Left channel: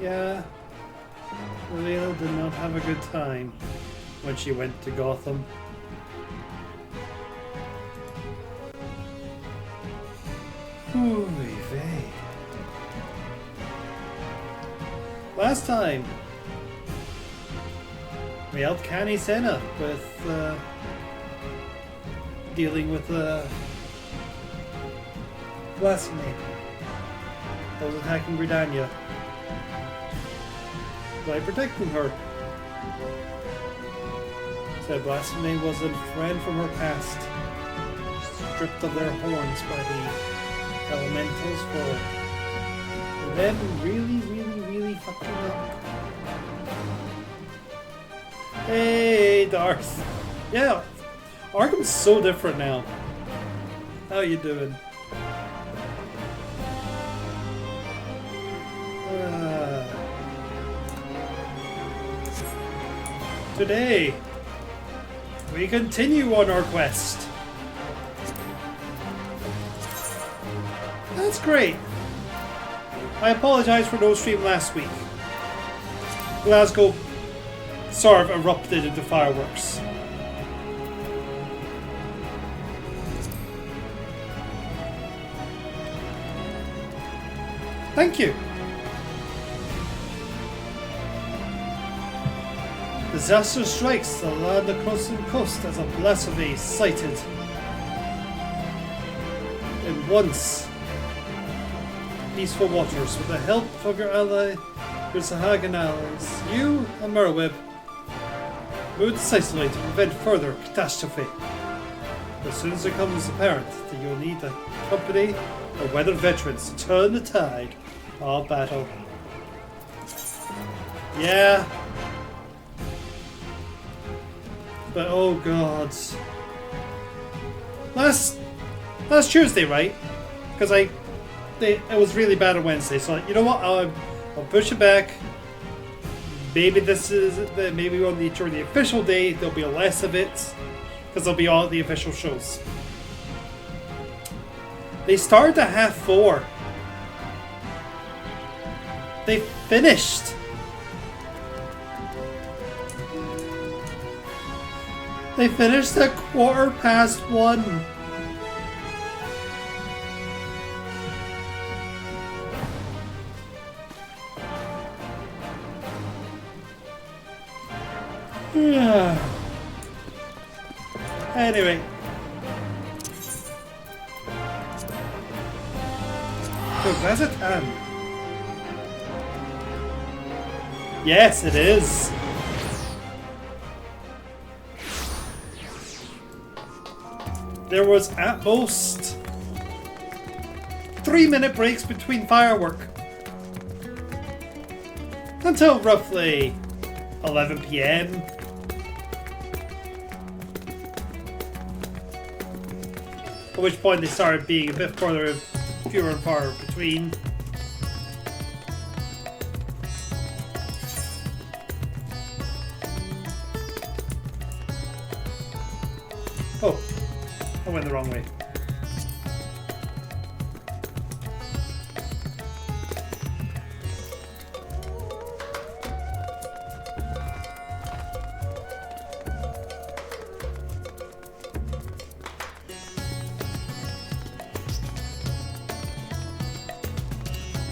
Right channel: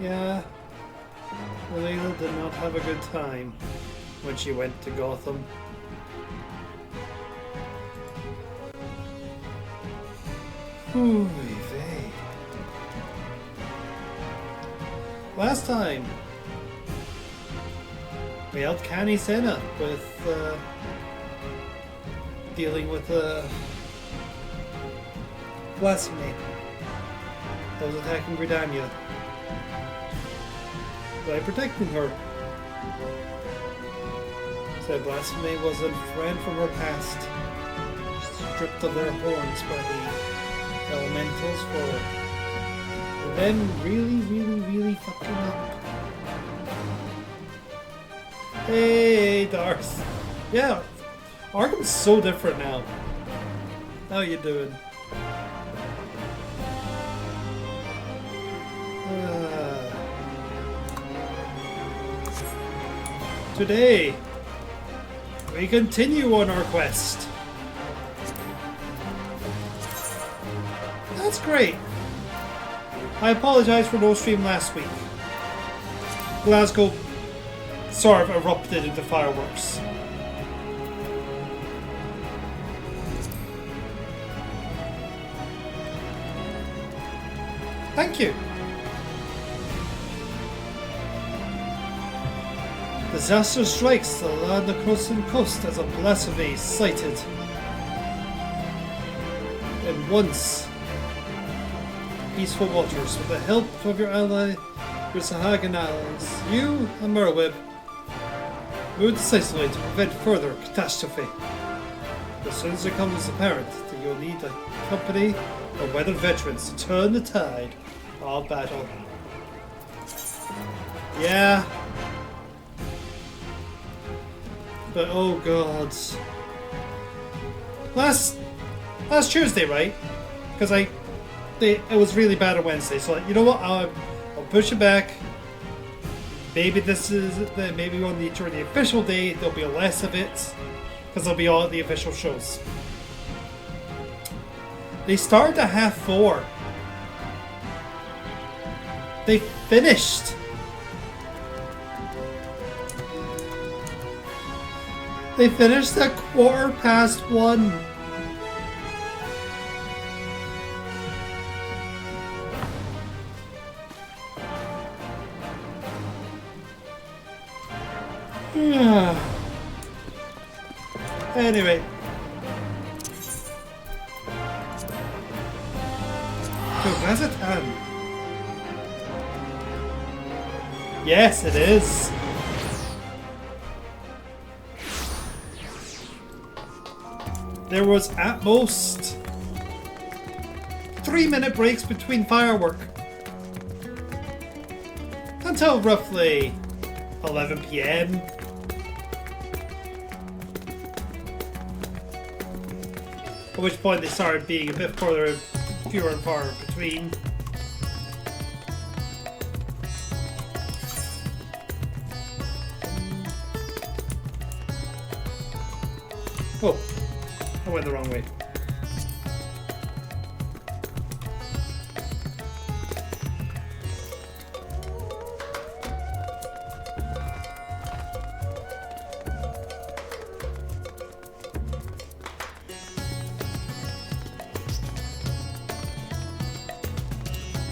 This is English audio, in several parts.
Yeah. Elena did not have a good time when she went to Gotham. Holy vey. Last time, we helped Canny Senna with dealing with blasphemy that was attacking Britannia by protecting her. Said blasphemy was a friend from her past, stripped of their horns by the elementals for it. And then really fucked them up. Hey, Darth. Yeah, Arkham's so different now. How you doing? Today, we continue on our quest. That's great. I apologize for no stream last week. Glasgow sort of erupted into fireworks. Thank you. Disaster strikes the land of coast and coast as a blasphemy sighted. And once, peaceful watchers, with the help of your ally, your Sahagan allies, you and Merweb, move decisively to prevent further catastrophe. As soon as it becomes apparent that you'll need the company of weathered veterans to turn the tide of battle. Yeah. But oh god. Last Tuesday, right? Because it was really bad on Wednesday, so like, you know what? I'll push it back. Maybe maybe we'll need during the official day. There'll be less of it because there'll be all the official shows. They started at 4:30. They finished. They finished at 1:15. Anyway. So, has it Yes, it is. There was at most 3-minute breaks between firework until roughly 11 PM. At which point they started being a bit fewer and far between. Oh, I went the wrong way.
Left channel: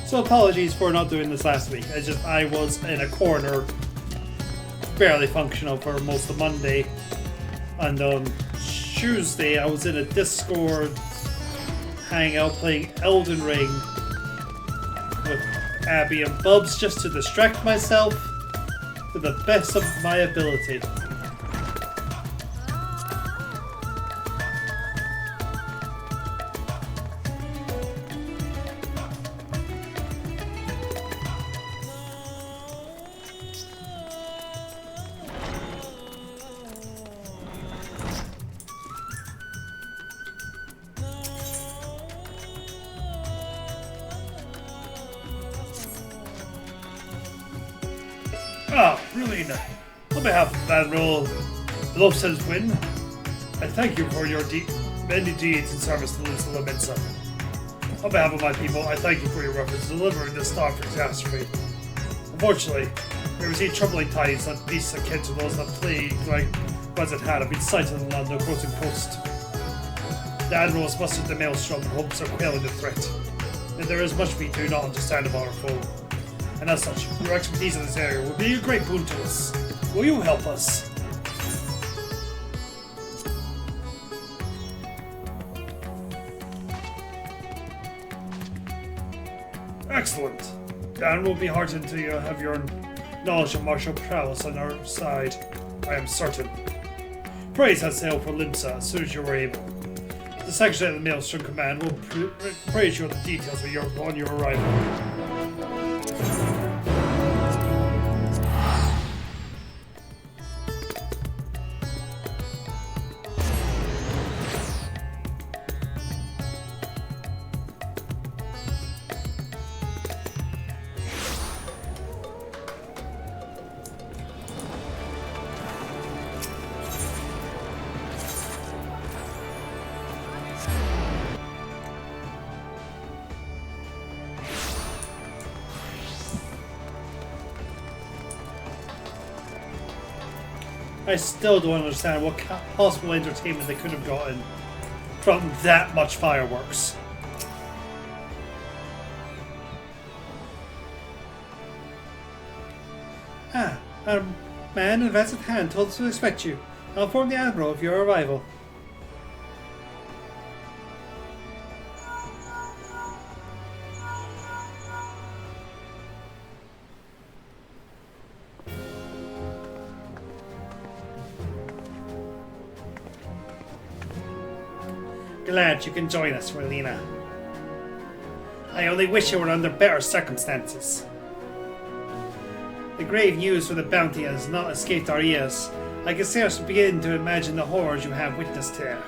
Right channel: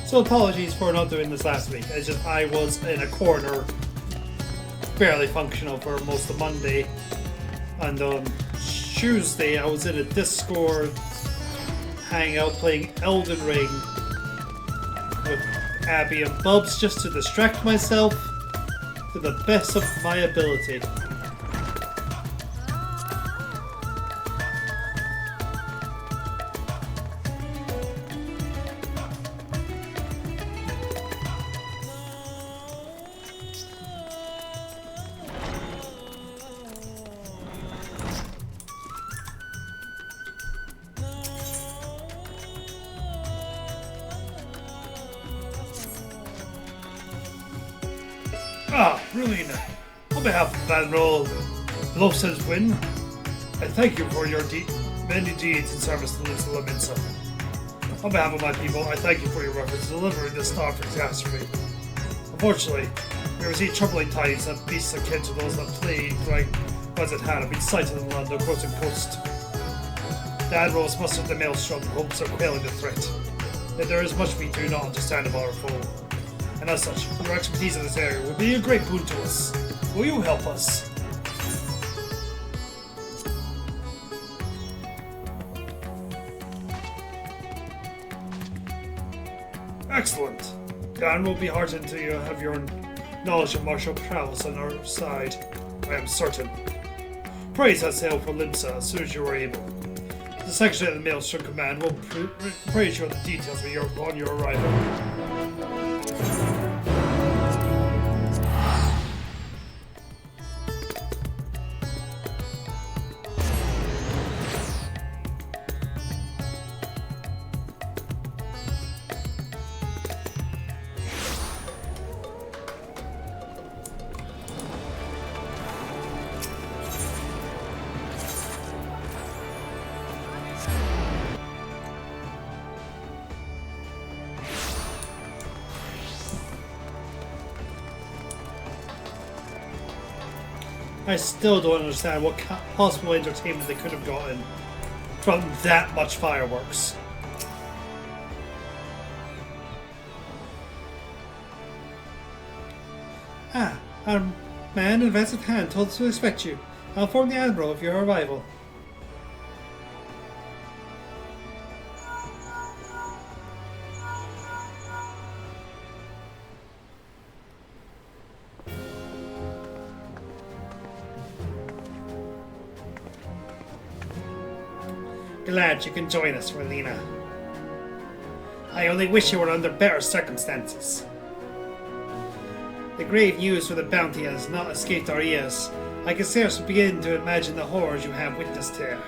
So apologies for not doing this last week. I was in a corner, barely functional for most of Monday, and on Tuesday I was in a Discord hangout playing Elden Ring with Abby and Bubs just to distract myself to the best of my ability. Brilliant. On behalf of Admiral Lobson's Win, I thank you for your many deeds in service to Little Mensa. On behalf of my people, I thank you for your efforts delivering this star catastrophe. Unfortunately, we received troubling tidings that beasts akin to those that plague like Wizard had have been sighted along the coast. The admirals mustered the maelstrom in hopes of quelling the threat. Yet there is much we do not understand about our foe. And as such, your expertise in this area will be a great boon to us. Will you help us? Excellent. Dan will be heartened to have your knowledge of martial prowess on our side, I am certain. Praise has sailed for Limsa as soon as you are able. The Secretary of the Maelstrom Command will praise you with the details on your arrival. I still don't understand what possible entertainment they could have gotten from that much fireworks. Our man in vested hand told us to expect you. I'll inform the Admiral of your arrival. Glad you can join us, Relina. I only wish you were under better circumstances. The grave news for the bounty has not escaped our ears. I can scarce begin to imagine the horrors you have witnessed here.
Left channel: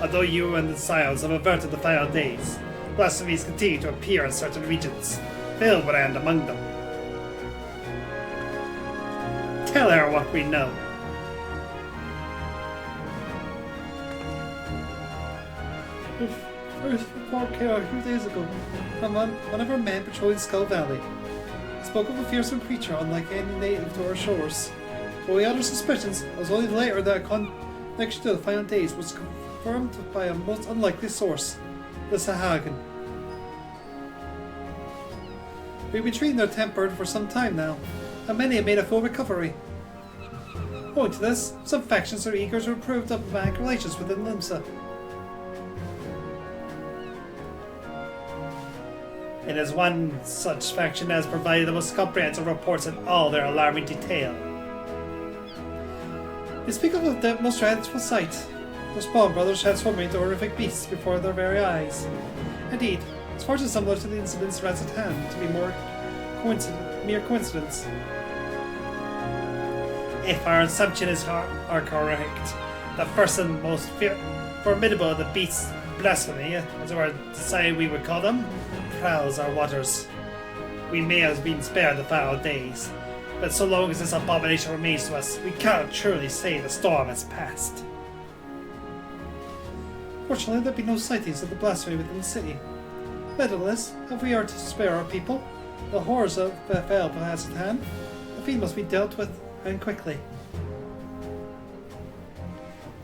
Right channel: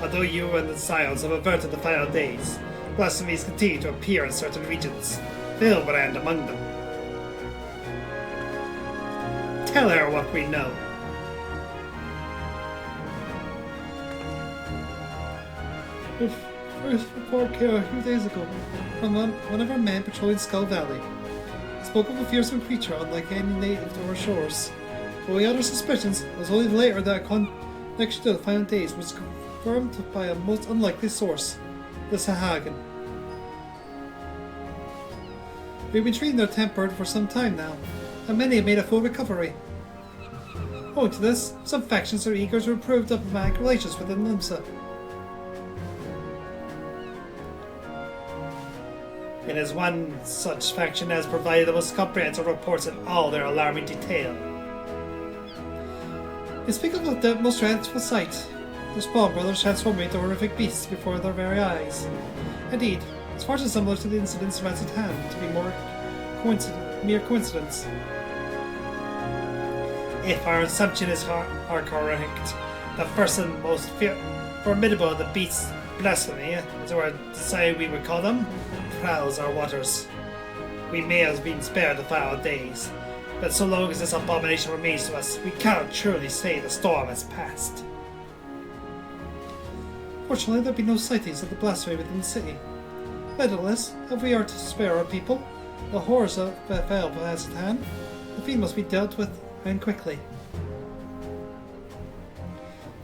Although you and the Scions have averted the final days, blasphemies continue to appear in certain regions. Filbrand among them. Tell her what we know. First report here a few days ago from one of our men patrolling Skull Valley. Spoke of a fearsome creature unlike any native to our shores. But we had our suspicions, it was only later that a connection to the final days was confirmed by a most unlikely source, the Sahagan. We've been treating their temper for some time now, and many have made a full recovery. Owing to this, some factions are eager to improve diplomatic relations within Limsa. It is one such faction that has provided the most comprehensive reports in all their alarming detail. They speak of the most dreadful sight. The Spawn brothers transforming into horrific beasts before their very eyes. Indeed, it's far too similar to the incidents at hand to be more mere coincidence. If our assumption is correct, the first and most formidable of the beasts blasphemy, as I decided we would call them, prowls our waters. We may have been spared the final days, but so long as this abomination remains to us, we cannot truly say the storm has passed. Fortunately, there be no sightings of the blasphemy within the city. Nevertheless, if we are to spare our people, the horrors of FF has at hand, the fiend must be dealt with, and quickly.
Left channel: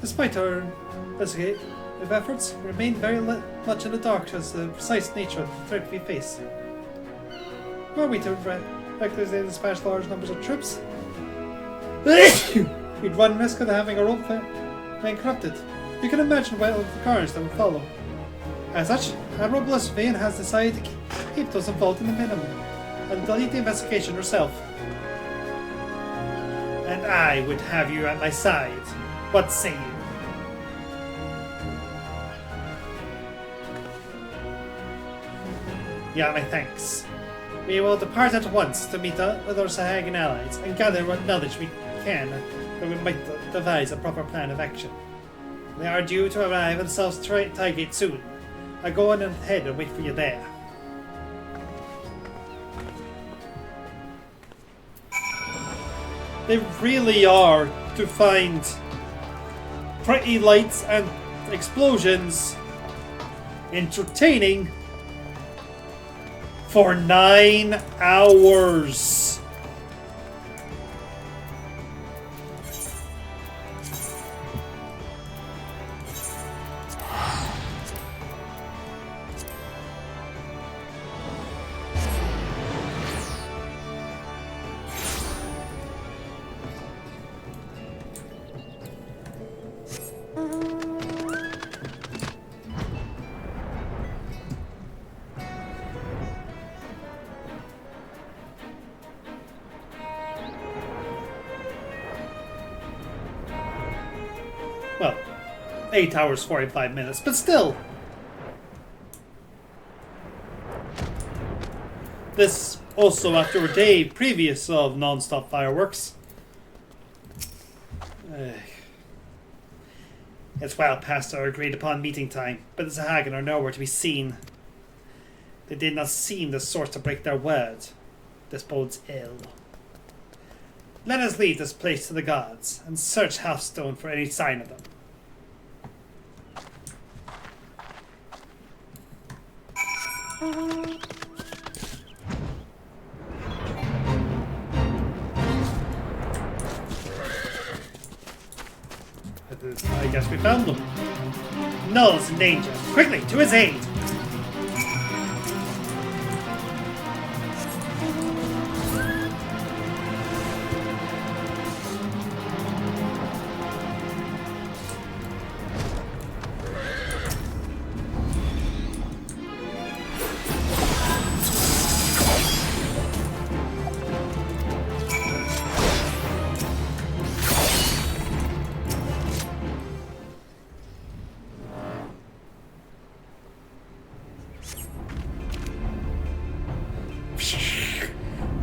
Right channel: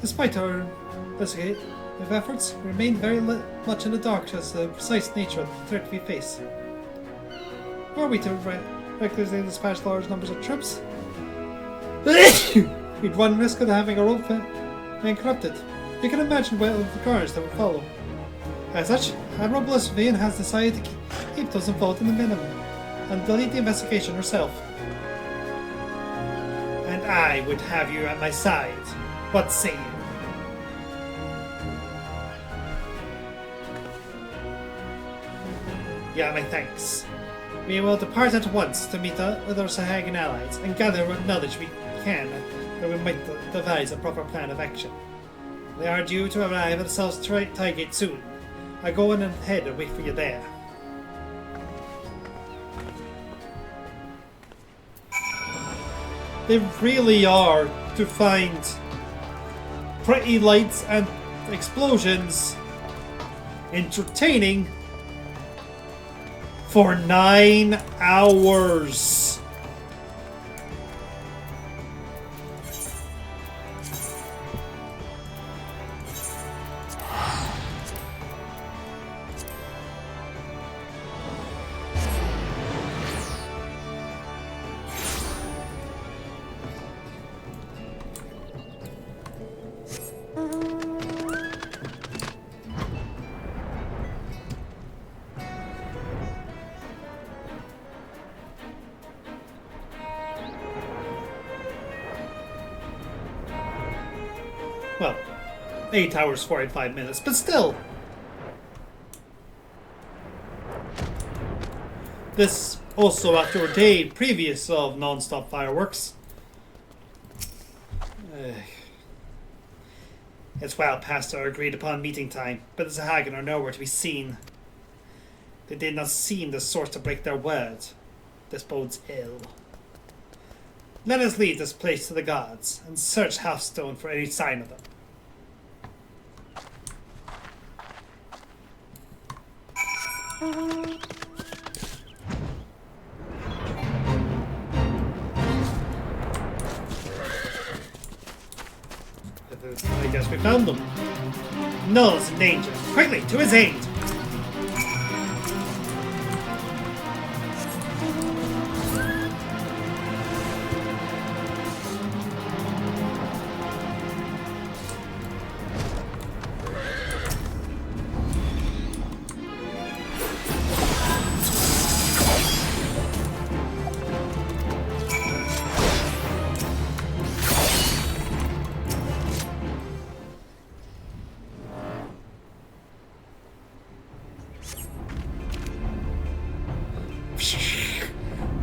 Despite our efforts, we remain very much in the dark as to the precise nature of the threat we face. Were we to regularly dispatch large numbers of troops, we'd run risk of having our own being corrupted. We can imagine what the carnage that would follow. As such, Admiral Blissvane has decided to keep those involved in the minimum and delete the investigation herself. And I would have you at my side. What say you? Yeah, my thanks. We will depart at once to meet with our Sahagan allies and gather what knowledge we can that we might devise a proper plan of action. They are due to arrive at South Tigate soon. I go on ahead and wait for you there. They really are to find pretty lights and explosions entertaining, For 9 hours. Well, 8 hours, 45 minutes, but still. This also after a day previous of non-stop fireworks. It's well past our agreed upon meeting time, but the Sahagin are nowhere to be seen. They did not seem the sort to break their word. This bodes ill. Let us leave this place to the gods and search Halfstone for any sign of them. I guess we found them. Null's in danger. Quickly, to his aid!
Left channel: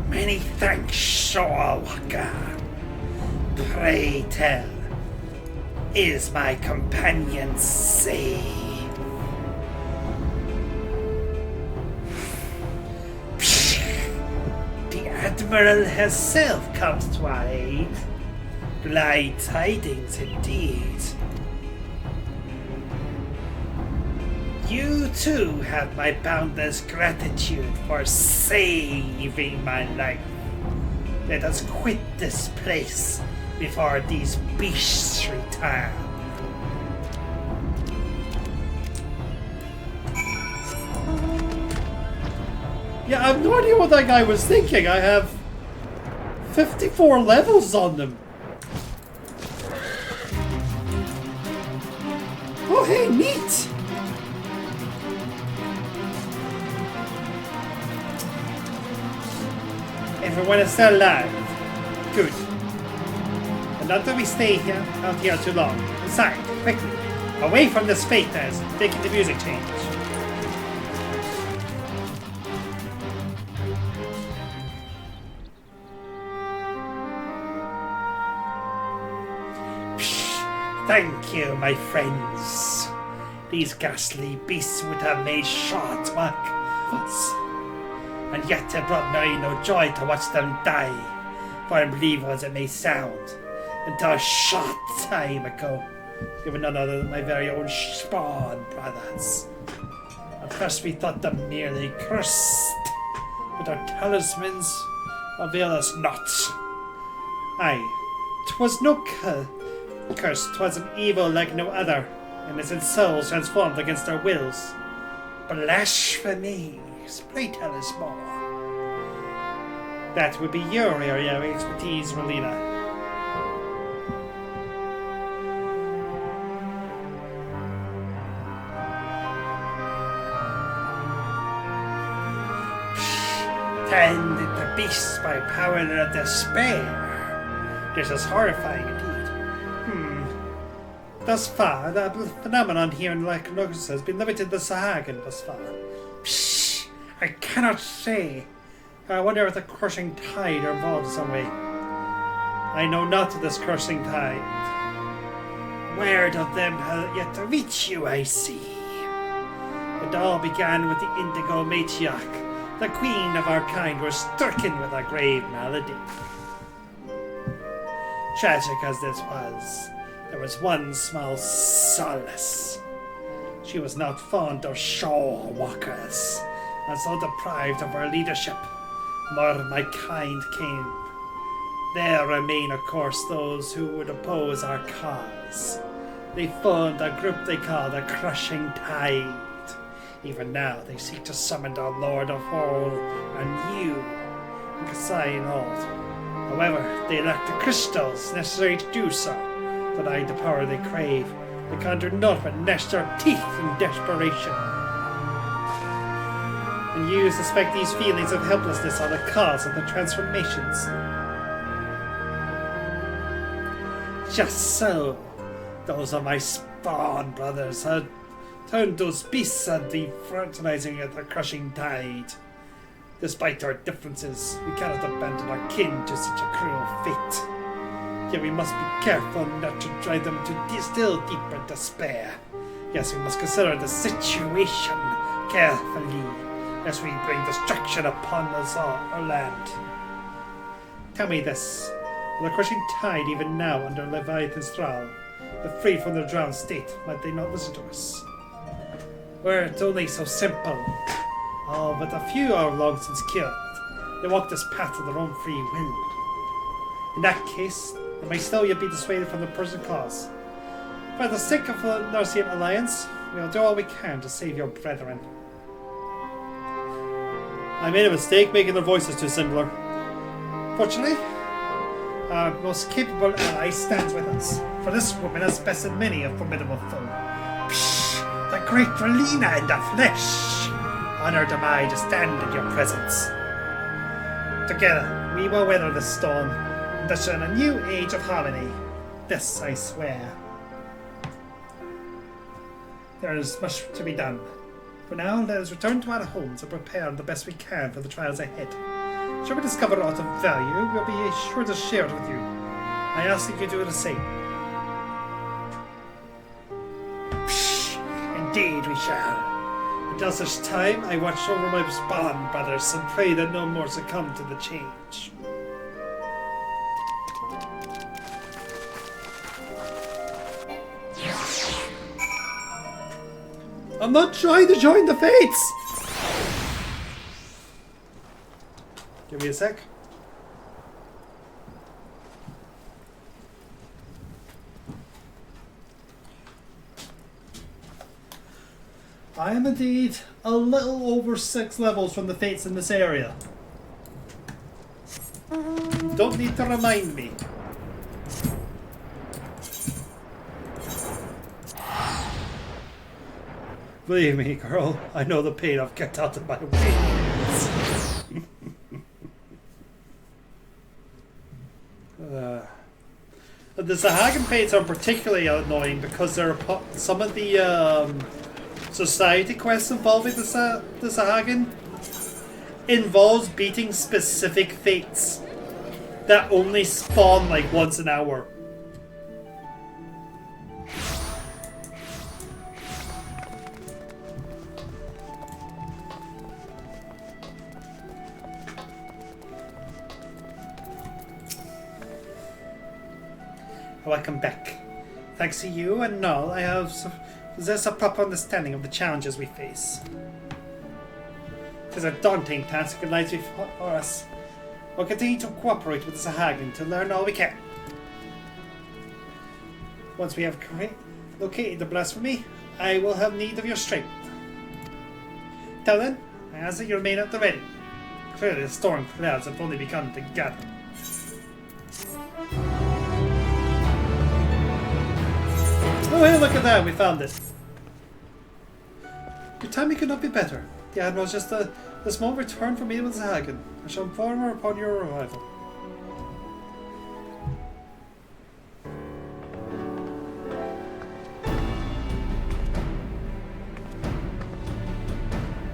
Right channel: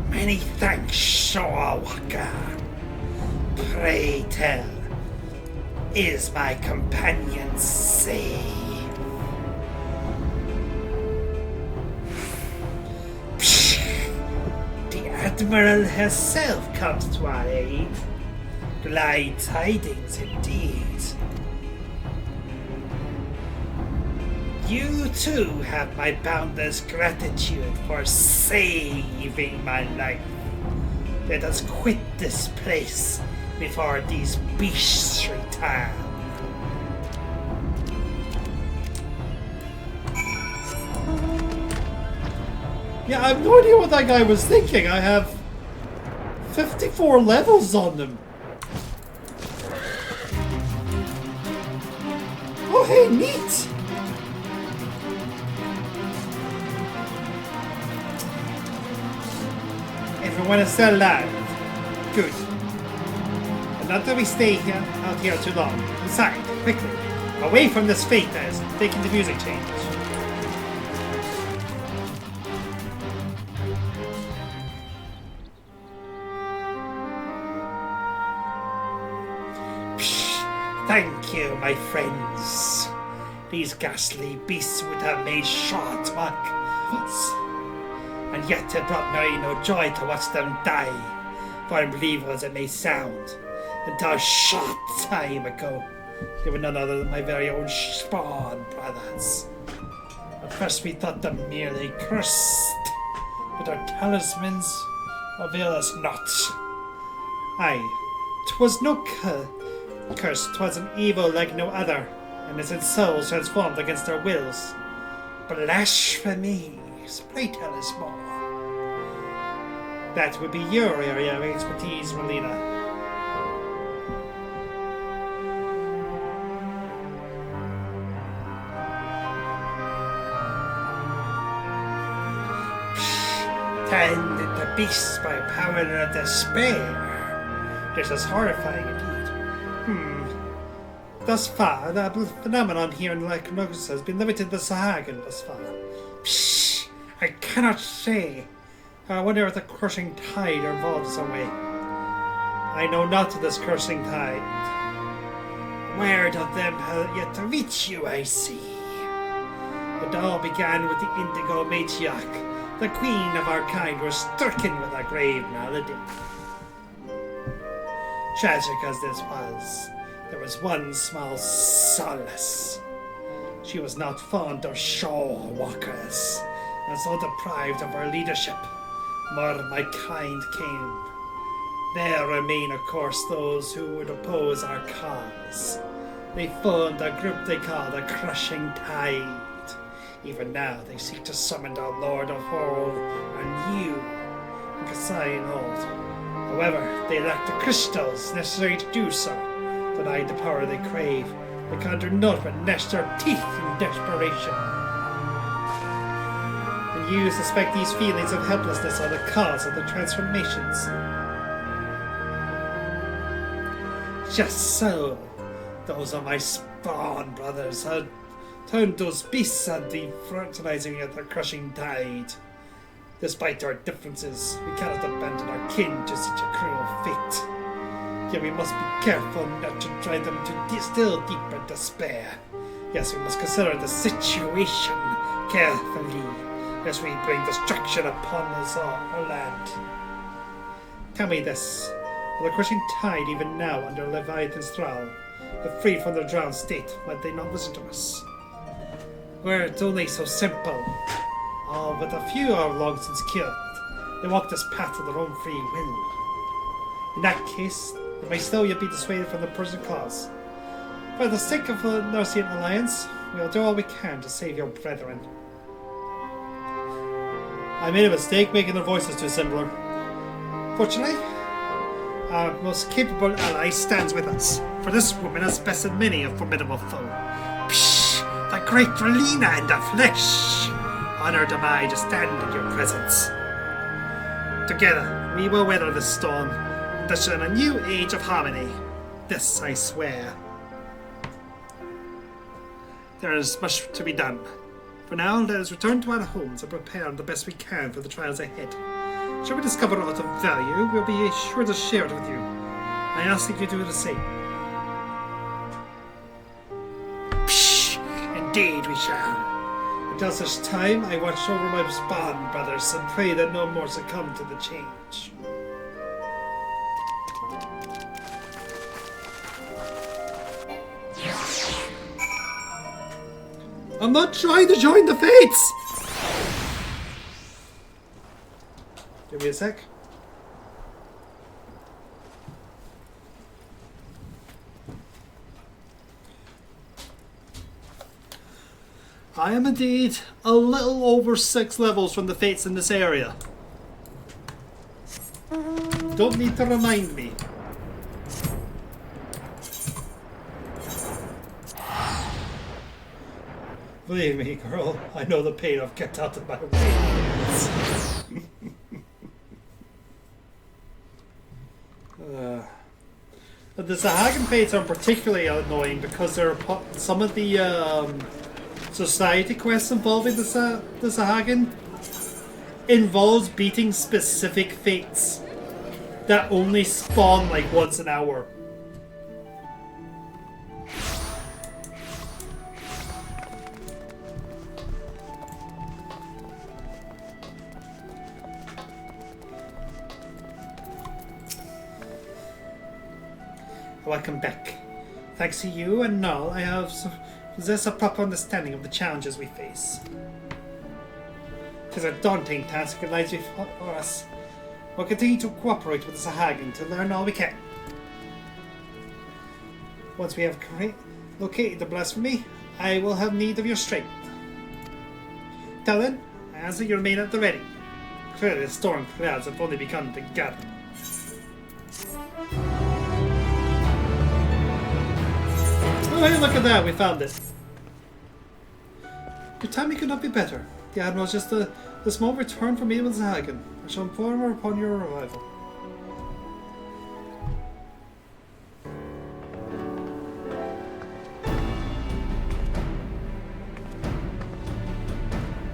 Many thanks, Shawaka. Pray tell, is my companion safe? The Admiral herself comes to our aid. Glad tidings indeed. You too have my boundless gratitude for saving my life. Let us quit this place before these beasts return. Yeah, I have no idea what that guy was thinking. I have 54 levels on them. Oh, hey, neat! If we want to sell live, good. But not that we stay here, out here too long. Aside, quickly, away from this fate that is taking the music change. Thank you, my friends. These ghastly beasts would have made short work of us. And yet it brought me no joy to watch them die. For unbelievable as it may sound, until a short time ago, they were none other than my very own spawn brothers. At first we thought them merely cursed, but our talismans avail us not. Aye, 'twas no curse, 'twas an evil like no other, and its souls transformed against our wills. Blasphemies, pray tell us more. That would be your area of expertise, Melina. Tend the beasts by power of despair. This is horrifying indeed. Thus far, the phenomenon here in Lycanthropus has been limited to the Sahagin thus far. Psh, I cannot say. I wonder if the crushing tide are involved some way. I know not of this crushing tide. Word of them have yet to reach you, I see. It all began with the indigo matriarch. The queen of our kind was stricken with a grave malady. Tragic as this was, there was one small solace. She was not fond of shore walkers, and so deprived of our leadership, more of my kind came. There remain, of course, those who would oppose our cause. They formed a group they call the Crushing Tide. Even now, they seek to summon the Lord of Hold and you, Kasai Hold. However, they lack the crystals necessary to do so. Denied the power they crave, they can do naught but gnash their teeth in desperation. And you suspect these feelings of helplessness are the cause of the transformations. Just so. Those are my spawn brothers. I turned those beasts and the fertilizing at the Crushing Tide. Despite our differences, we cannot abandon our king to such a cruel fate. Yet we must be careful not to drive them to still deeper despair. Yes, we must consider the situation carefully as we bring destruction upon us all, our land. Tell me this. Will the Crushing Tide, even now under Leviathan's thrall, but free from their drowned state, might they not listen to us? Were it only so simple. Oh, but a few are long since killed. They walk this path of their own free will. In that case, they may still yet be dissuaded from the prison clause. For the sake of the Narcian Alliance, we will do all we can to save your brethren. I made a mistake making the voices too similar. Fortunately, our most capable ally stands with us, for this woman has bested many a formidable foe. Psh! The great Relina in the flesh! Honored am I to stand in your presence. Together, we will weather this storm and usher in a new age of harmony. This I swear. There is much to be done. For now, let us return to our homes and prepare the best we can for the trials ahead. Should we discover aught of value, we'll be sure to share it with you. I ask that you do the same. Psh! Indeed we shall. Until such time, I watch over my spawn brothers and pray that no more succumb to the change. I'm not trying to join the fates! Give me a sec. I am indeed a little over 6 levels from the fates in this area. Don't need to remind me. Believe me, girl, I know the pain I've kept out of my veins. The Zahagan fates are particularly annoying because there are some of the society quests involving the Zahagan involves beating specific fates that only spawn like once an hour. Welcome back. Thanks to you and Null, I have possessed a proper understanding of the challenges we face. It is a daunting task that lies before us. We'll continue to cooperate with the Zahagan to learn all we can. Once we have located the blasphemy, I will have need of your strength. Till then, I ask that you remain at the ready. Clearly the storm clouds have only begun to gather. Oh hey, look at that, we found it. Your timing could not be better. The Admiral's just a small return from Abel Zahagan. I shall inform her upon your arrival.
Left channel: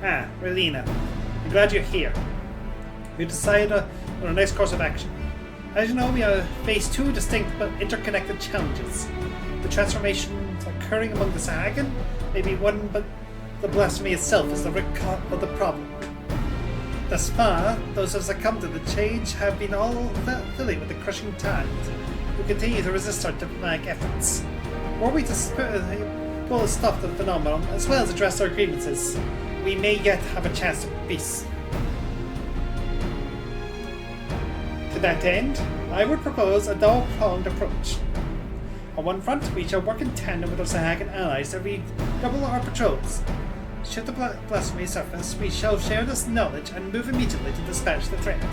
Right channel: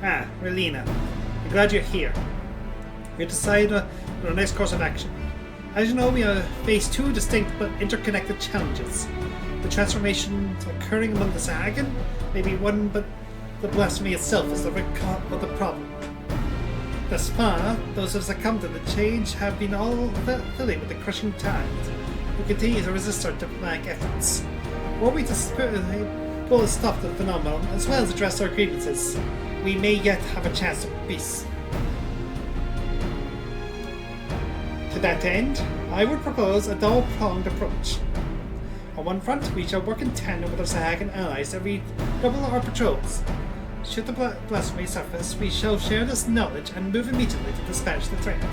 Ah, Relina. I'm glad you're here. We decided on a nice course of action. As you know, we face 2 distinct but interconnected challenges. The transformation occurring among the Zahagan, maybe one, but the blasphemy itself is the root cause of the problem. Thus far, those who have succumbed to the change have been all filling with the Crushing Tide. We continue to resist our demonic efforts. Were we to will stop the phenomenon as well as address our grievances, we may yet have a chance of peace. To that end, I would propose a double-pronged approach. On one front, we shall work in tandem with our Sahagan allies as we double our patrols. Should the blasphemy surface, we shall share this knowledge and move immediately to dispatch the threat.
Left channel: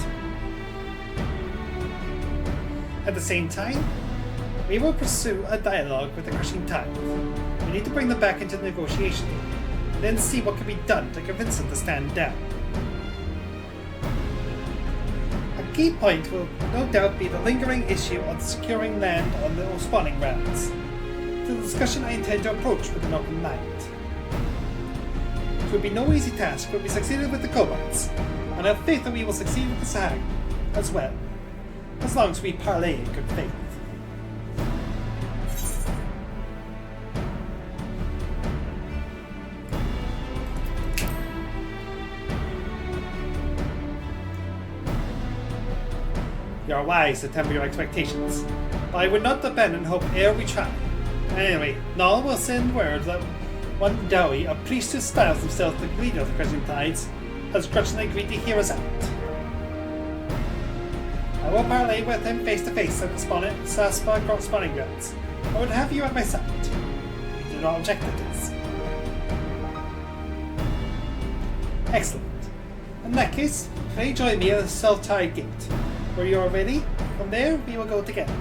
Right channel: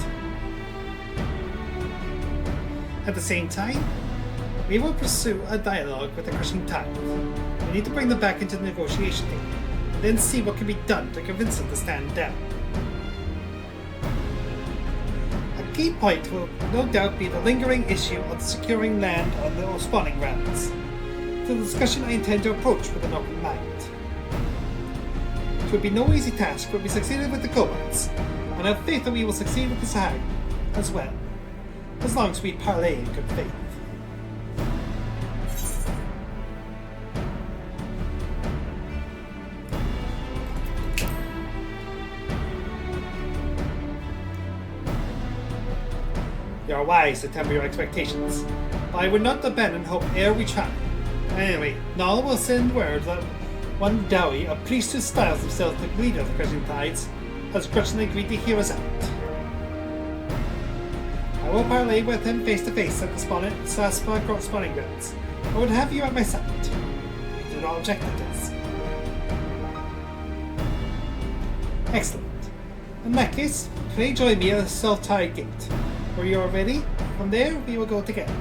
At the same time, we will pursue a dialogue with the Christian tide. We need to bring them back into the negotiation table, then see what can be done to convince them to stand down. A key point will no doubt be the lingering issue of securing land on the spawning grounds. It's a discussion I intend to approach with an open mind. It will be no easy task, but we succeeded with the Kobolds, and I have faith that we will succeed with the Sahara as well, as long as we parley in good faith. You are wise to temper your expectations, but I would not abandon hope ere we try. Anyway, Nala will send word that one Dowie, a priest who styles himself the leader of the Crimson Tides, has grudgingly agreed to hear us out. I will parley with him face to face at the Saspa spawning grounds. I would have you at my side. Do not object to this. Excellent. In that case, can you join me at the South Tide Gate? Where you are ready? From there, we will go together.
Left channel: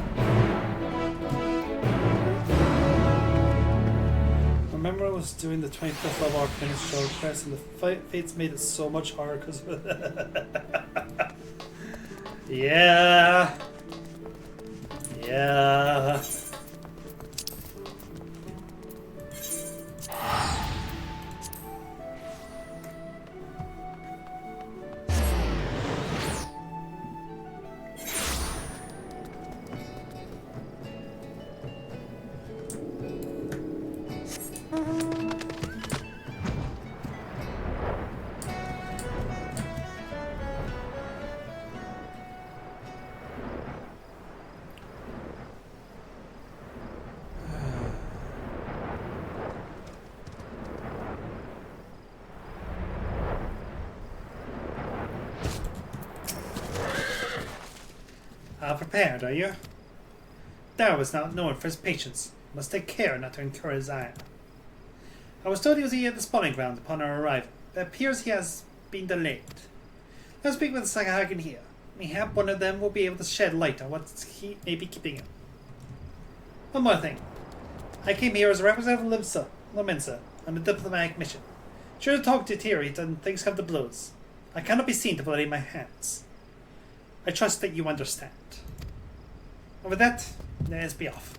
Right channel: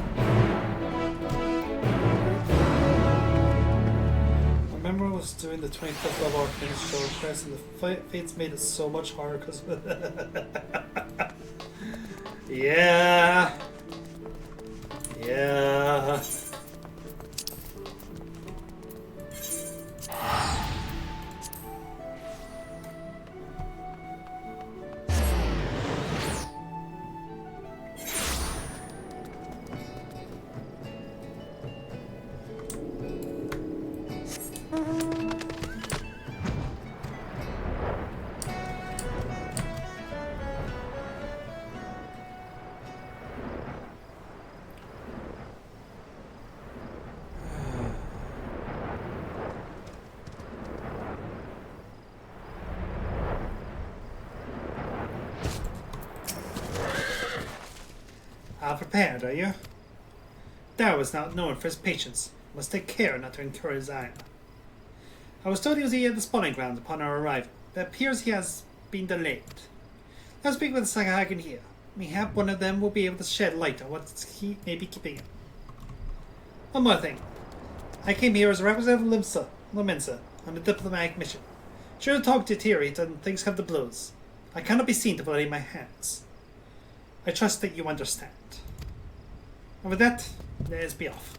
Remember I was doing the 25th of our show first, and the fates made it so much harder because yeah. Prepared, are you? Dow is not known for his patience. Must take care not to incur his ire. I was told he was here at the spawning ground upon our arrival. It appears he has been delayed. Let's speak with the Sagahagan here. Mayhap one of them will be able to shed light on what he may be keeping him. One more thing. I came here as a representative of Lemensa on a diplomatic mission. Sure to talk to deteriorate and things have the blows. I cannot be seen to bloody my hands. I trust that you understand. And with that, let's be off.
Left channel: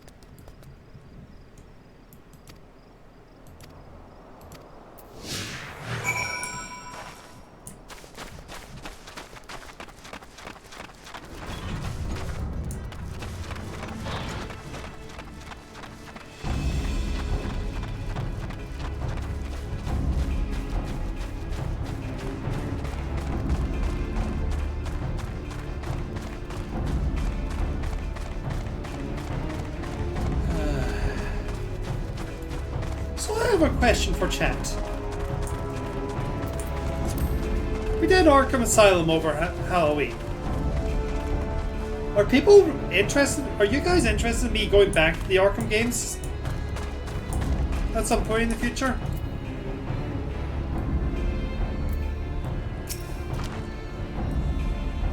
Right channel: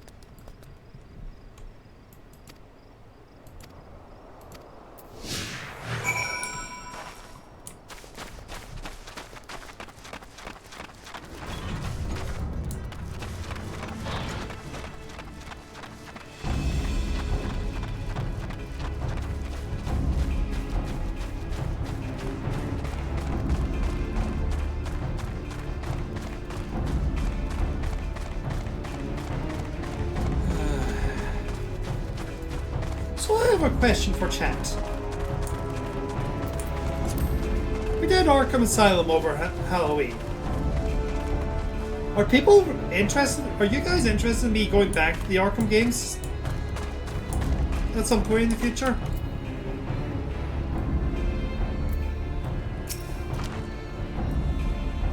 Question for chat. We did Arkham Asylum over Halloween. Are people interested? Are you guys interested in me going back to the Arkham games at some point in the future?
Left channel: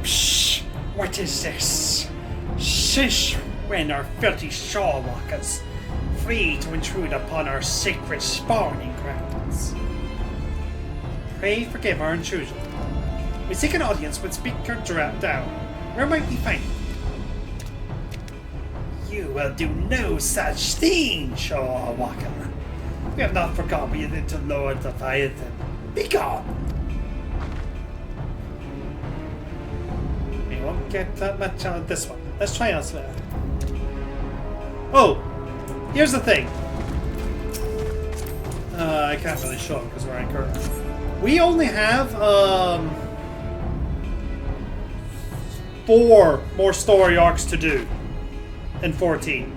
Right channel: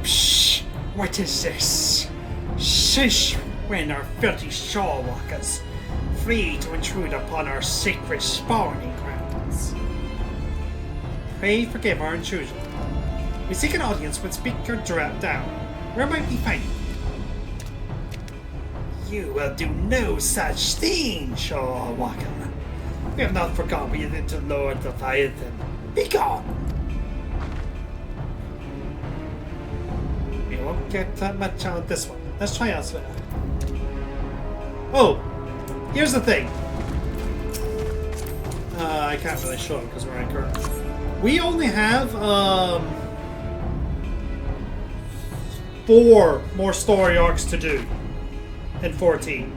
Psh! What is this? Shish! When our filthy shawwalkers free to intrude upon our sacred spawning grounds. Pray forgive our intrusion. We seek an audience with Speaker Down. Where might we find you? You will do no such thing, Shawwalker. We have not forgotten we did to Lord Leviathan. Be gone! We won't get that much out of this one. Let's try elsewhere. Oh! Here's the thing. I can't really show it because we're anchored. We only have 4 more story arcs to do in 14.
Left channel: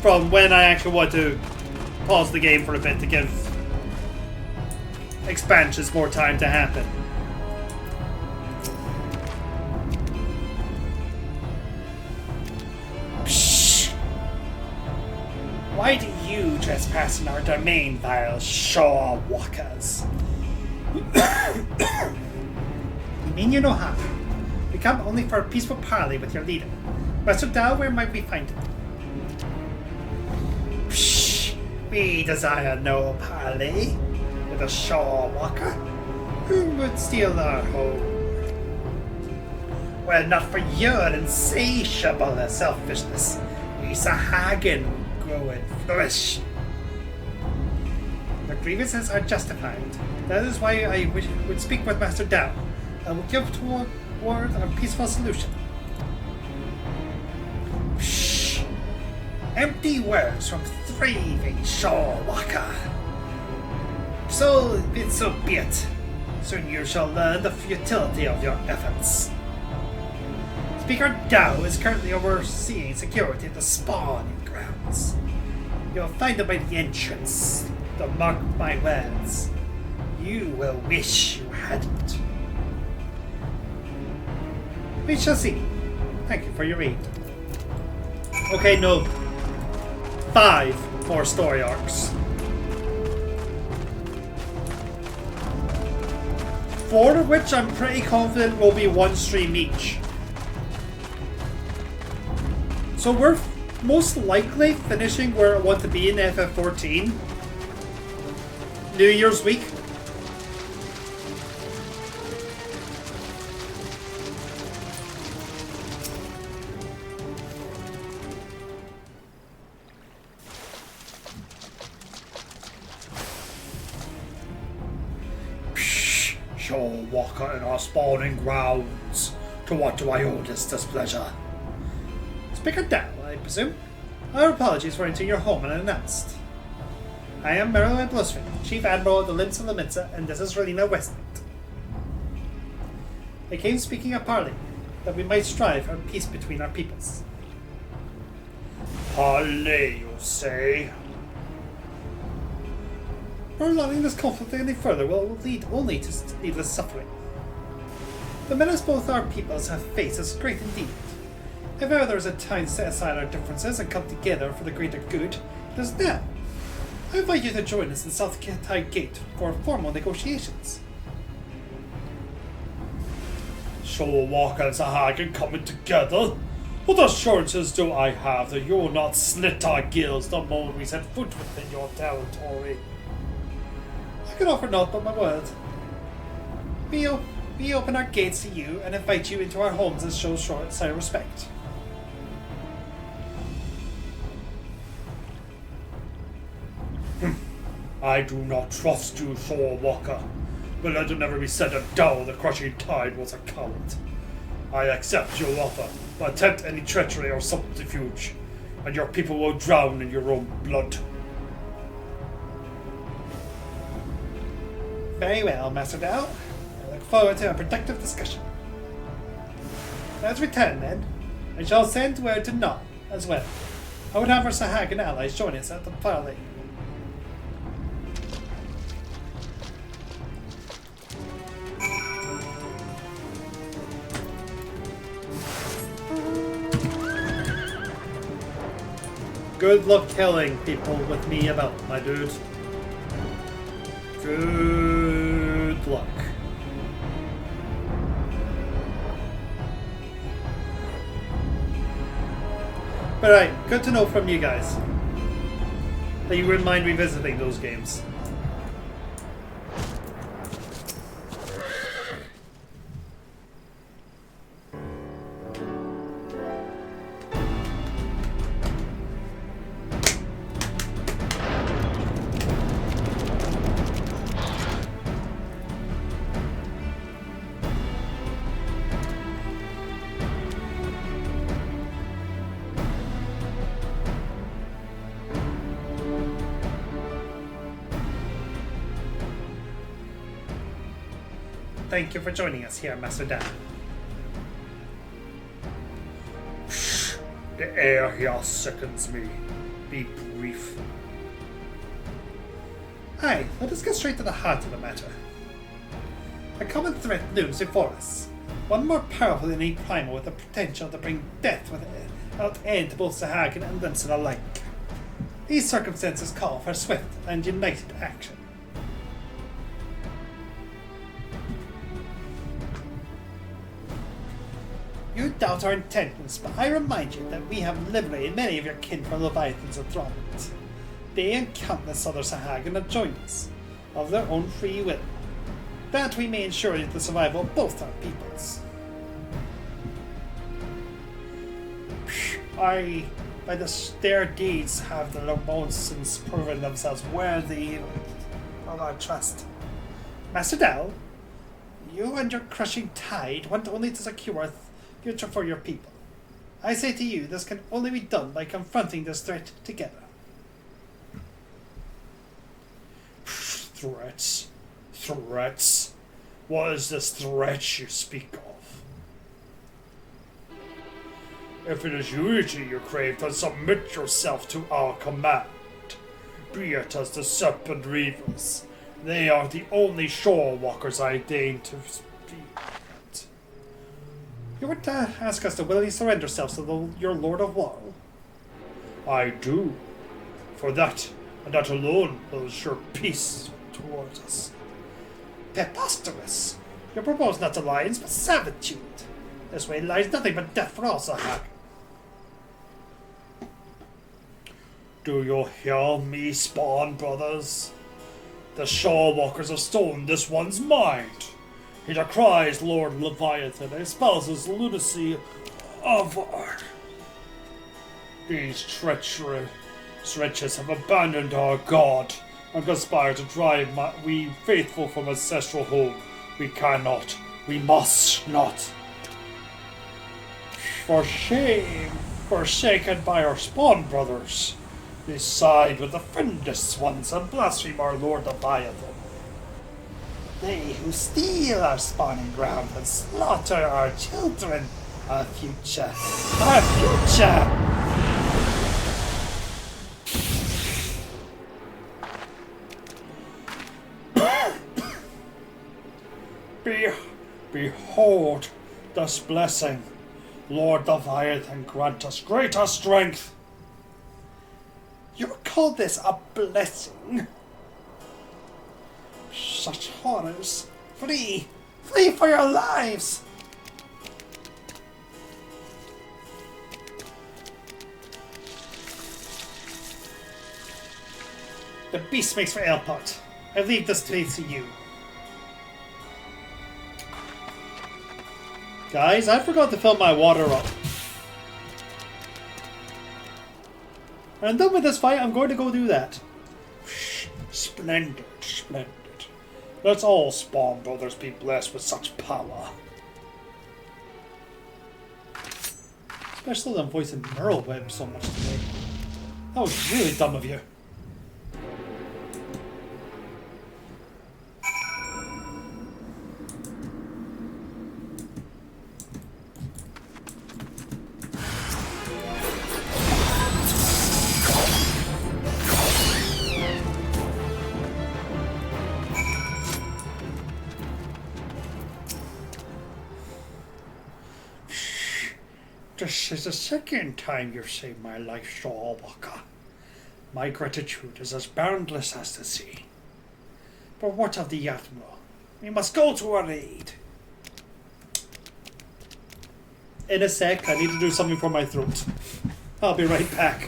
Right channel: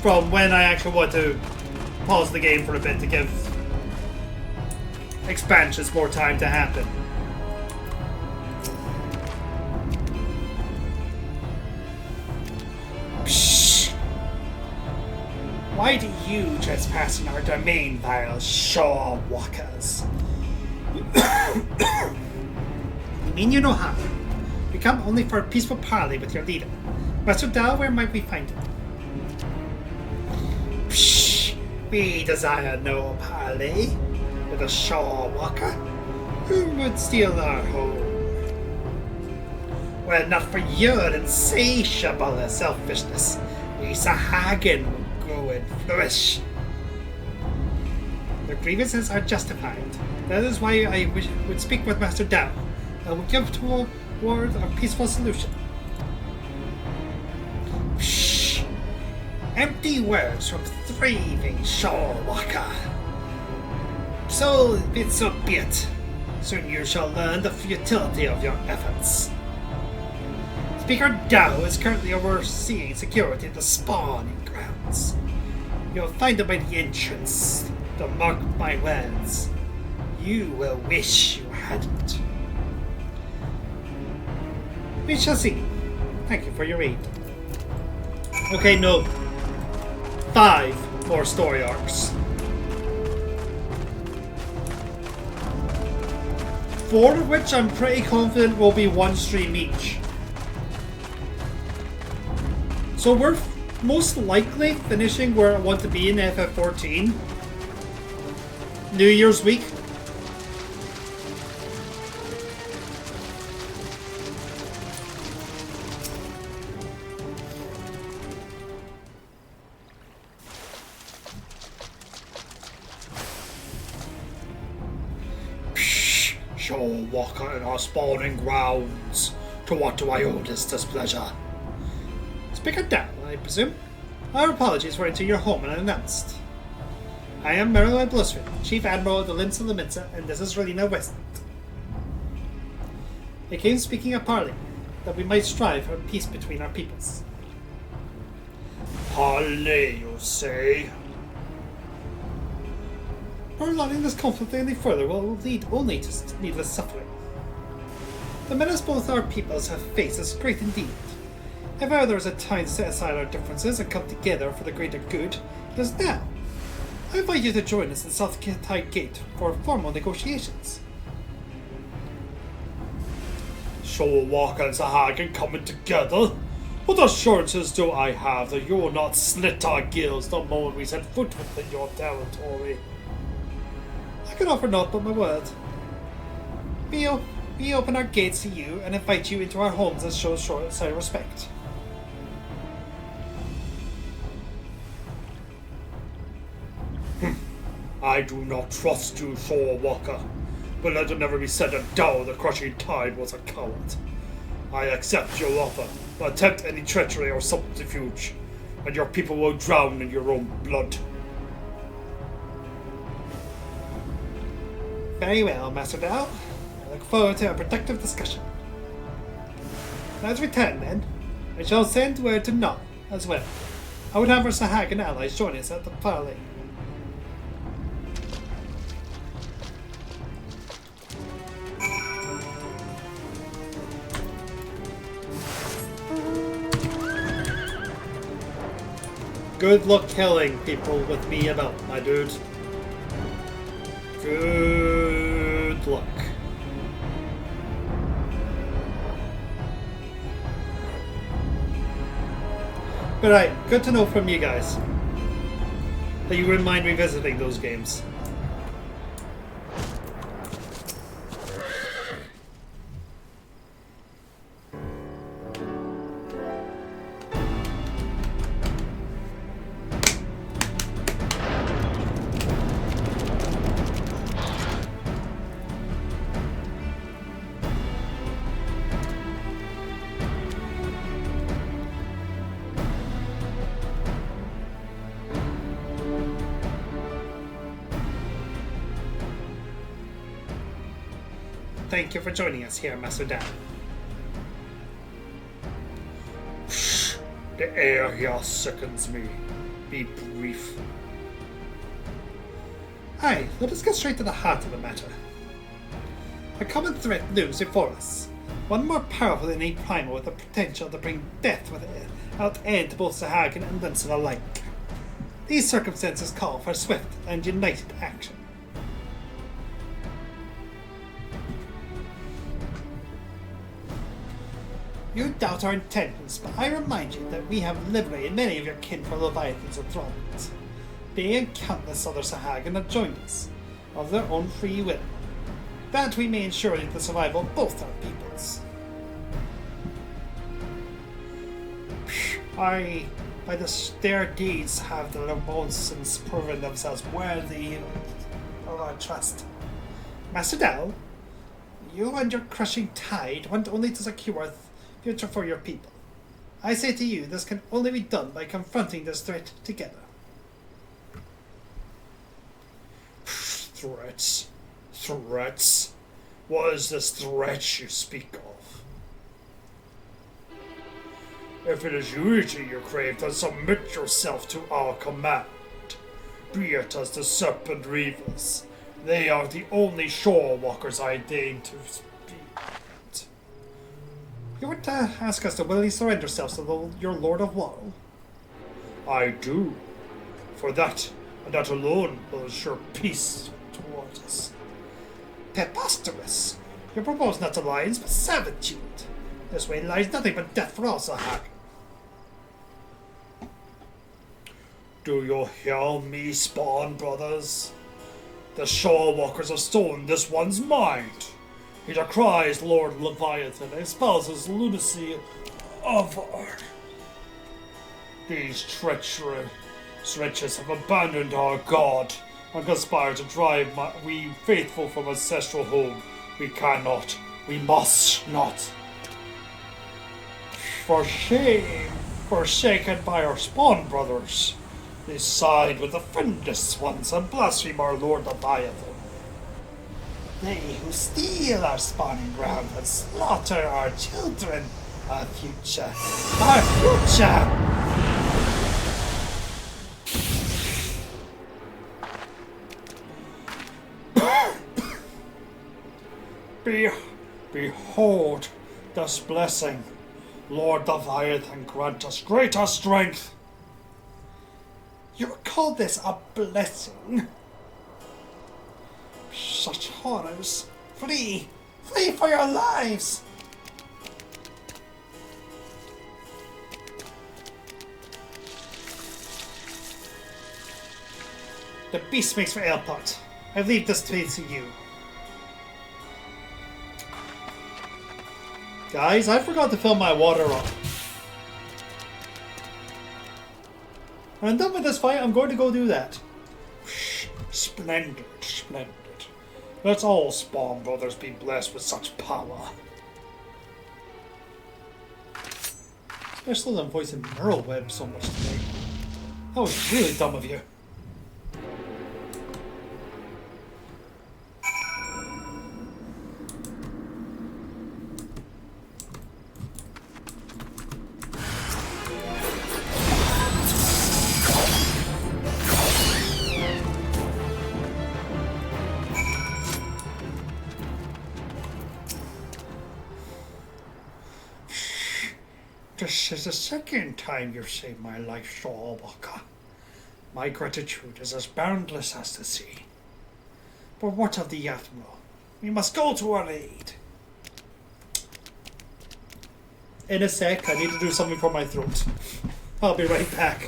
from when I actually want to pause the game for a bit to give expansions more time to happen. Psh! Why do you trespass in our domain, vile Shaw walkers? You mean you know how? We come only for a peaceful parley with your leader. Master Dao, where might we find him? Psh! We desire no parley with a Shaw walker. Who would steal our home? Well, not for your insatiable selfishness. A Sahagan growing flourish. The grievances are justified. That is why I would speak with Master Dao. I will give toward a peaceful solution. Shh! Empty words from thieving Shaw walker. So be it. Soon you shall learn the futility of your efforts. Speaker Dao is currently overseeing security at the spawning grounds. You'll find them by the entrance. Don't mark my words. You will wish you hadn't. We shall see. Thank you for your aid. Okay, no. 5 more story arcs. 4 of which I'm pretty confident will be one stream each. So we're most likely finishing where I want to be in FF14. New Year's week. Walker in our spawning grounds. To what do I owe this displeasure? Speaker Dao, I presume? Our apologies for entering your home unannounced. I am Merrill Blustery, Chief Admiral of the Limbs of the Minza, and this is Relina Westland. I came speaking of parley, that we might strive for peace between our peoples. Parley, you say? Prolonging this conflict any further will lead only to needless suffering. The menace both our peoples have faced is great indeed. If ever there was a time to set aside our differences and come together for the greater good, it is now. I invite you to join us in South Tide Gate for formal negotiations. Shaw Walker and Sahagan coming together? What assurances do I have that you will not slit our gills the moment we set foot within your territory? I can offer naught but my word. We open our gates to you and invite you into our homes and show sign respect. I do not trust you, Shaw Walker, but let it never be said that Dao the Crushing Tide was a coward. I accept your offer, but attempt any treachery or subterfuge, and your people will drown in your own blood. Very well, Master Dao. I look forward to a productive discussion. Let's return then. I shall send word to Nod as well. I would have our Sahagan allies join us at the parley. Good luck killing people with me about, my dude. Good luck. But right, good to know from you guys that you wouldn't mind revisiting those games. Thank you for joining us here, Master Dan. The air here sickens me. Be brief. Aye, let us get straight to the heart of the matter. A common threat looms before us. One more powerful than any primal with the potential to bring death with it, out end both Sahagin and Linson alike. These circumstances call for swift and united action. You doubt our intentions, but I remind you that we have liberated many of your kin from Leviathans and Thrones. They and countless other Sahagin have joined us, of their own free will, that we may ensure the survival of both our peoples. By their deeds have the since proven themselves worthy of our trust. Master Dell, you and your crushing tide want only to secure a future for your people. I say to you, this can only be done by confronting this threat together. Threats? Threats? What is this threat you speak of? If it is unity you crave, then submit yourself to our command. Be it as the Serpent Reavers. They are the only shore walkers I deign to speak. You would ask us to willingly surrender ourselves to your Lord of War? I do. For that, and that alone, will ensure peace towards us. Preposterous! You propose not alliance, but servitude. This way lies nothing but death for all Sahag. Do you hear me, Spawn Brothers? The Shore Walkers have stolen this one's mind. He decries Lord Leviathan and espouses lunacy of these treacherous wretches have abandoned our god and conspire to drive we faithful from ancestral home. We cannot, we must not. For shame, forsaken by our Spawn Brothers, they side with the friendless ones and blaspheme our Lord Leviathan. They who steal our spawning ground and slaughter our children, our future, our future! Behold this blessing. Lord Leviathan, grant us greater strength. You call this a blessing? Such horrors. Flee! Flee for your lives! The beast makes for airport. I leave this place to you. Guys, I forgot to fill my water up. When I'm done with this fight, I'm going to go do that. Splendid, splendid. Let's all Spawn Brothers be blessed with such power. Especially them voicing neural web so much today. That was really dumb of you. This is the second time you've saved my life, Shore Walker. My gratitude is as boundless as the sea. But what of the Admiral? We must go to our aid. In a sec, I need to do something for my throat. I'll be right back.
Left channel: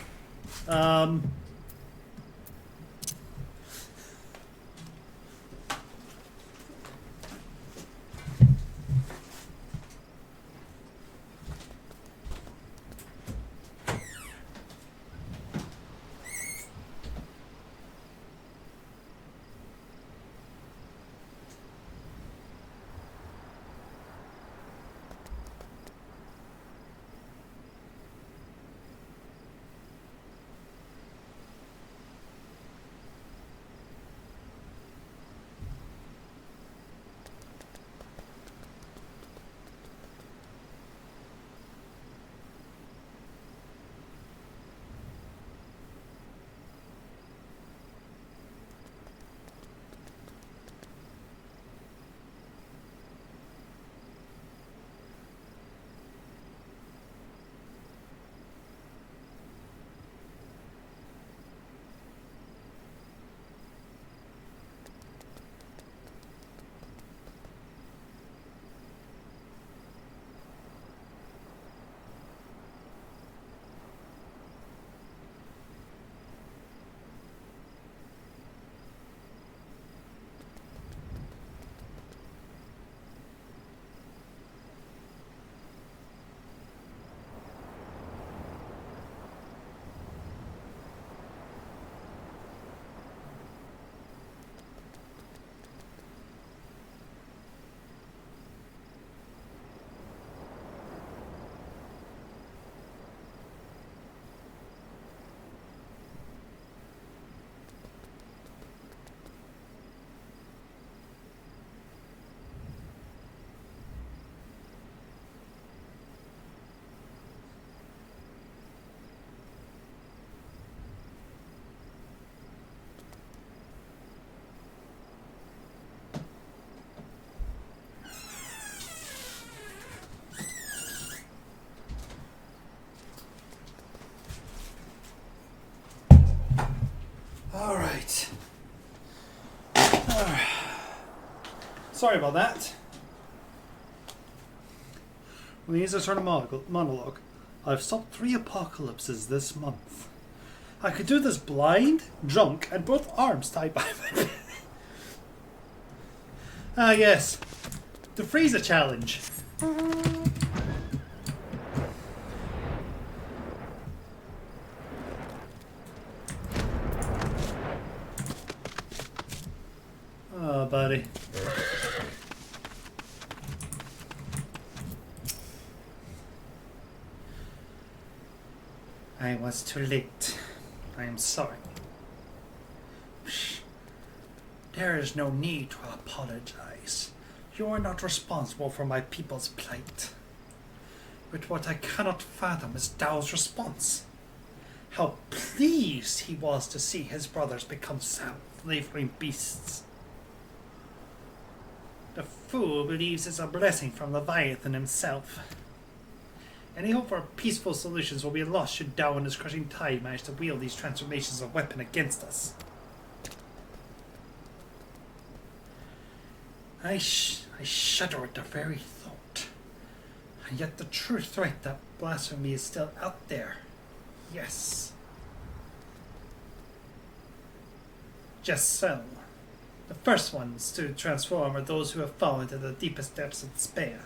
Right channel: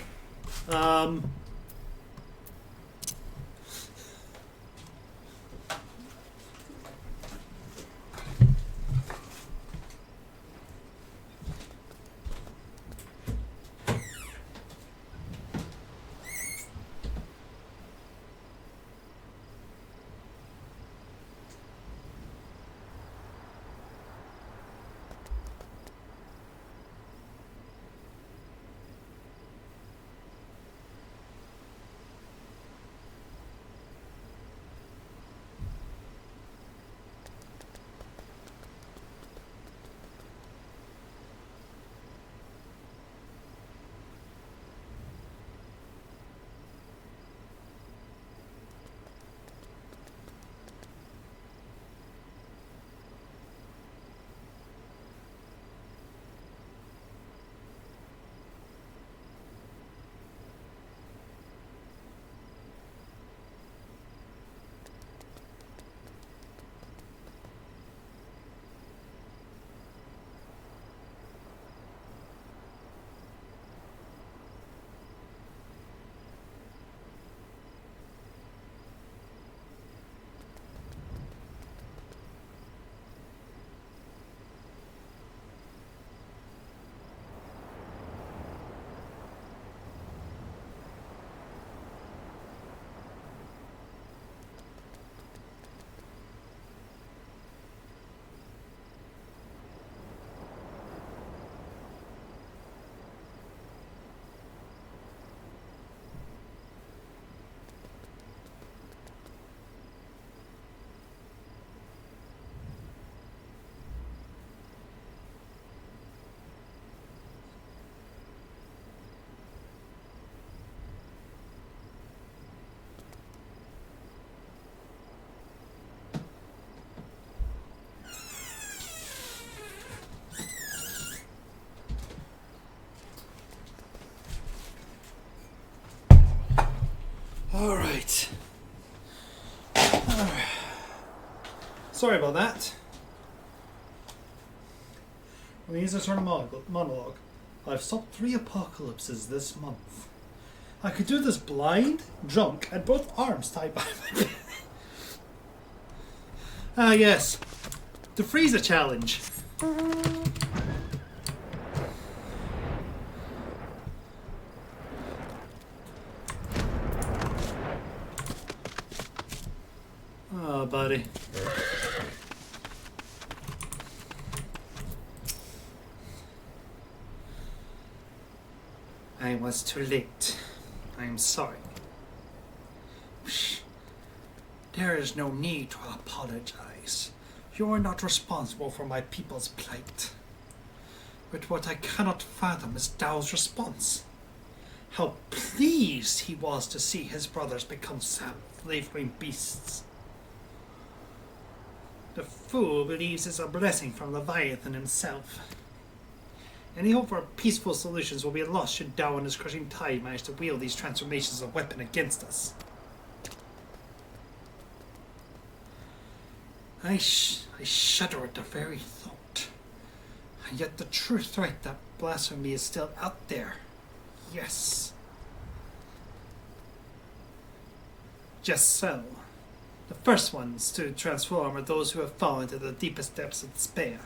Alright. Sorry about that. When he's a sort of monologue, I've stopped 3 apocalypses this month. I could do this blind, drunk, and both arms tied by my bed. Ah, yes. The freezer challenge. Oh, buddy. I was too late. I am sorry. There is no need to apologize. You are not responsible for my people's plight. But what I cannot fathom is Dao's response. How pleased he was to see his brothers become slavering beasts. The fool believes it's a blessing from Leviathan himself. Any hope for peaceful solutions will be lost should Dao and his crushing tide manage to wield these transformations as a weapon against us. I shudder at the very thought. And yet the true threat that blasphemy is still out there. Yes. Just so. The first ones to transform are those who have fallen to the deepest depths of despair.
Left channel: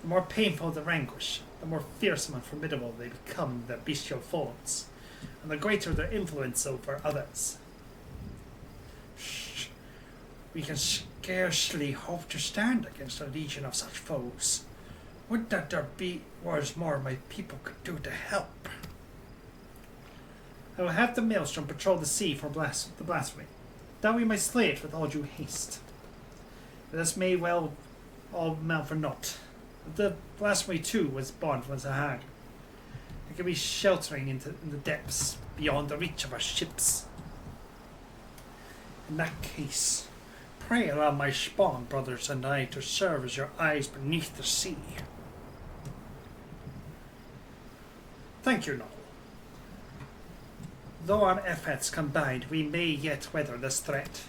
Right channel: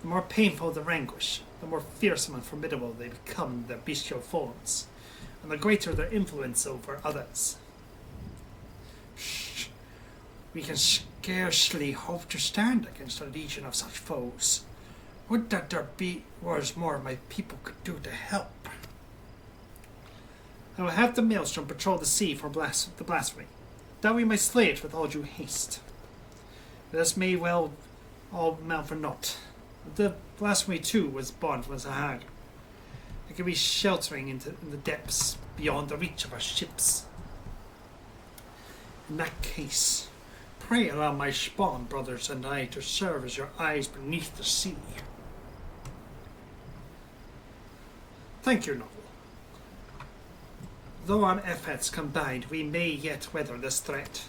The more painful their anguish, the more fearsome and formidable they become in their bestial forms, and the greater their influence over others. We can scarcely hope to stand against a legion of such foes. Would that there was more my people could do to help. I will have the Maelstrom patrol the sea for the blasphemy, that we may slay it with all due haste. But this may well all amount for naught. The blasphemy too was born from Sahara. It could be sheltering in the depths beyond the reach of our ships. In that case, pray allow my spawn brothers and I to serve as your eyes beneath the sea. Thank you, Novel. Though our efforts combined, we may yet weather this threat.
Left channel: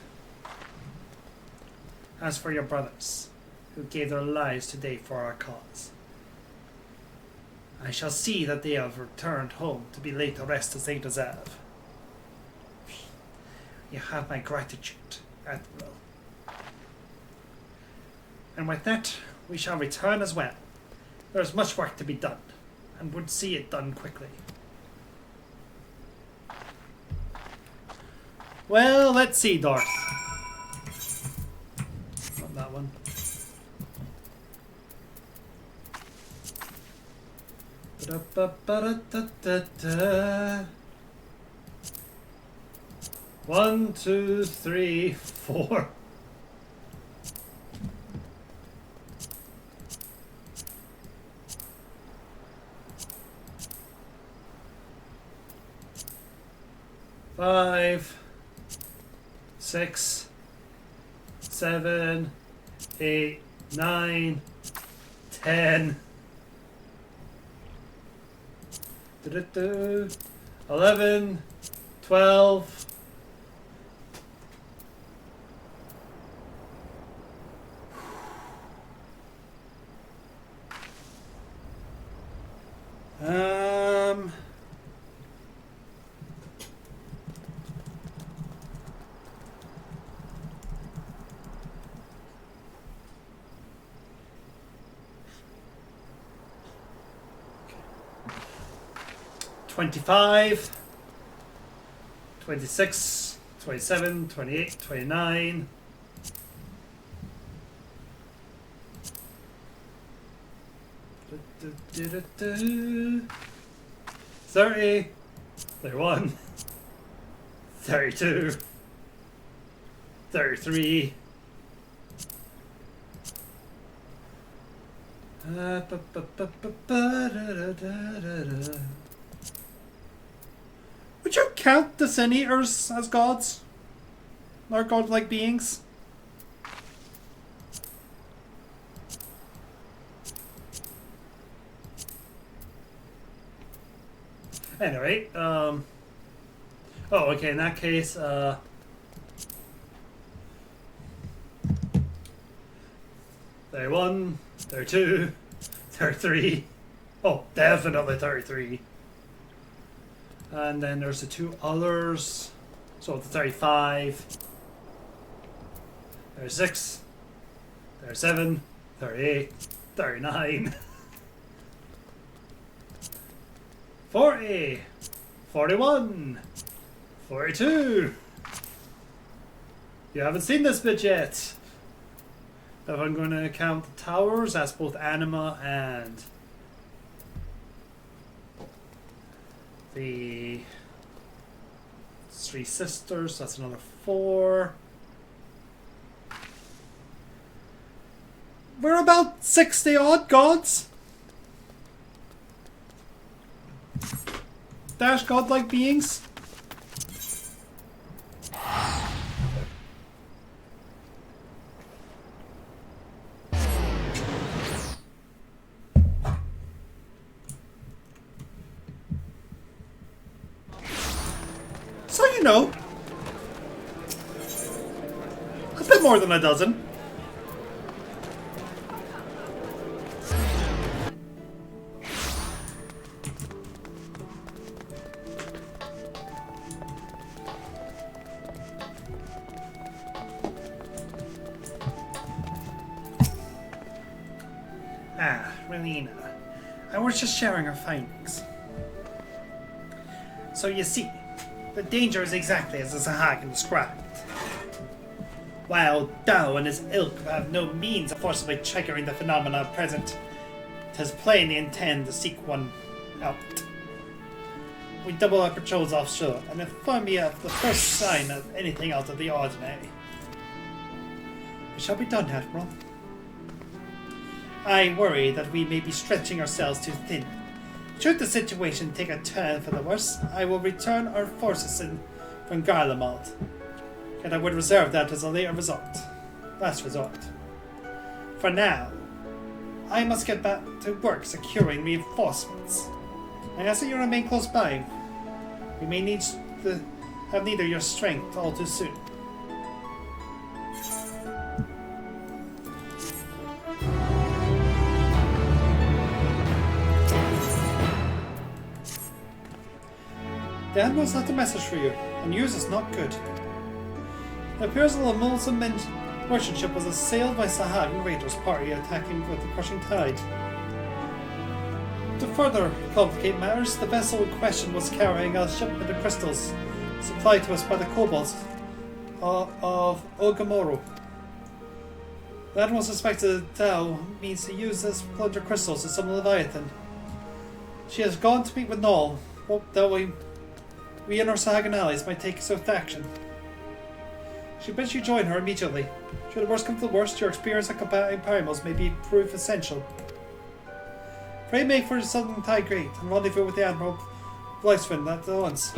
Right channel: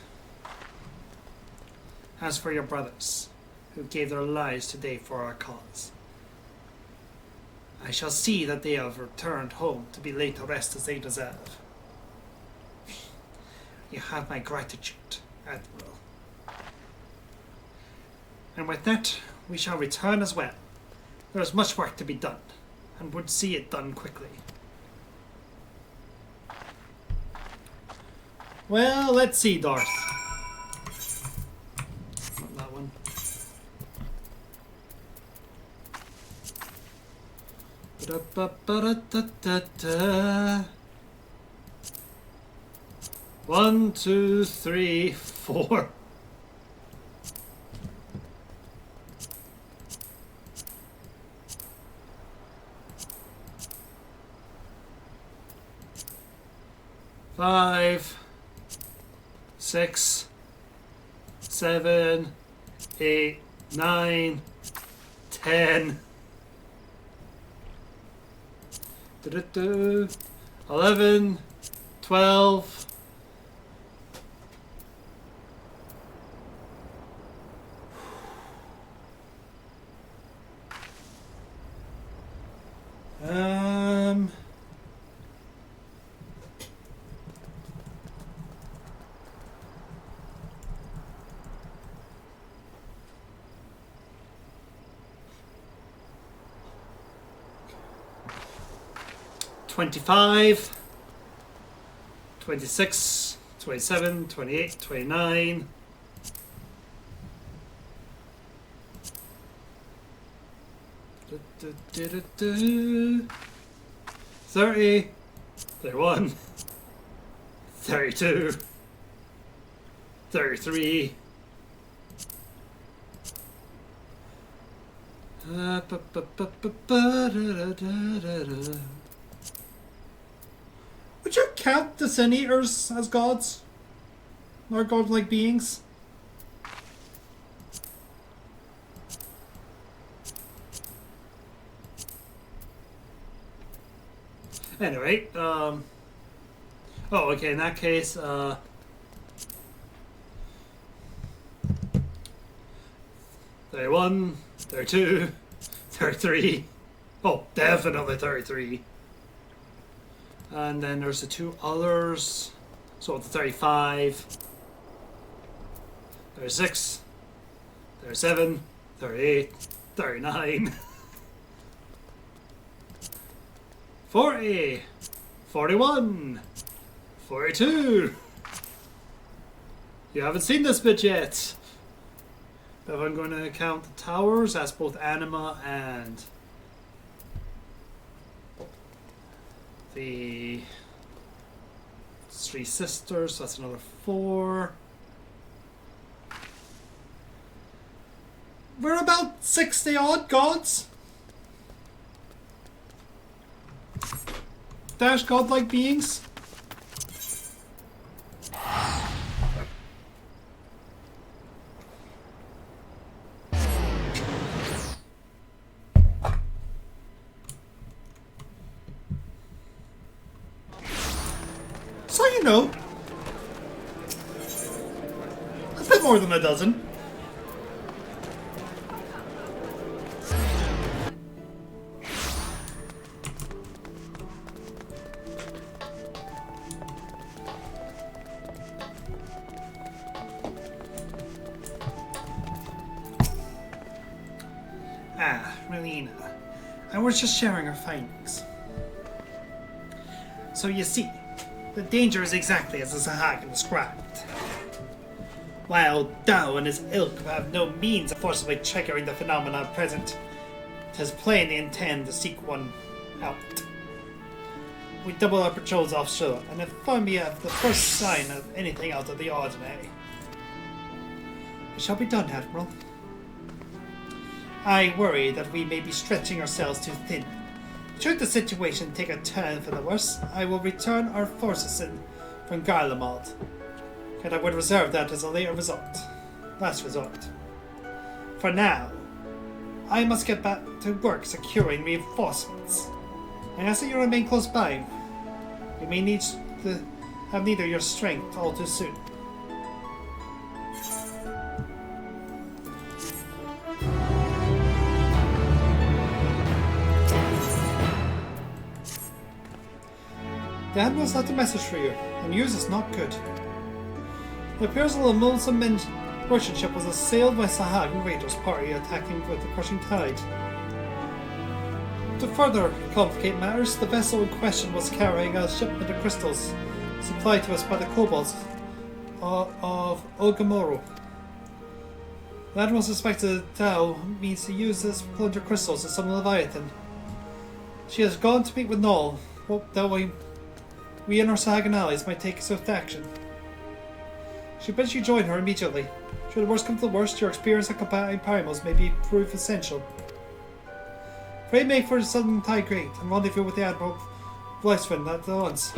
As for your brothers, who gave their lives today for our cause, I shall see that they have returned home to be laid to rest as they deserve. You have my gratitude, Admiral. And with that, we shall return as well. There is much work to be done, and would see it done quickly. Well, let's see, Darth. Not that one. Ba-da-ba-ba-da-da-da-da. 1, 2, 3, 4. Five, 6, 7, 8, 9, 10. 11, 12. Um. 25, 26, 27, 28, 29. 30, 31, 32, 33. Would you count the Sin Eaters as gods? Or godlike beings? Anyway, Oh, okay, in that case, 31, 32, 33. Oh, definitely 33. And then there's the two others. So the 35, 36, 37, 38, 39, 40, 41, 42. You haven't seen this bit yet. So I'm going to count the towers as both anima and the three sisters. That's another 4. We're about 60 odd gods. Dash godlike beings. So you know, it's a bit more than a dozen. Ah, Relina. And we're just sharing our findings. So you see, the danger is exactly as the Sahagin described. While Dao and his ilk have no means of forcibly triggering the phenomena present, it is plain they intend to seek one out. We double our patrols offshore and inform me of the first sign of anything out of the ordinary. It shall be done, Admiral. I worry that we may be stretching ourselves too thin. Should the situation take a turn for the worse, I will return our forces in from Garlemald. And I would reserve that as a later last resort. For now, I must get back to work securing reinforcements. I ask that you remain close by. We may need to have need of your strength all too soon. The Admiral's left a message for you, and yours is not good. It appears that the Mulsum merchant ship was assailed by Sahagin raiders party attacking with the crushing tide. To further complicate matters, the vessel in question was carrying a shipment of crystals supplied to us by the kobolds of Ogamoro. The Admiral suspected Tao means to use this plunder crystals to summon Leviathan. She has gone to meet with Null, hope that we and our Sahagin allies might take swift action. She bids you join her immediately. Should the worst come to the worst, your experience at combating Primals may be proof essential. Pray make for the Southern Tide Great and rendezvous with the Admiral Blythswin at once.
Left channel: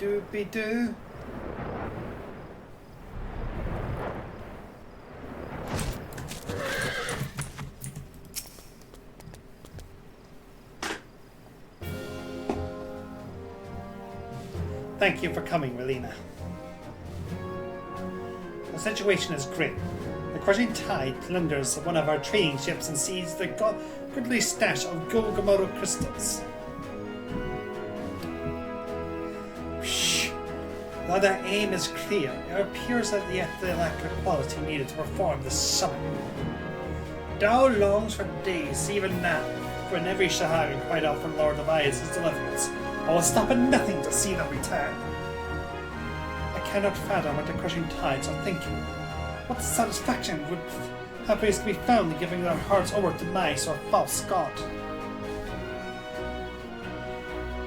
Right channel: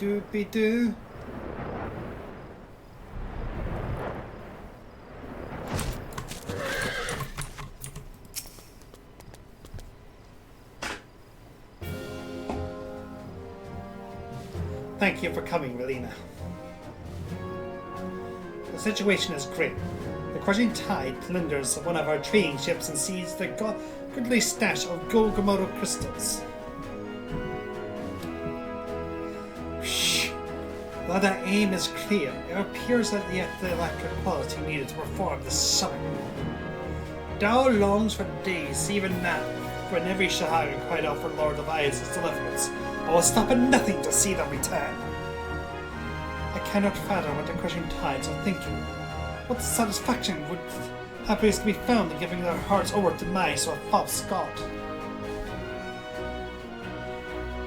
Doopy-doo. Thank you for coming, Relina. The situation is grim. The crushing tide plunders one of our trading ships and seizes the goodly stash of Golgamoto crystals. While that aim is clear, it appears that the electric quality needed to perform this summon. Dao longs for days, even now, when every Shahari cried out for Lord Elias's deliverance. I will stop at nothing to see them return. I cannot fathom what the crushing tides are thinking. What satisfaction would appears to be found in giving their hearts over to Nice or false God?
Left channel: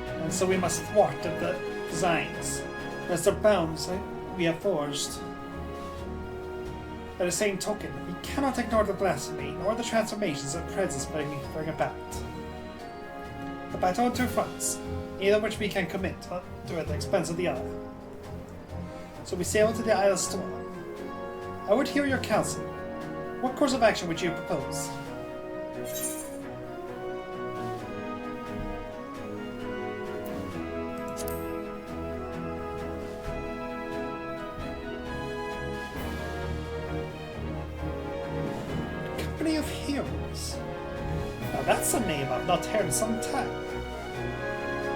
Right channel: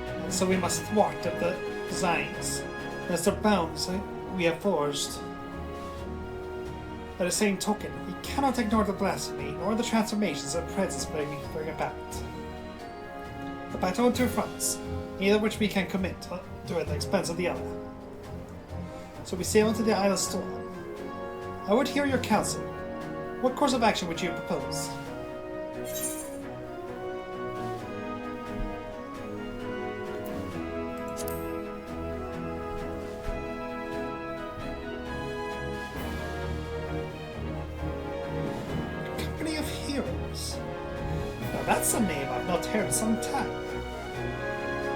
And so we must thwart the designs. As the bounds we have forged. By the same token, we cannot ignore the blasphemy or the transformations of presence bring about. The battle on two fronts, either which we can commit to at the expense of the other. So we sail to the Isle of Storm. I would hear your counsel. What course of action would you propose? Company of Heroes. Now that's a name I've not heard in some time.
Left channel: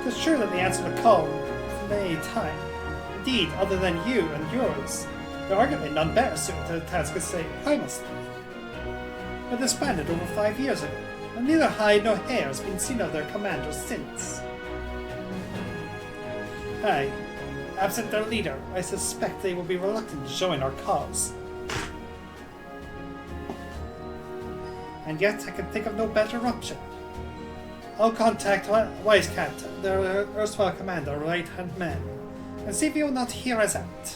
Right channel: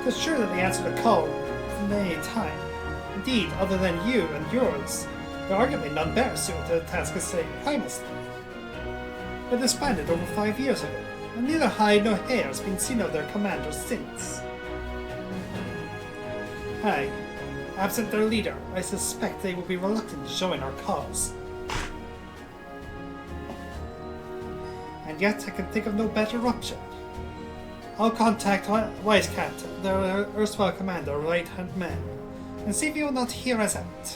It's true that the answer to the call from any time. Indeed, other than you and yours, there are arguably none better suited to the task of saying primal speed. But disbanded over 5 years ago, and neither hide nor hair has been seen of their commander since. Aye, absent their leader, I suspect they will be reluctant to join our cause. And yet I can think of no better option. I'll contact Wisecat, their erstwhile commander, right-hand man, and see if he will not hear us out.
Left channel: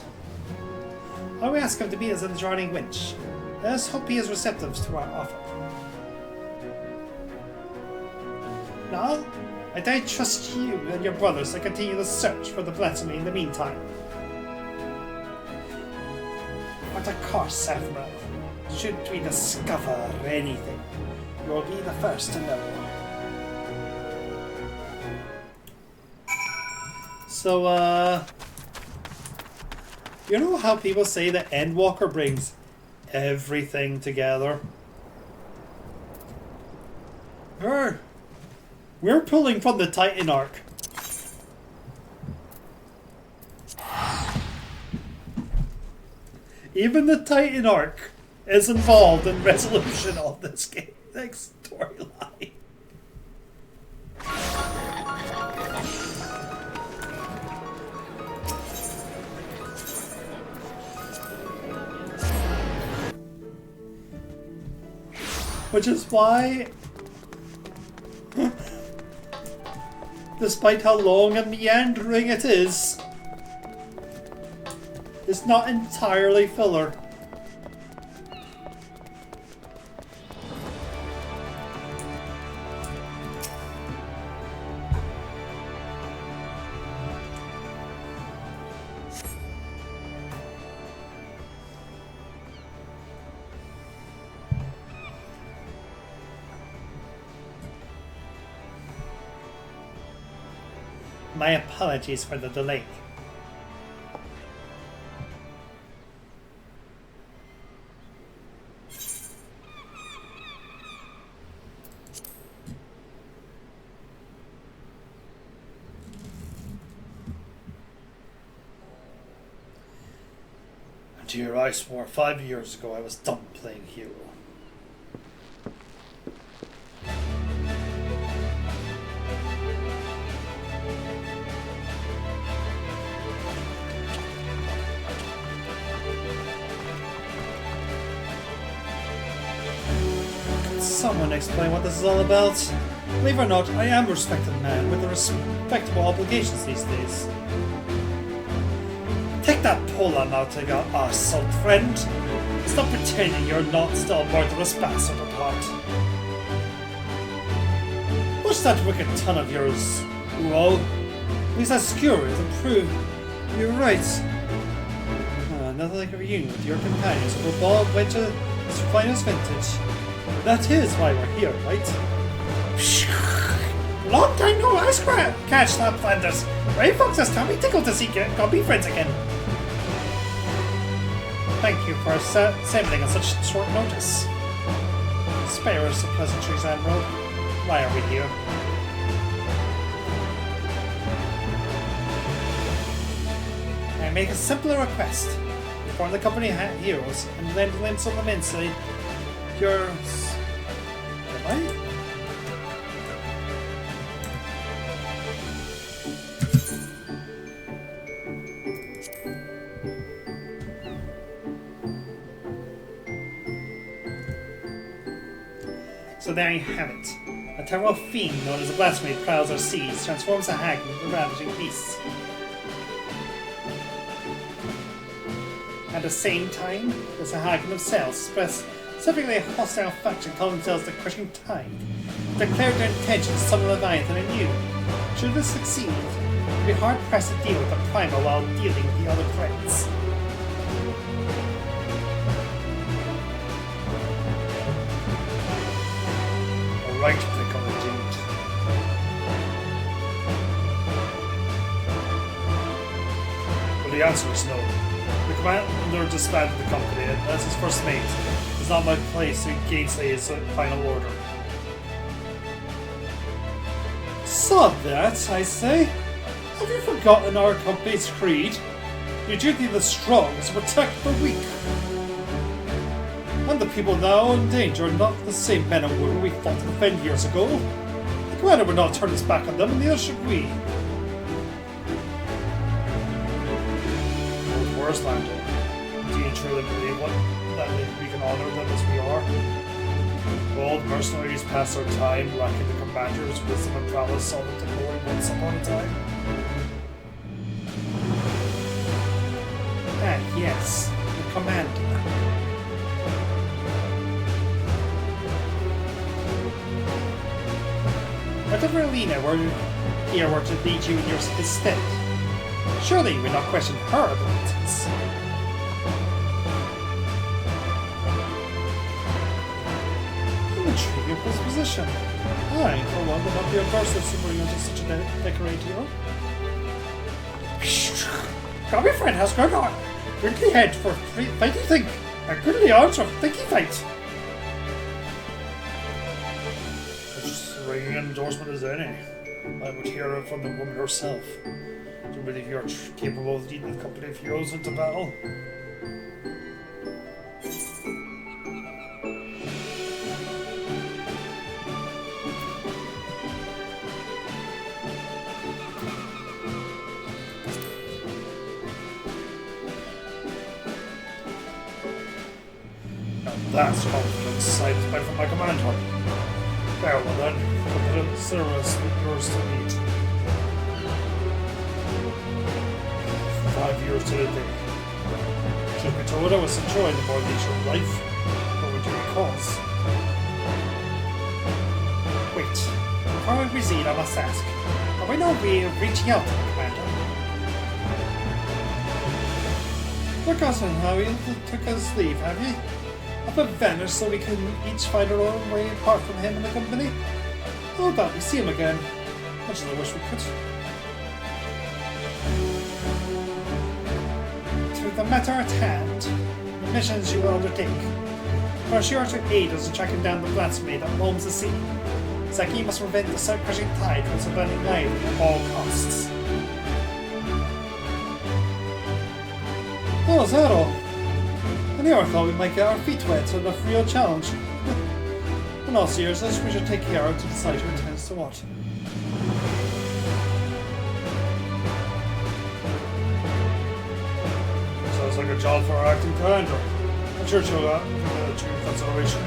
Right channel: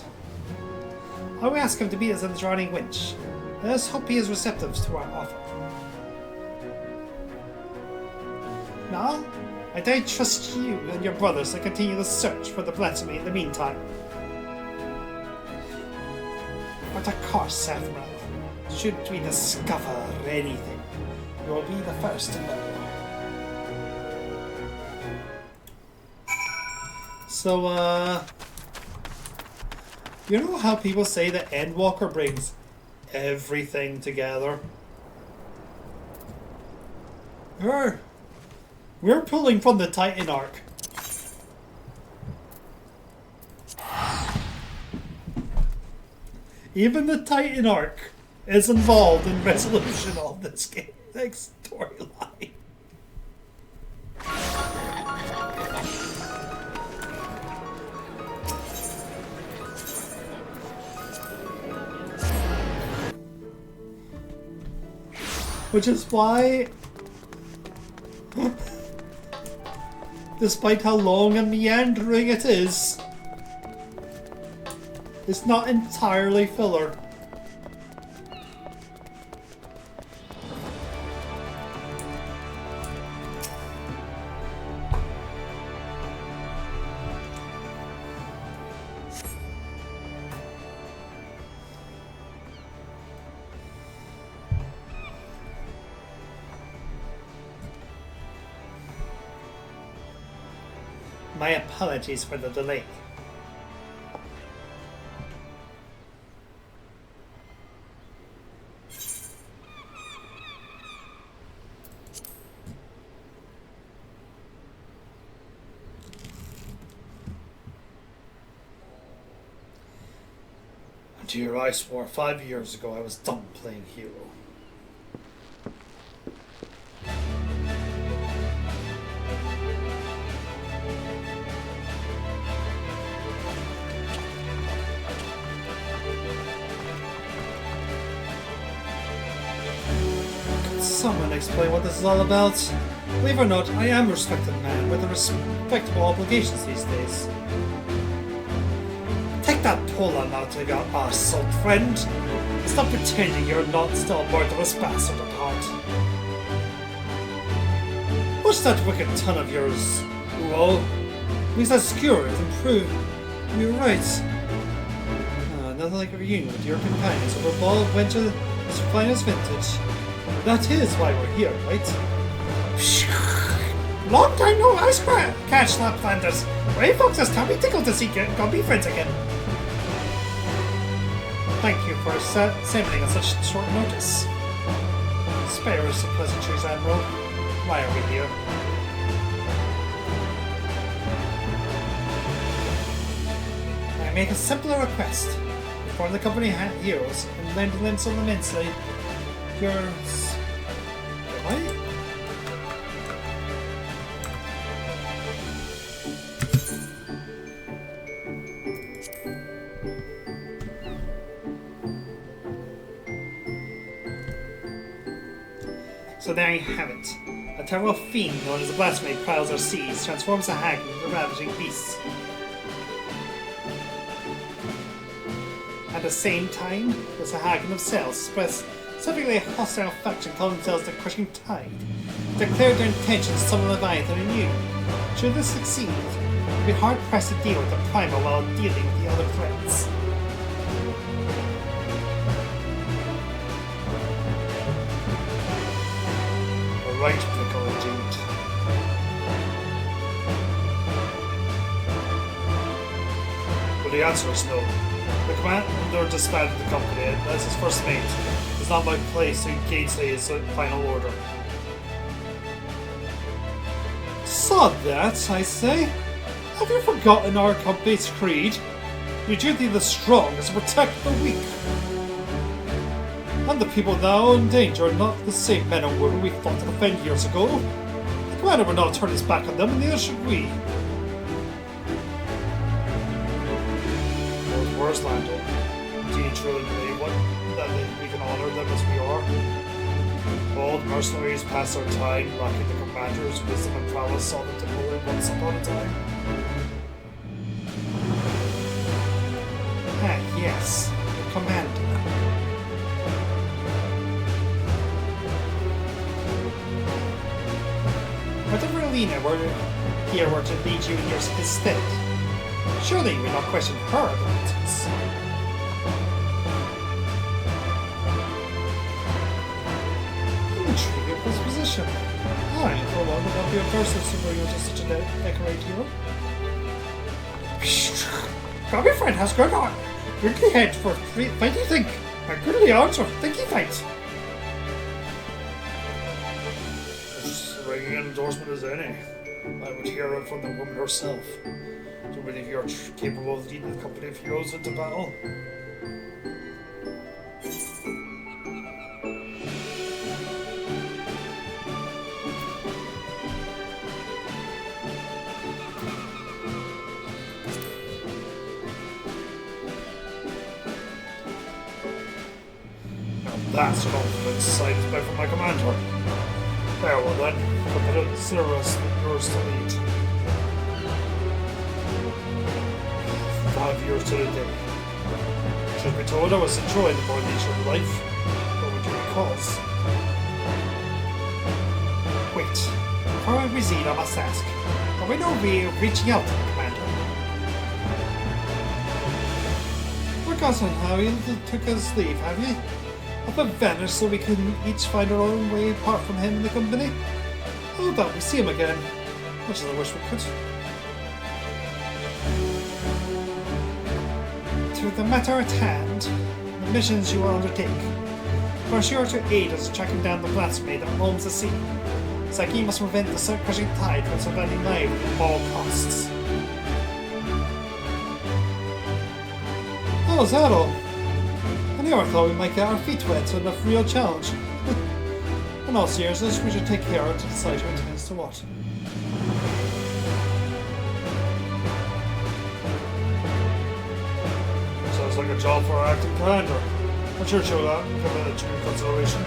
I will ask him to meet us in the Drowning Winch. Let us hope he is receptive to our offer. Now, I don't trust you and your brothers to continue the search for the blasphemy in the meantime. What a course, Saffron. Should we discover anything, you will be the first to know. So, you know how people say that Endwalker brings everything together? We're pulling from the Titan arc. Even the Titan arc is involved in resolution of this game, next storyline. Which is why, despite how long and meandering it is, it's not entirely filler. My apologies for the delay. Dear, I swore 5 years ago I was done playing hero. Someone explain what this is all about. Believe it or not, I am a respected man with respectable obligations these days. Take that pull-on out of your arse, old friend. Stop pretending you're not still worth a responsible part. What's that wicked ton of yours, Uo? He's as skewered and prove you're right. Nothing like a reunion with your companions over a ball of winter as finest vintage. That is why we're here, right? Long time no last catch that Flanders. Ray folks just can't be tickled to see go be friends again. Thank you for sending such short notice. Spare us some pleasantries, Admiral. Lie over here. I make a simpler request. Form the company heroes and then win some of them inside your... What? So there you have it. A terrible fiend known as the blasphemy prowls our seas, transforms a hag into a ravaging beast. At the same time, there's a haggling of cells specifically a hostile faction calling themselves the Crushing Tide. Declared their intention to summon Leviathan anew. Should this succeed, it would be hard pressed to deal with the primal while dealing with the other threats. Alright, Pickle Agent. Well, the answer is no. The commander disbanded the company, and as his first mate, it's not my place to engage his final order. Saw that, I say. Have you forgotten our company's creed? Your duty of the strong is to protect the weak. And the people now in danger are not the same men and women we fought to defend years ago. The commander would not turn his back on them, and neither should we. Where's Lando? Do you truly believe that we can honor them as we are? Bold mercenaries pass their time lacking the commander's wisdom and prowess all the glory once upon a time. Yes, the commander. Whatever Lena were here were to lead you in your stead, surely you would not question her abilities. Intriguing of this position. Alright, hold on, would not be a first to see where you're such a decorated hero. Got me friend, how's going on? Quickly head for fighting thing. A goodly answer, thinky fight. As ringing an endorsement as any. I would hear it from the woman herself. Do you believe you're capable of leading the company of heroes into battle? That's all decided by my commander. Now then, consider us yours to meet. 5 years to the day. Should be told I was enjoying the more nature of life, what would you cause? Wait, before I proceed, I must ask, are we not really reaching out to the commander? Forgotten how you took his leave, have you? Up and vanish so we can each find our own way apart from him and the company? Oh, glad to see him again. Much as I wish we could. To the matter at hand, the missions you were undertaking. For sure to aid us in tracking down the blasphemy that roams the sea. Saki must prevent the Crushing Tide from surviving now at all costs. Oh, is that all? I never thought we might get our feet wet, so enough real challenge. In all seriousness, we should take care to decide who intends to what. Sounds like a job for our acting commander. I'm sure she'll have due consideration.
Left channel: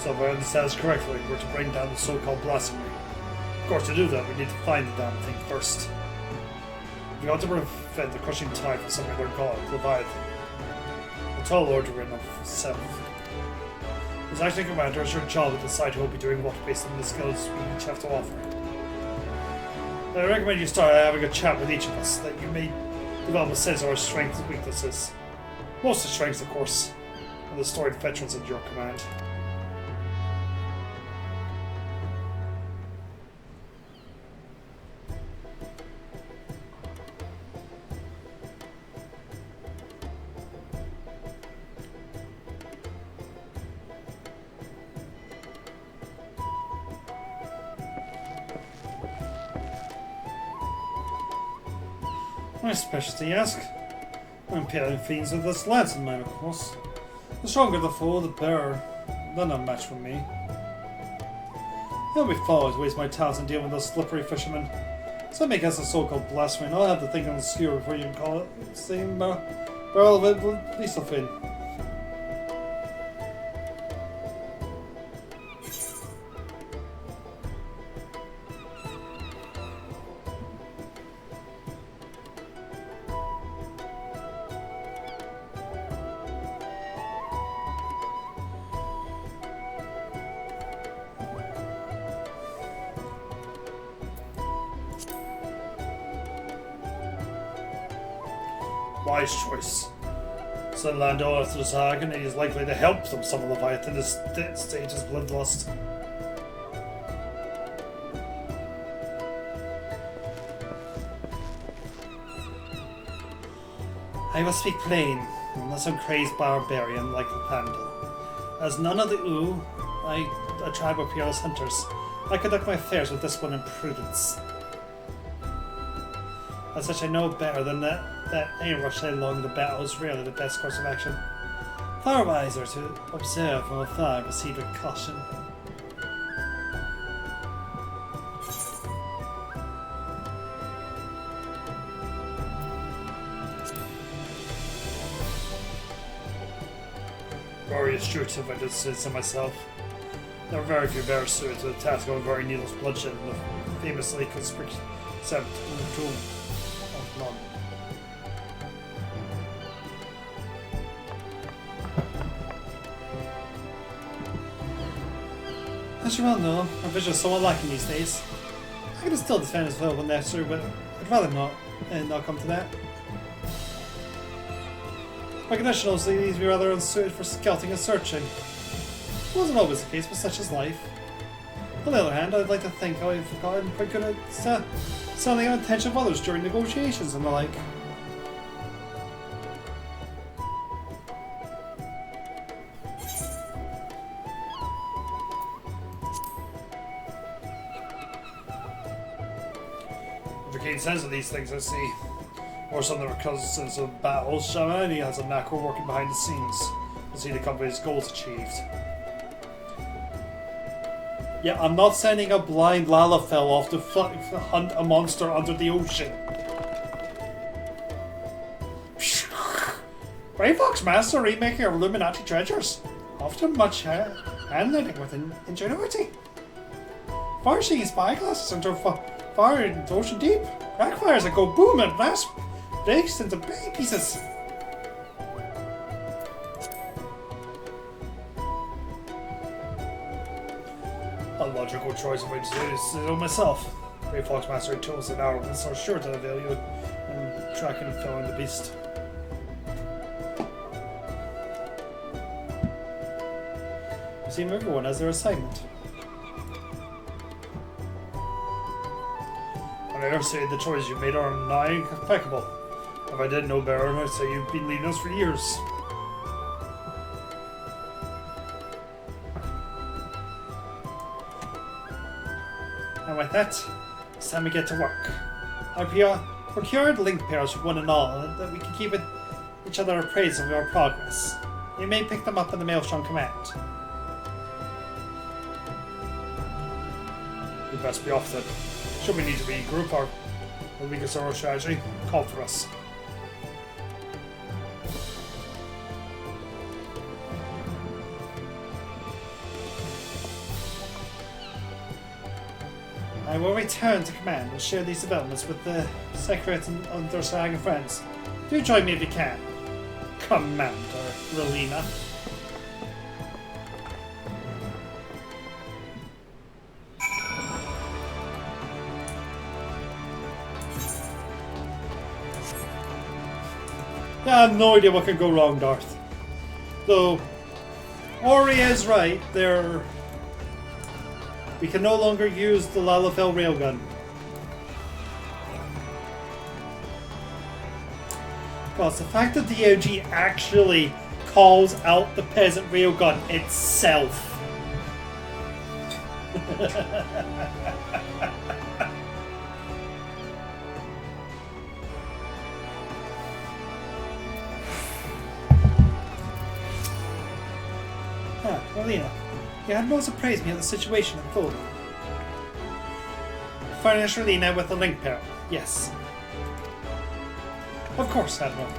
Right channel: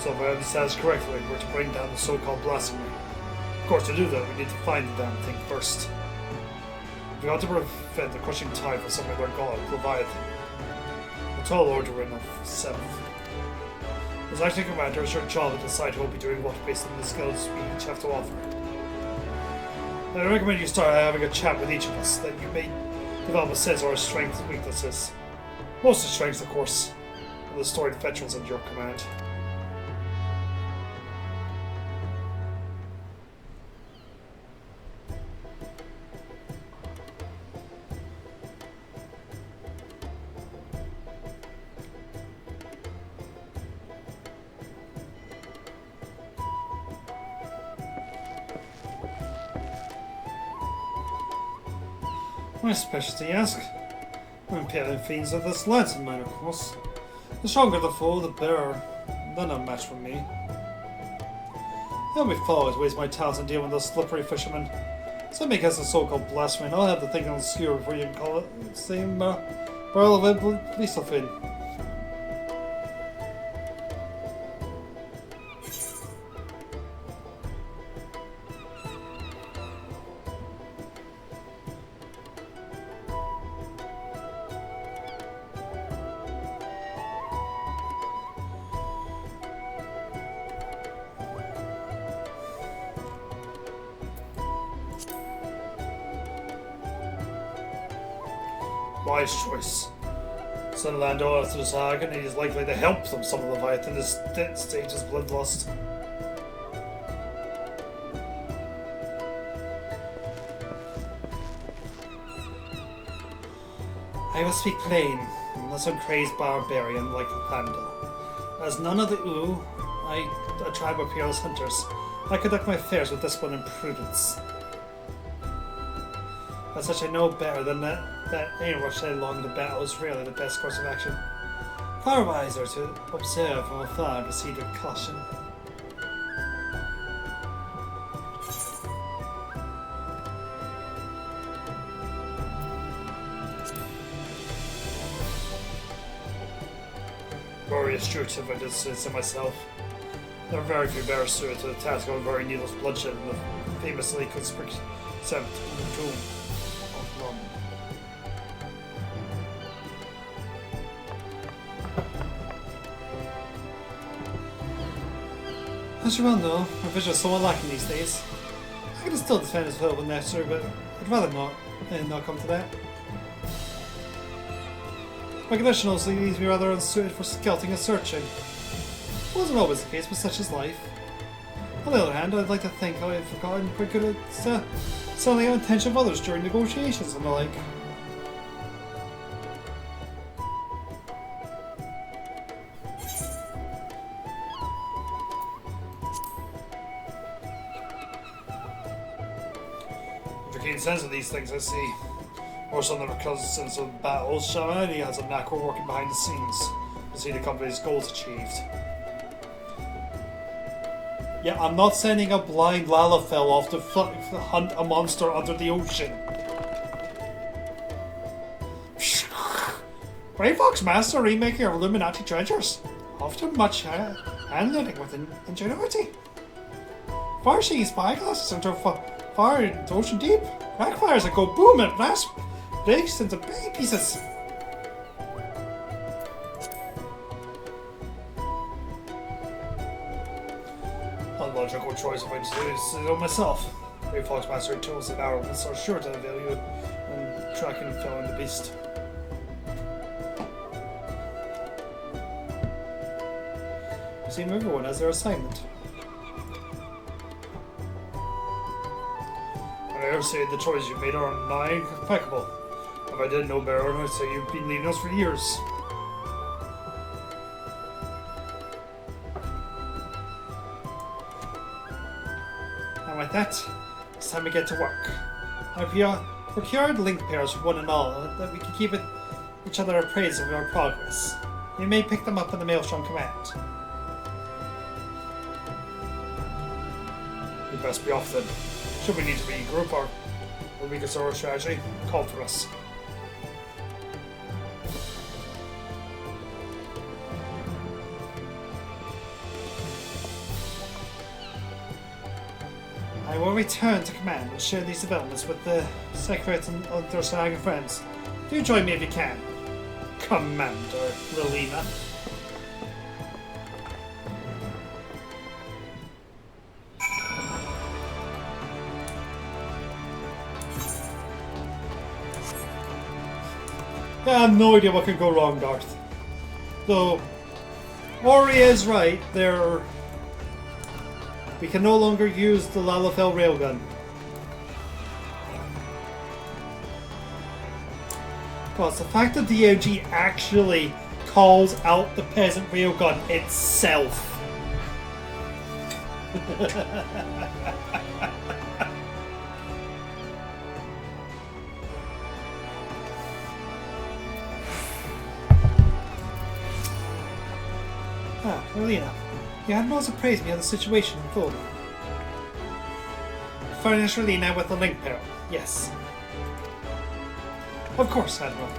So if I understand this correctly, we're to bring down the so-called blasphemy. Of course, to do that, we need to find the damn thing first. We ought to prevent the Crushing Tide for something we're God provide. We'll tell Lord to win the 7th. As acting commander, it's your job to decide who will be doing what based on the skills we each have to offer. I recommend you start having a chat with each of us, that you may develop a sense of our strengths and weaknesses. Most of the strengths, of course, are the storied veterans at your command. My specialty, you ask? I'm peeling fiends of this Lanson mine, of course. The stronger the foe, the better. None a match for me. It won't be far to waste my talents in dealing with those slippery fishermen. Some make us a so-called blasphemy, and I'll have the thing on the skewer before you can call it. Same, well, it will be something. Wise choice. Send Landor to the Saga, and he's likely to help them some Leviathan in this stage is bloodlust. I will speak plain, unless I'm crazed barbarian like the Panda. As none of the a tribe of peerless hunters, I conduct my affairs with discipline and prudence. As such, I know better than that any rush along the battle is really the best course of action. Far wiser to observe from afar and proceed with caution. Glorious truth, if I did say so myself. There are very few bears suited to the task of very needless bloodshed and the famously conspicuous in the tomb. As you well know, our vision is so lacking these days. I can still defend as well when necessary, but I'd rather not, and not come to that. My condition also needs to be rather unsuited for scouting and searching. It wasn't always the case, but such is life. On the other hand, I'd like to think I've gotten quite good at selling the intention of others during negotiations and the like. Says of these things I see, or some that are cousins of battles, Shaman, he has a macro working behind the scenes to see the company's goals achieved. Yeah, I'm not sending a blind Lalafell off to hunt a monster under the ocean. Grey Fox Master remaking of Illuminati treasures, often much hand-knitting with ingenuity. Far-seeing spyglasses into far into ocean deep. Backfires that go boom and blast breaks into big pieces. Unlogical choice of which is myself. Grey Fox Master tools and arrowments are sure to avail you in tracking and killing the beast. You seem everyone has their assignment. I dare say the choices you made are nigh impeccable. If I didn't know better, I'd say you've been leading us for years. And with that, it's time to get to work. I've procured link pairs for one and all, and that we can keep each other appraised of our progress. You may pick them up in the Maelstrom Command. You best be off then. Should we need to regroup or will we get our strategy? Call for us. I will return to command and share these developments with the Secret and understanding friends. Do join me if you can. Commander Lilina. I have no idea what could go wrong, Darth. Though, Ori is right, we can no longer use the Lalafell railgun. Plus, the fact that the OG actually calls out the peasant railgun itself. Ah, Melina. You had most praised me of the situation unfolding. Furnish Relina with the link there. Yes. Of course, Admiral.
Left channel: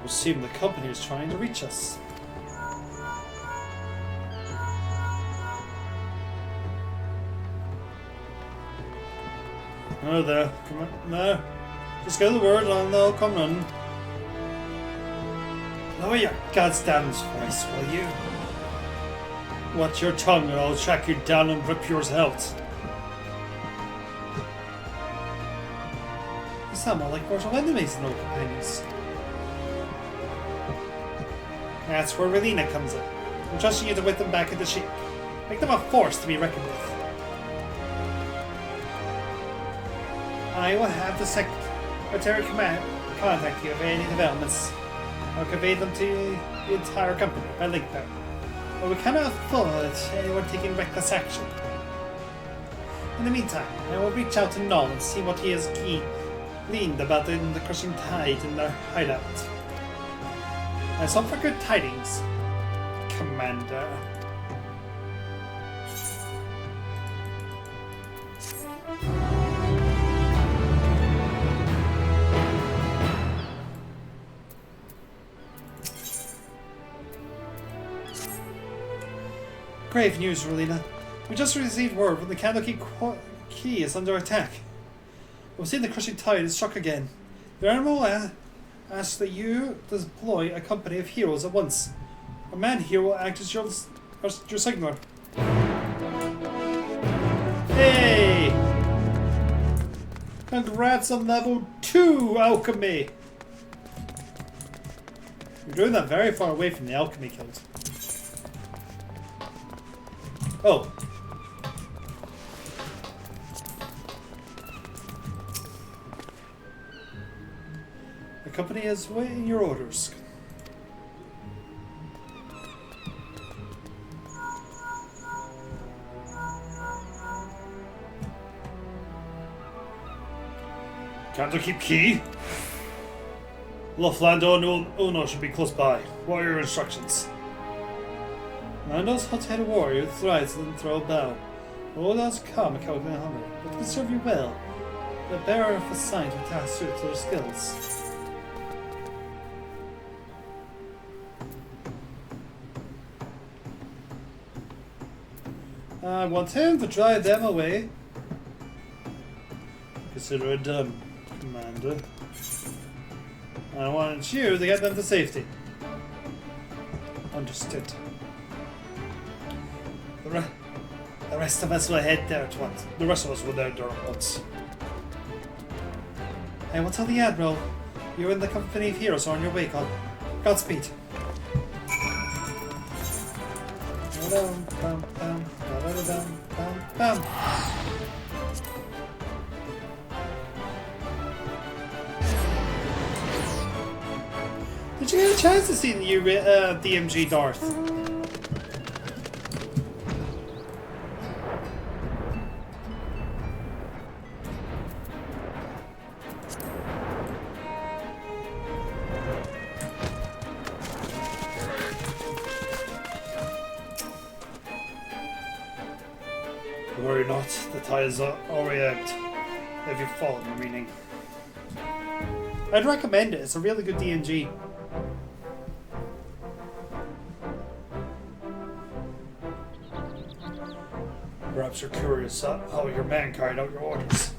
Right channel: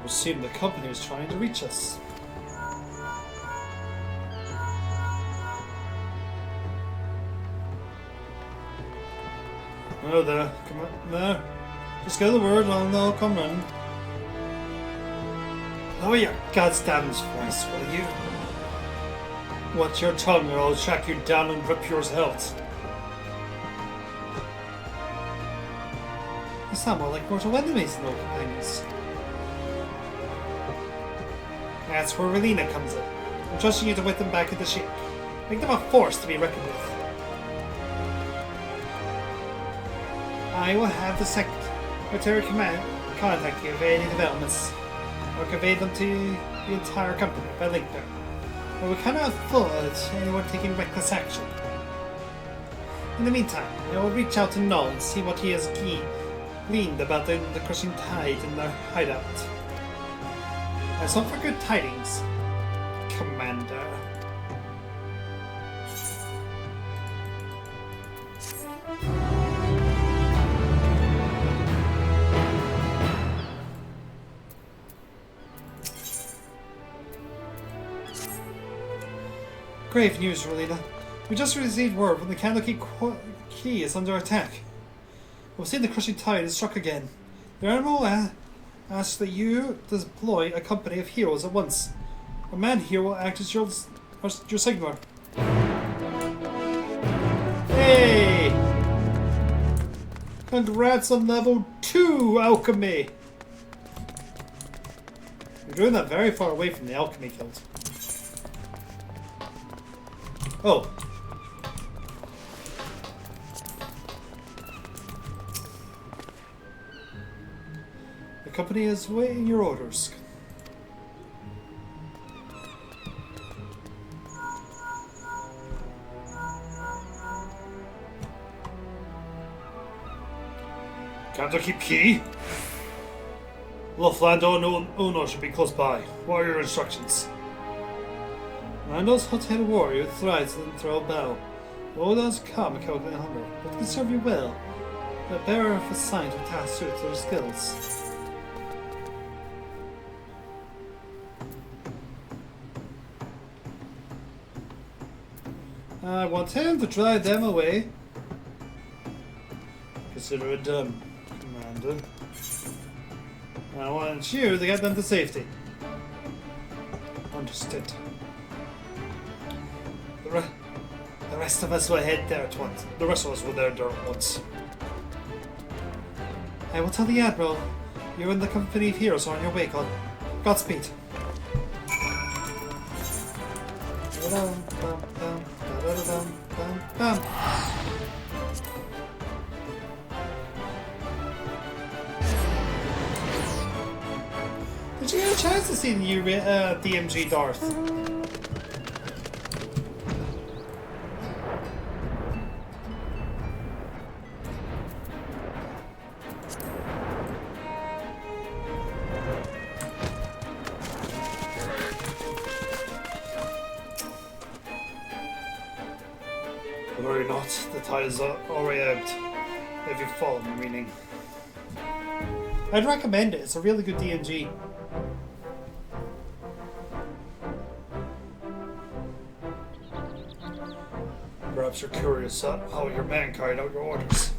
I assume the company is trying to reach us. No, there. Come on. No. Just go the word and they'll come in. Lower your goddamn voice, will you? Watch your tongue or I'll track you down and rip yours out. You sound more like mortal enemies than old things. That's where Relina comes in. I'm trusting you to whip them back into shape. Make them a force to be reckoned with. I will have the Secretary Command contact you if any developments. I'll convey them to the entire company by link them. We cannot afford anyone taking reckless action. In the meantime, I will reach out to Null and see what he has gleaned about the crushing tide in their hideout. And some for good tidings, Commander. Grave news, Relina. We just received word that the Candlekeep Key is under attack. We've seen the crushing tide is struck again. The Admiral asks that you deploy a company of heroes at once. A man here will act as your signaler. Hey! Congrats on level 2 alchemy! You're doing that very far away from the alchemy guild. Oh. The company is waiting your orders. Candlekeep Key? Loughlin Uno should be close by. What are your instructions? I knows how to hit a warrior who thrives and throw a bow. All does come a coward and humble, but can serve you well. The bearer of the sign to task suits their skills. I want him to drive them away. Consider it done, Commander. I want you to get them to safety. Understood. The rest of us will head there at once. The rest of us will there at once. I will tell the Admiral you and the company of heroes are on your way, Con. Godspeed. Did you get a chance to see the new DMG Darth? Worry not, the tide is already out. If you follow my meaning. I'd recommend it, it's a really good DMG. Perhaps you're curious how your man carried out your orders.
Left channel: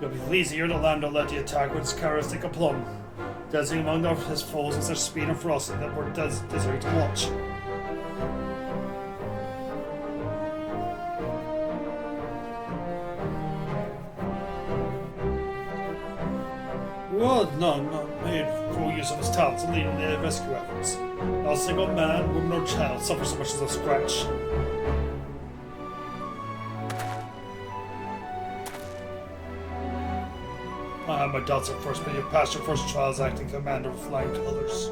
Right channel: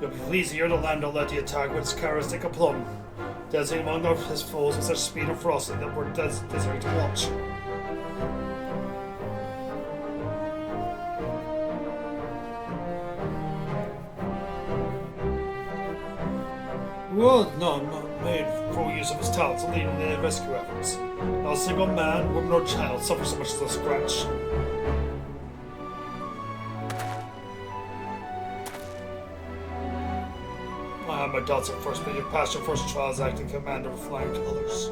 You'll be pleased to hear the Lambda let the attack with its characteristic aplomb, dancing among his foes with such speed and ferocity that we're desired to watch. Well, none made full use of his talents to lead on the rescue efforts. Not a single man, woman, or child suffers so much as a scratch. I have my doubts at first, but you passed your first trial as acting commander of flying colors.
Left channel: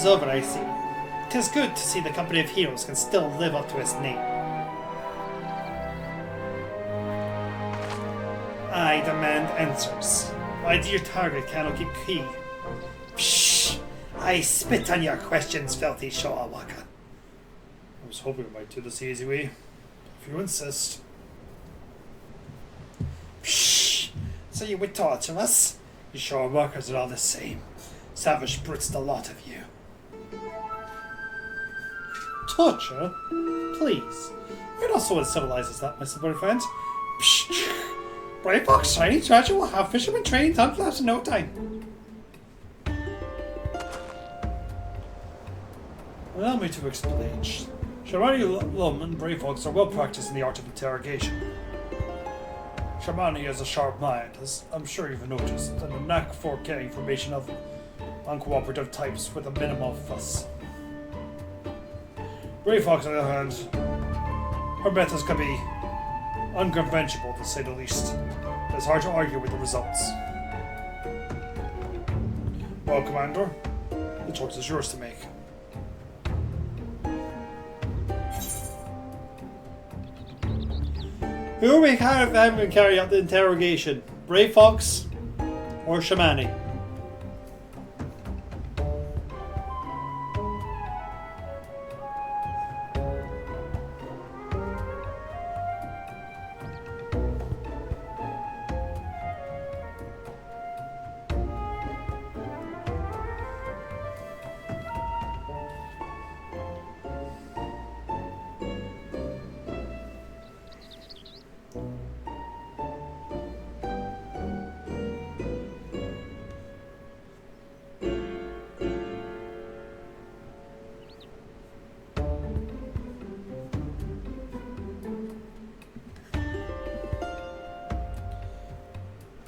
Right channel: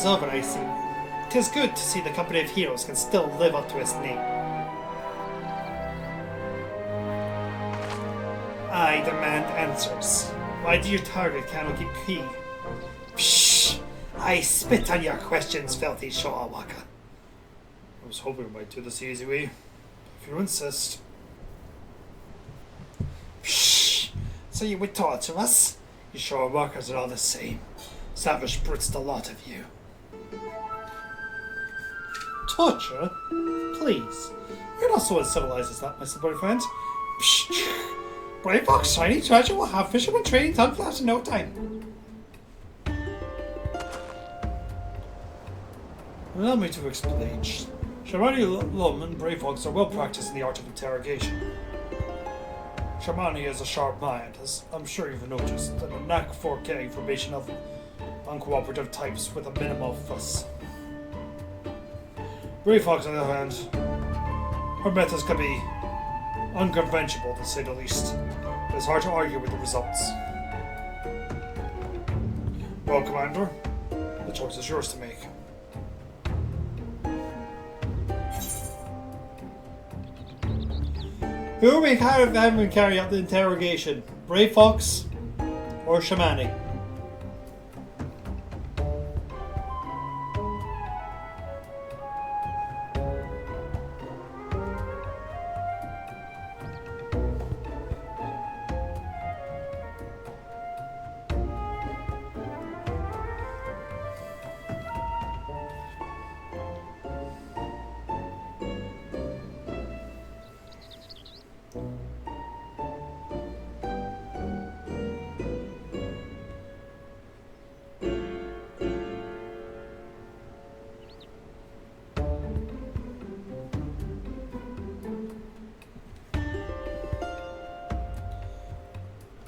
is over, I see. It is good to see the company of heroes can still live up to its name. I demand answers. Why do you target Kanoki P? Shh! I spit on your questions, filthy Shawawaka. I was hoping we might do this the easy way. If you insist. Shh! So you would torture us? You Shawawakers are all the same. Savage brutes, the lot of you. Torture? Please. You're not so uncivilized as that, Mr. Boyfriend. Psh! Brave Fox Shiny Treasure will have fishermen training done for that in no time. Allow me to explain. Shamani Lum and Brave Fox are well practiced in the art of interrogation. Shamani has a sharp mind, as I'm sure you've noticed, and a knack for getting information of uncooperative types with a minimum of fuss. Brave Fox, on the other hand, her methods can be unconventional, to say the least. It's hard to argue with the results. Well, Commander, the choice is yours to make. Who will carry out the interrogation? Brave Fox or Shamani?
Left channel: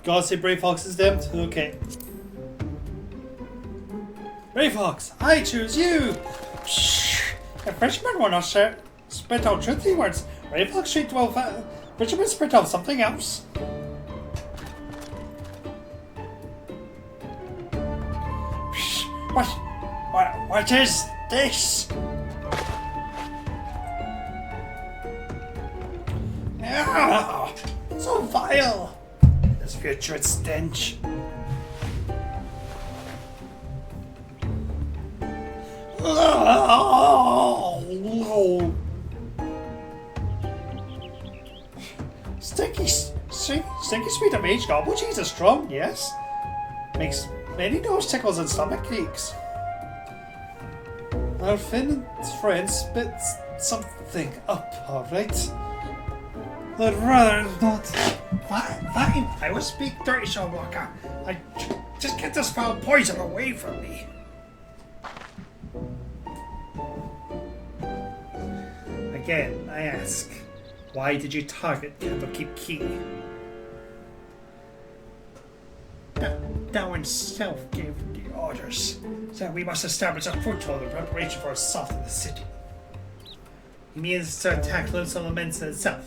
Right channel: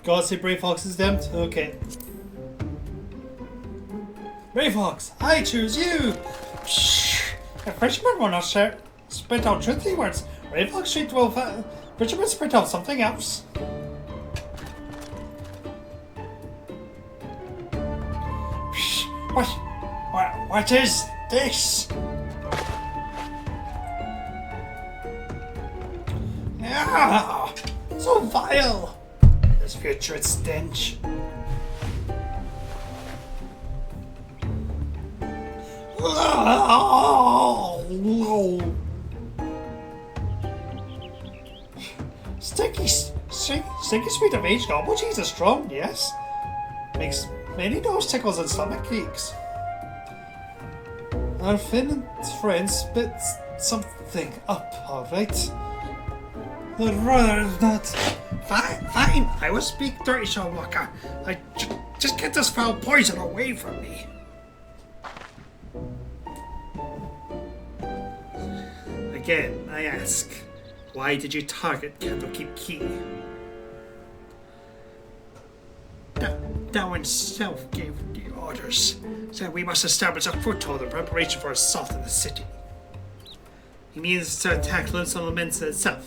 Gotta say Brave Fox is damned? Okay. Brave Fox, I choose you! Shh! The fisherman will not spit out truthful words. Brave Fox should well fisherman spit out something else. Shh! What is this? Ah, so vile! Putrid stench. Stinky sweet of aged gobble cheese is strong, yes. Makes many nose tickles and stomach aches. Our Finn's friend spit something up, alright. But rather not. Fine. I will speak dirty, Shawaka. Just get this foul poison away from me. Again, I ask, why did you target Candlekeep Key? Thou himself gave the orders, said we must establish a foothold in preparation for assault in the city. He means to attack Lonesome Laments itself,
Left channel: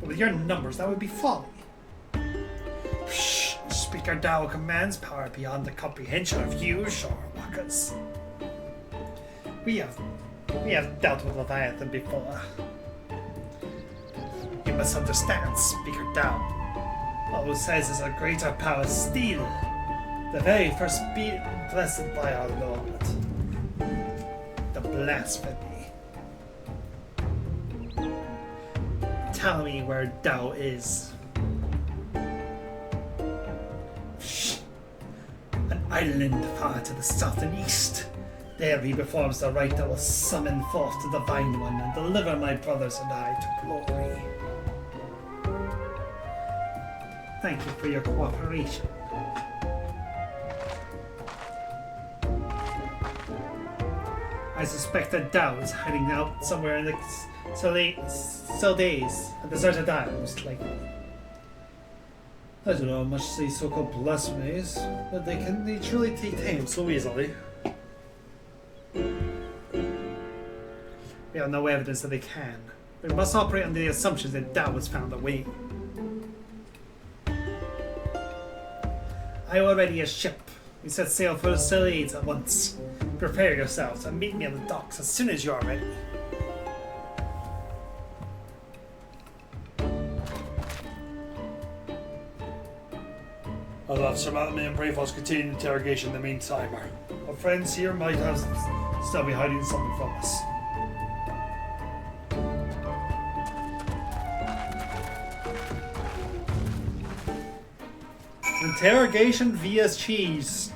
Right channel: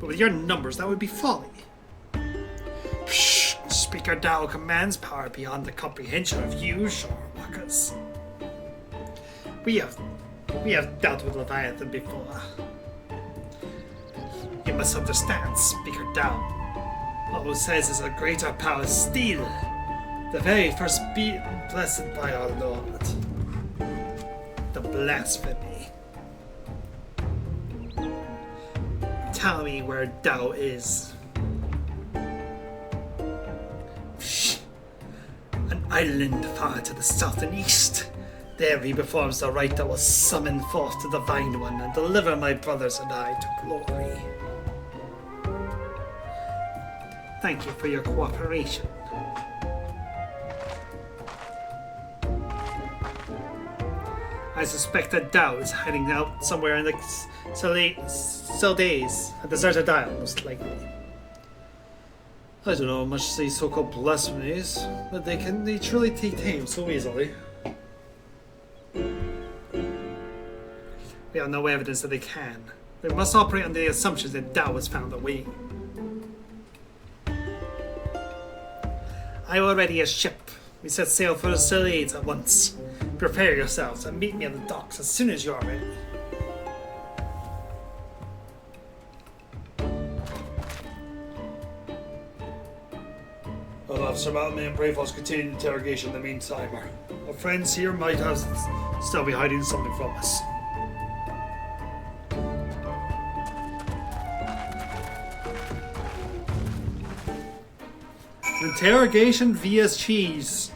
but with your numbers that would be folly. Shh! Speaker Dao commands power beyond the comprehension of you, Shawwakas. We have dealt with Leviathan before. You must understand, Speaker Dao. What who says is a greater power still. The very first blessed by our Lord. The blasphemy. Tell me where Dao is. An island far to the south and east. There he performs the rite that will summon forth the Divine One and deliver my brothers and I to glory. Thank you for your cooperation. I suspect that Dao is hiding out somewhere in the Seldays, a deserted island, most likely. I don't know much these so-called blasphemies, but they truly take tame so easily. We have no evidence that they can. We must operate under the assumption that Dao has found a way. I already a ship. We set sail for the Selades at once. Prepare yourselves and meet me on the docks as soon as you are ready. Well, Officer Maltman and Brayfall's continuing interrogation in the meantime. Our friends here might have still be hiding something from us. Interrogation via cheese.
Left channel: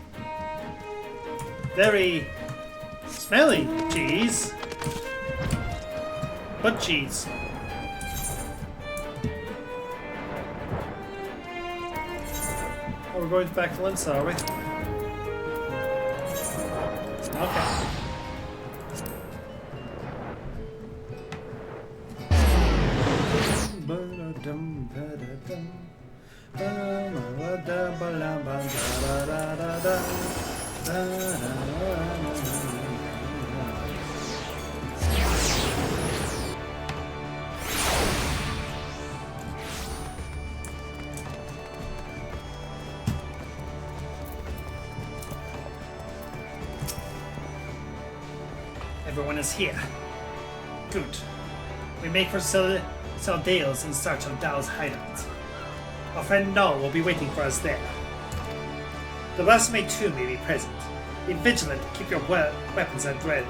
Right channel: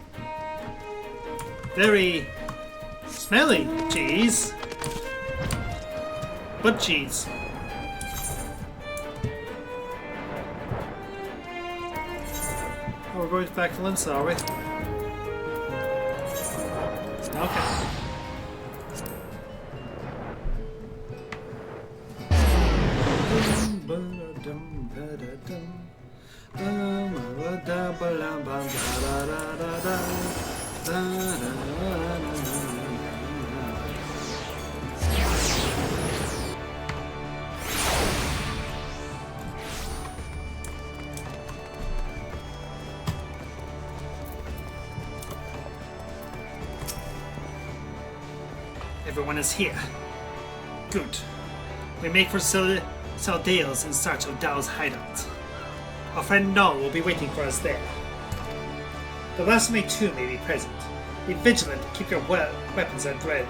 Very smelly cheese. But cheese. Oh, we're going back to Linsa, are we? Okay. Everyone is here. Good. We make for Dale's in search of Dow's hideout. Our friend Null will be waiting for us there. The last mate too may be present. Be vigilant, keep your weapons at ready.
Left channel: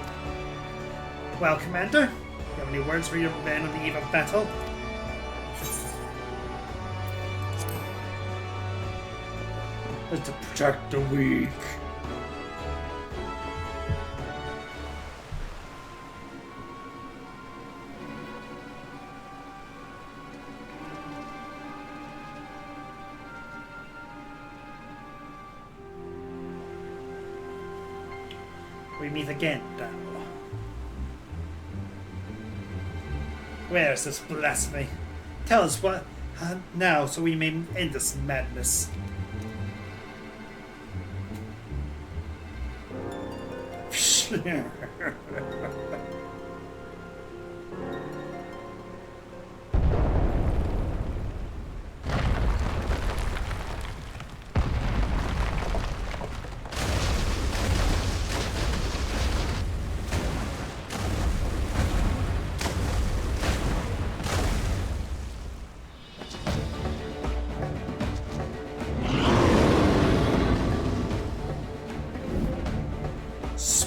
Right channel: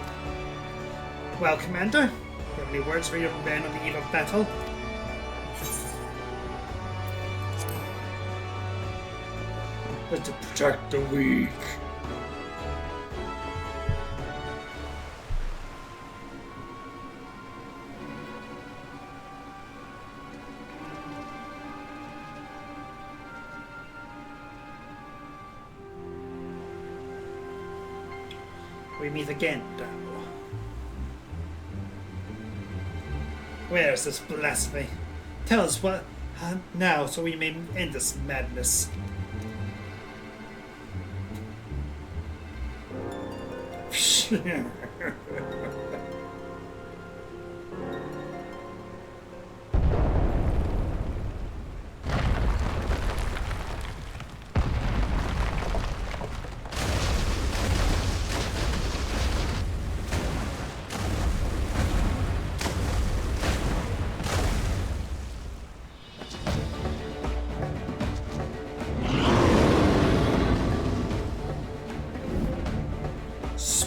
Well, Commander, you have any words for your man on the eve of battle? But to protect the weak. We meet again, Dow. Where is this blasphemy? Tell us what now, so we may end this madness.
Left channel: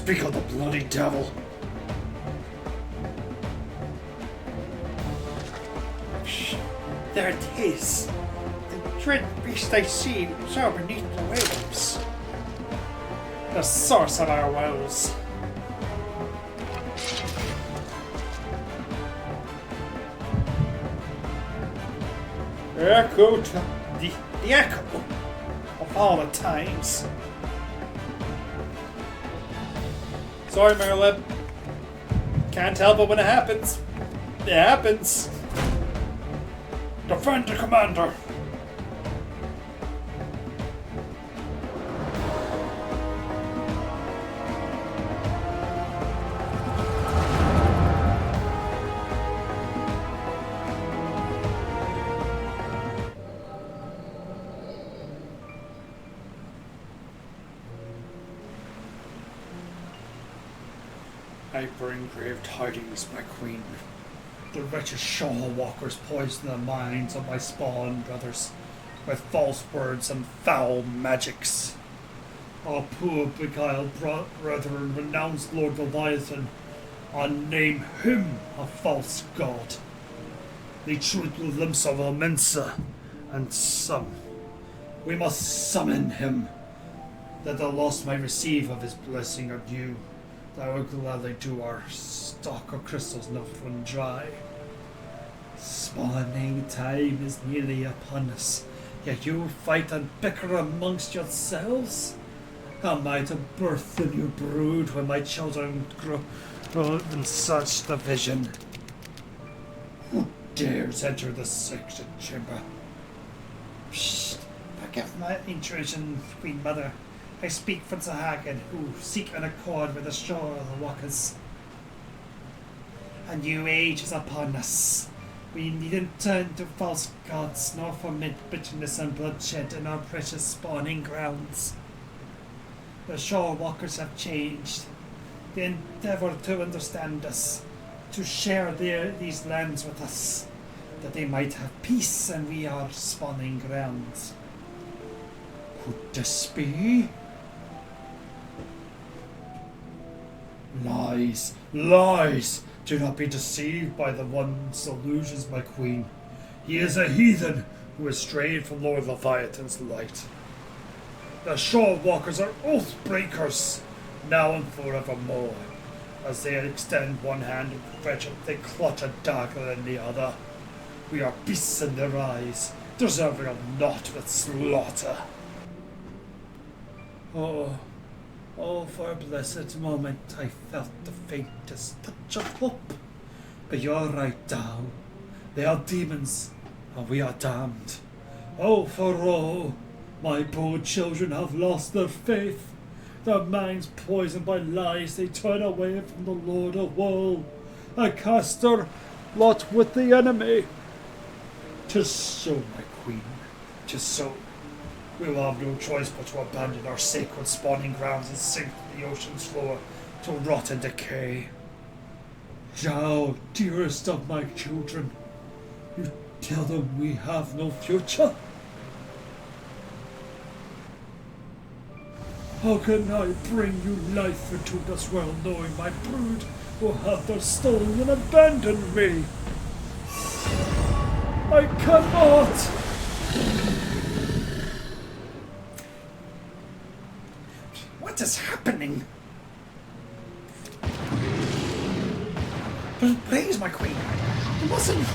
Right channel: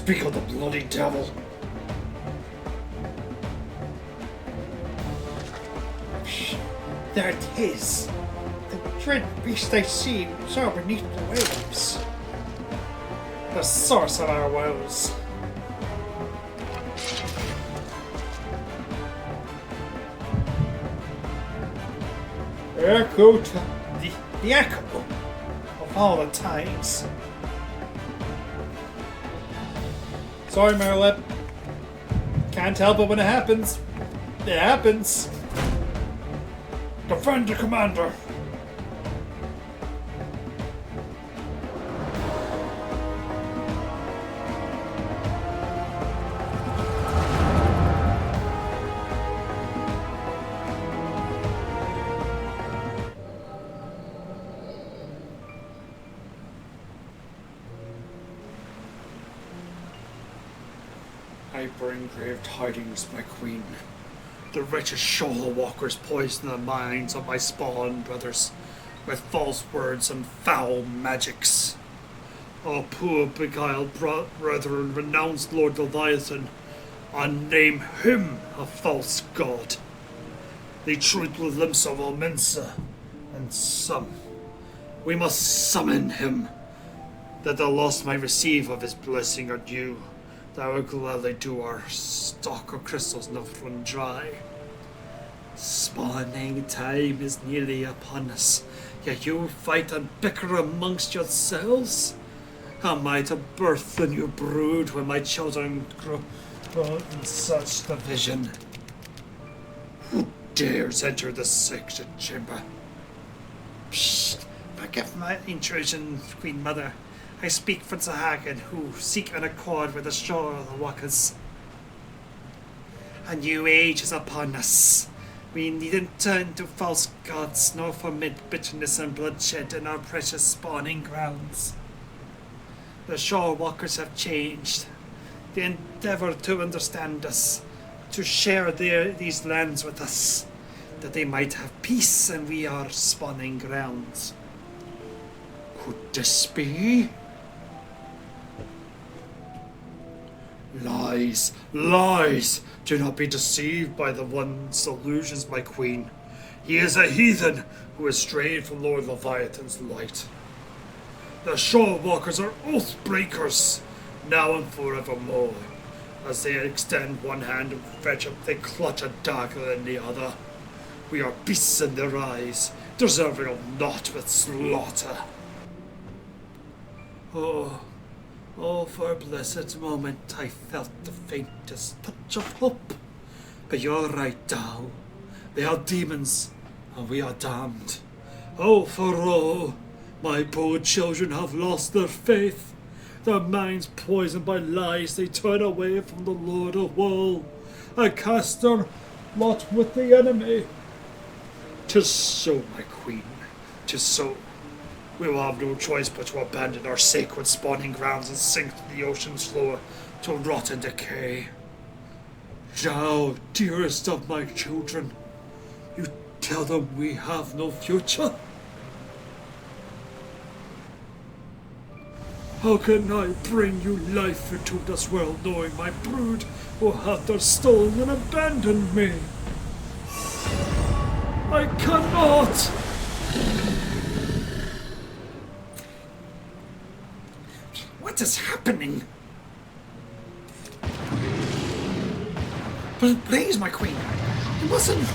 Speak of the bloody devil. There it is. The dread beast I see absorbed beneath the waves. The source of our woes. The echo to the echo of all the times. Sorry, Merlip. Can't help it when it happens. It happens. Defend the commander. I bring grave tidings, my queen. The wretched shoal walkers poison the minds of my spawn brothers with false words and foul magics. Our poor beguiled brethren renounce Lord Leviathan and name him a false god. They treat with limbs of Mensa, and some. We must summon him, that the lost might receive of his blessing or due. That will gladly do our stock of crystals not run dry. Spawning time is nearly upon us, yet you fight and bicker amongst yourselves? Am I to birth the new brood when my children grow in such division? Who dares enter the sacred chamber? Psst! Forgive my intrusion, Queen Mother. I speak for Zahagan, who seek an accord with the shore of the Walkers. A new age is upon us. We needn't turn to false gods, nor foment bitterness and bloodshed in our precious spawning grounds. The shore walkers have changed. They endeavor to understand us, to share these lands with us, that they might have peace and we are spawning grounds. Could this be? Lies, lies! Do not be deceived by the one's illusions, my queen. He is a heathen who has strayed from Lord Leviathan's light. The Shore Walkers are oath breakers, now and forevermore. As they extend one hand in perfection, they clutch a dagger in the other. We are beasts in their eyes, deserving of naught but slaughter. Oh, for a blessed moment I felt the faintest touch of hope. But you're right, Tao. They are demons, and we are damned. Oh, for my poor children have lost their faith. Their minds poisoned by lies, they turn away from the Lord of Woe. A caster lot with the enemy. 'Tis so, my queen, 'tis so. We will have no choice but to abandon our sacred spawning grounds and sink to the ocean's floor to rot and decay. Thou, dearest of my children, you tell them we have no future? How can I bring you life into this world knowing my brood will have their stolen and abandoned me? I cannot! What is happening? Please, my queen, listen.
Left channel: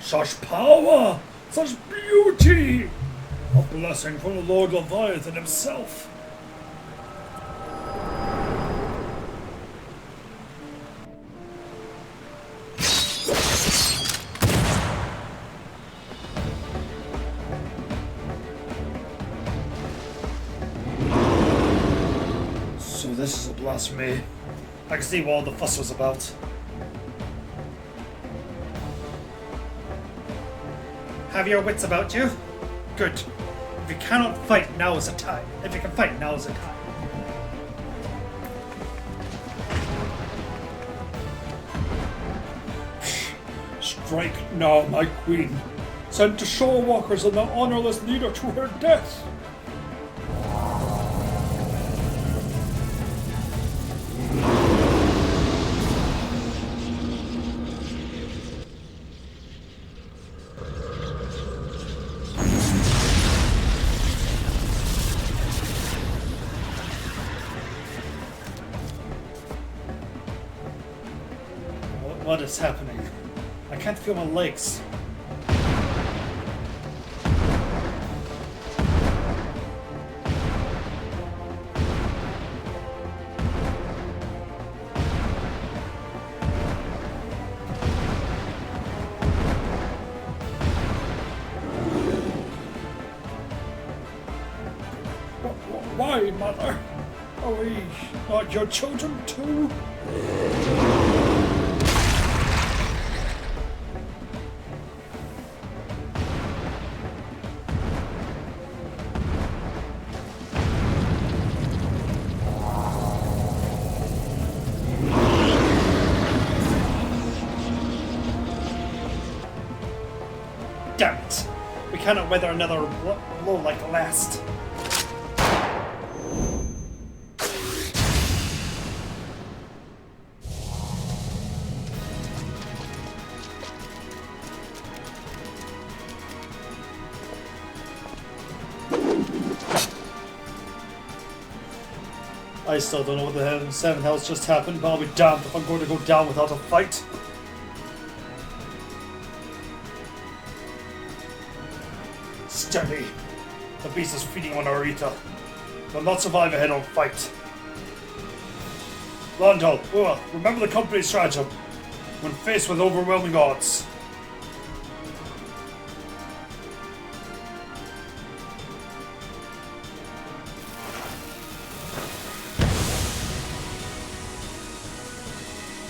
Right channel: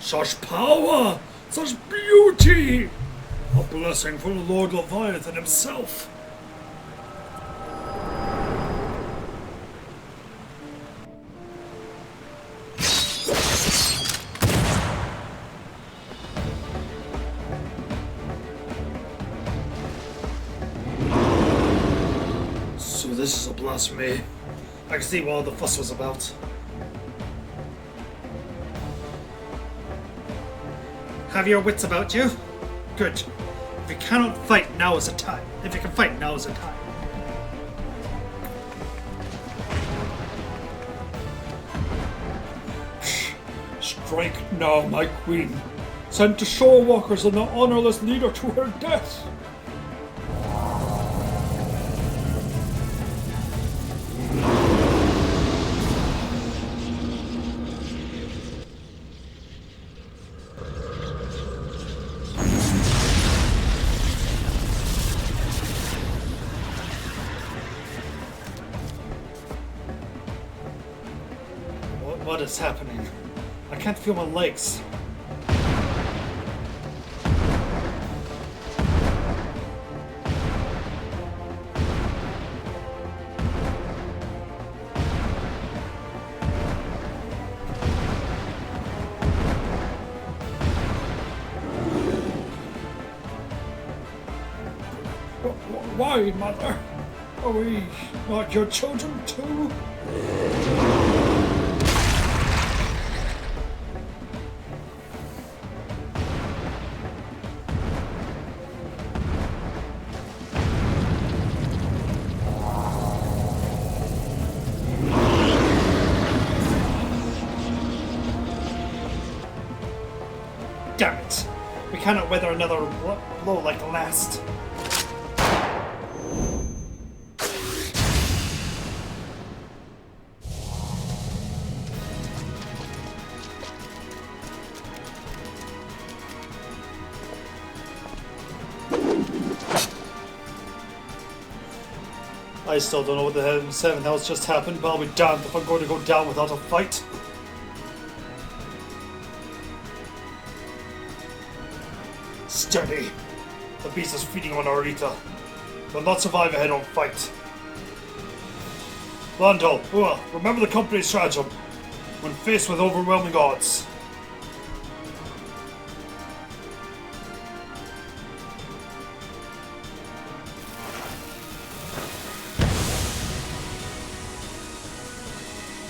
Such power, such beauty! A blessing from the Lord Leviathan himself. So this is a blasphemy. I can see what all the fuss was about. Have your wits about you? Good. If you cannot fight, now is the time. If you can fight, now is the time. Strike now, my queen. Send to Shore Walkers and the honorless leader to her death. What is happening? I can't feel my legs. Why, Mother? Are we not your children too? Damn it! We cannot weather another blow like the last. I still don't know what the hell in seven hells just happened, but I'll be damned if I'm going to go down without a fight. Steady! The beast is feeding on our ether. They'll not survive a head-on fight. Lando, remember the company's stratagem when faced with overwhelming odds.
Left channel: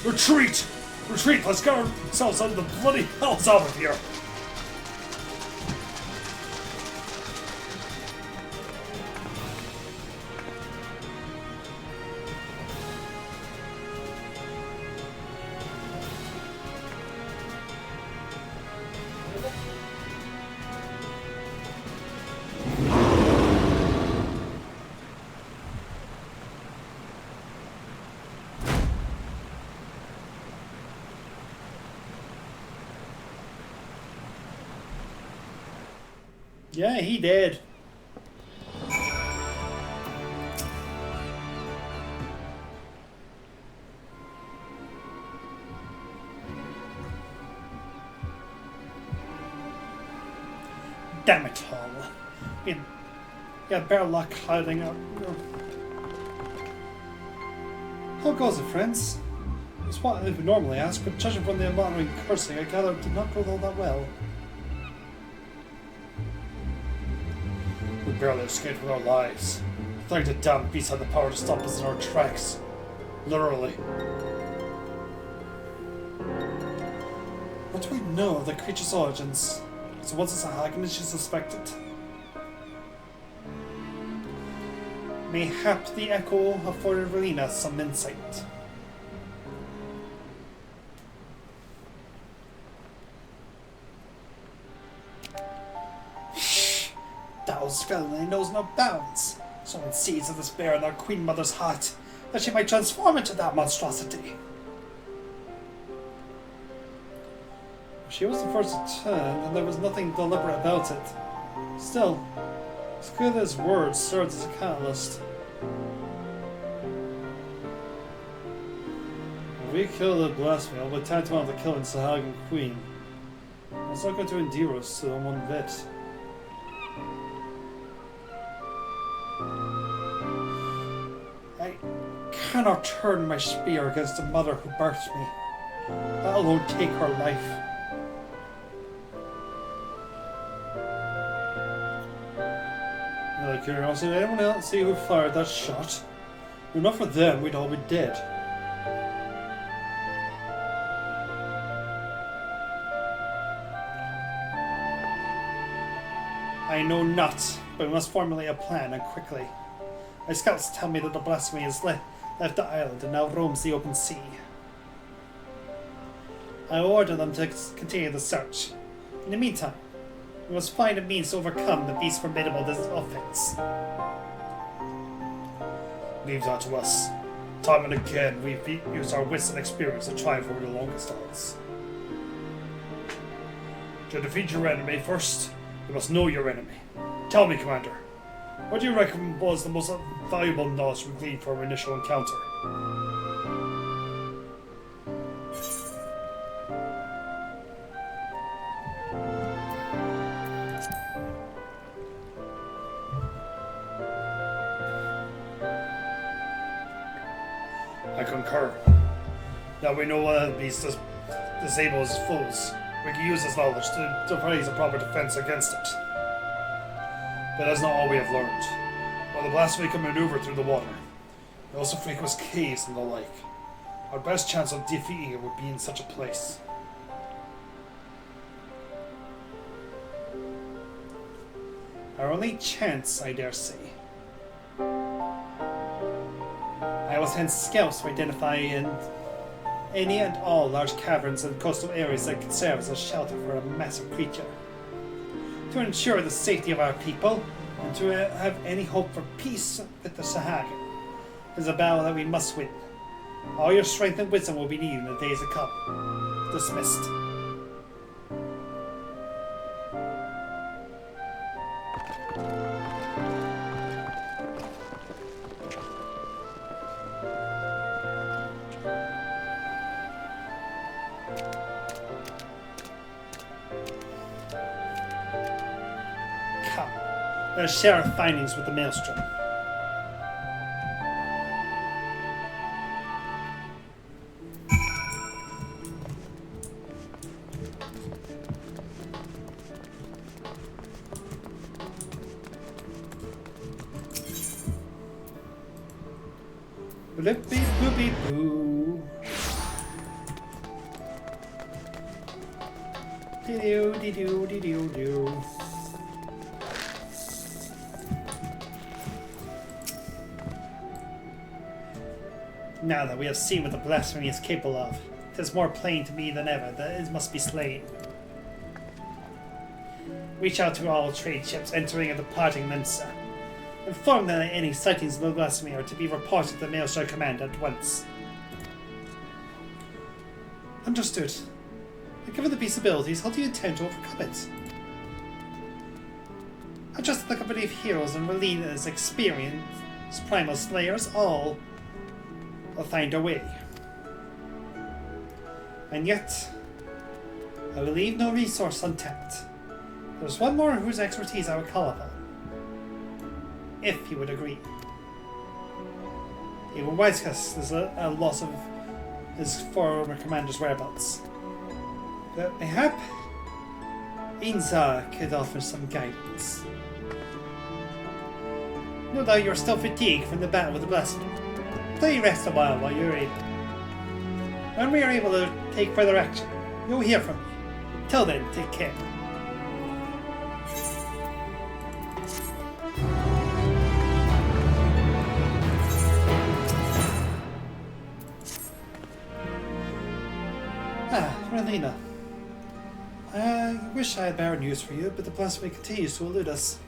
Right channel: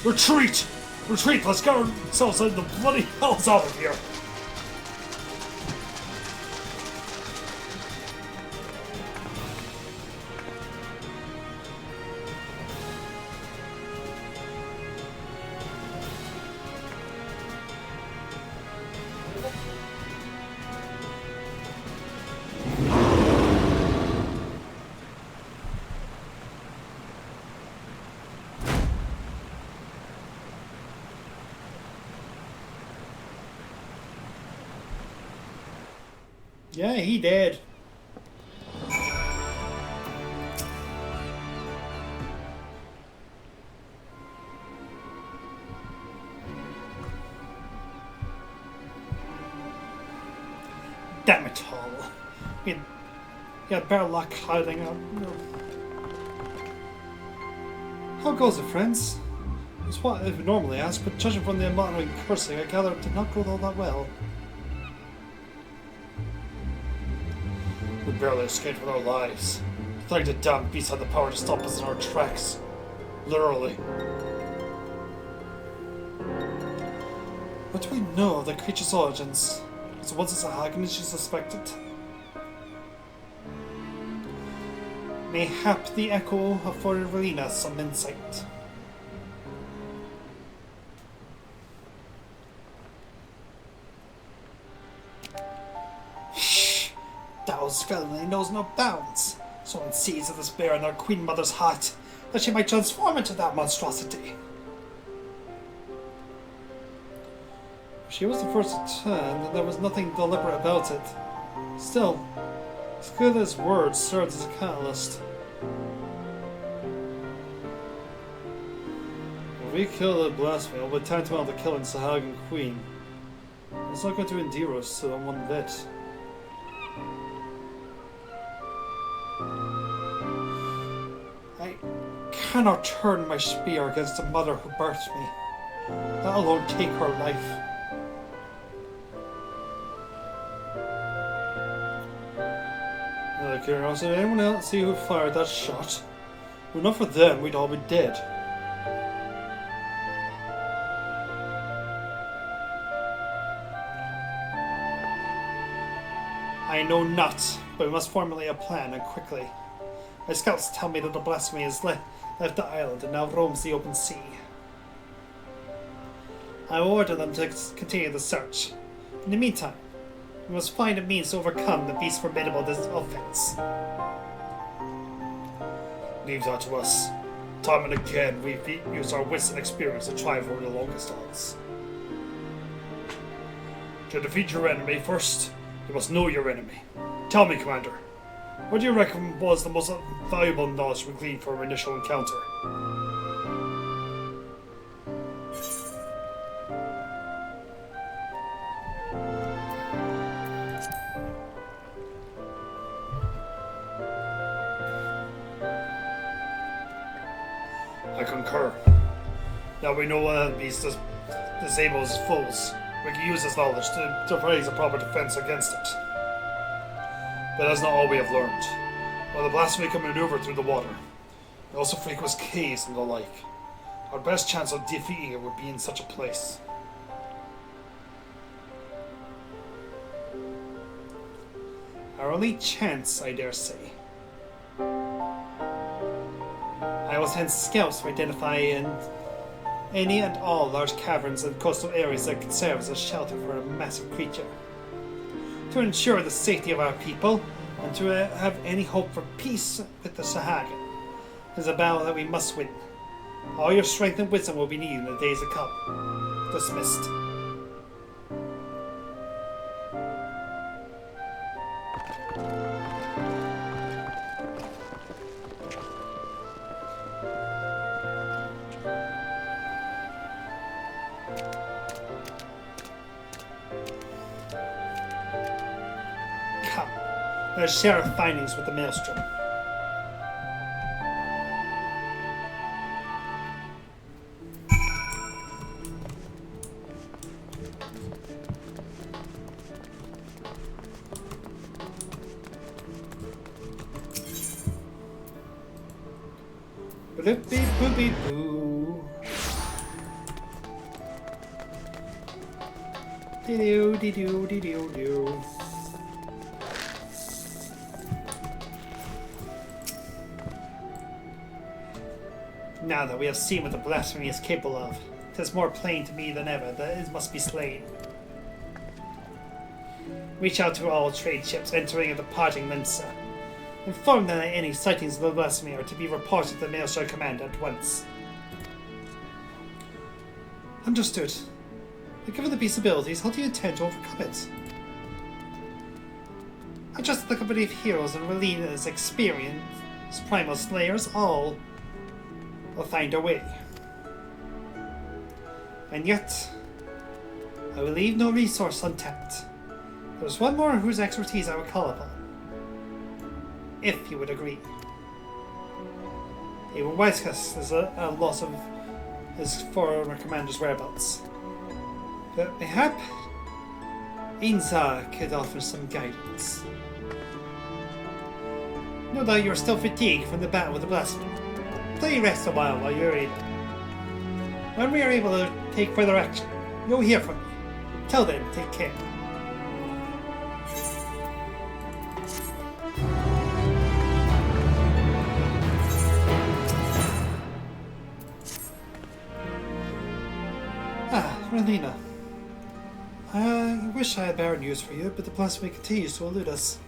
Retreat! Retreat! Let's get ourselves out of the bloody hells out of here! Yeah, he did. Damn it all. You had better luck hiding out. How goes it, friends? It's what I would normally ask, but judging from the amount of cursing, I gather it did not go all that well. We barely escaped with our lives. Trying to damn beast had the power to stop us in our tracks. Literally. But we know the creature's origins. So was it a Hagen as she suspected? Mayhap the echo of Fordelina has some insight. Shh! Thou's felony knows no bounds. Someone sees the despair in our Queen Mother's heart that she might transform into that monstrosity. She was the first to turn, and there was nothing deliberate about it. Still, as good as words served as a catalyst. If we kill the blasphemer, we'll tantamount to killing Sahagan Queen. It's not going to endear us to one bit. I cannot turn my spear against the mother who birthed me. That alone take her life. Out of curiosity, anyone else see who fired that shot? If not for them, we'd all be dead. I know not, but we must formulate a plan, and quickly. My scouts tell me that the blasphemy has left the island and now roams the open sea. I order them to continue the search. In the meantime, we must find a means to overcome the beast's formidable offense. Leave that to us. Time and again, we've used our wits and experience to try for the longest odds. To defeat your enemy first, you must know your enemy. Tell me, Commander, what do you reckon was the most valuable knowledge we gleaned from our initial encounter? I concur. Now we know what beast disables foes. We can use this knowledge to devise a proper defense against it. But that's not all we have learned. While the blasphemy can maneuver through the water, it also frequents caves and the like. Our best chance of defeating it would be in such a place. Our only chance, I dare say. I will send scouts to identify any and all large caverns and coastal areas that could serve as a shelter for a massive creature. To ensure the safety of our people, and to have any hope for peace with the Sahag, is a battle that we must win. All your strength and wisdom will be needed in the days to come. Dismissed. Let's share our findings with the Maelstrom. Blippy boopy boo. Dee-doo, dee-doo, dee-doo, doo. Now that we have seen what the blasphemy is capable of, it is more plain to me than ever that it must be slain. Reach out to all trade ships entering and departing Mensa. Inform them that any sightings of the blasphemy are to be reported to the Maelstrom Command at once. Understood. But given the beast's abilities, how do you intend to overcome it? Just the company of heroes and Melina's experienced primal slayers all will find a way. And yet, I will leave no resource untapped. There's one more whose expertise I would call upon. If you would agree. Even Wisecast is a loss of his former commander's whereabouts. But mayhap Inza could offer some guidance. No doubt you're still fatigued from the battle with the blaster. Play rest a while you're able. When we are able to take further action, you'll hear from me. Till then, take care. Melina. I wish I had better news for you, but the blasphemy continues to elude us.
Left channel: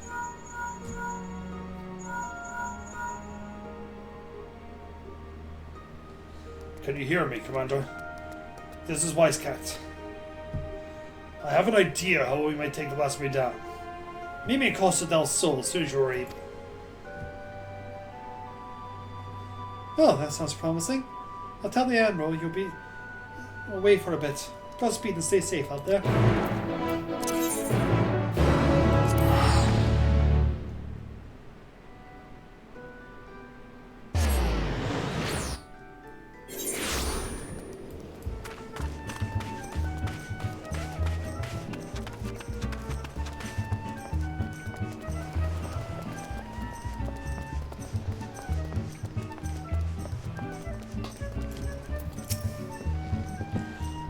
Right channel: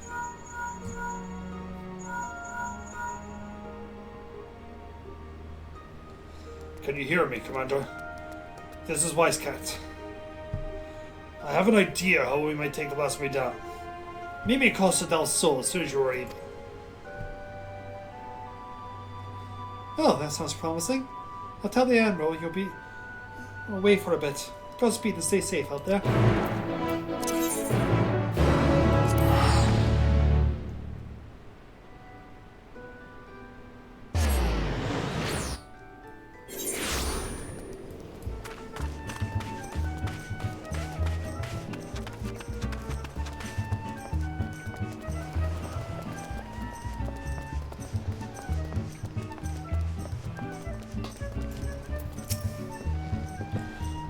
Can you hear me, Commander? This is Wisecat. I have an idea how we might take the blasphemy down. Meet me in Costa del Sol as soon as you're able. Oh, that sounds promising. I'll tell the Admiral you'll be away for a bit. Godspeed and stay safe out there.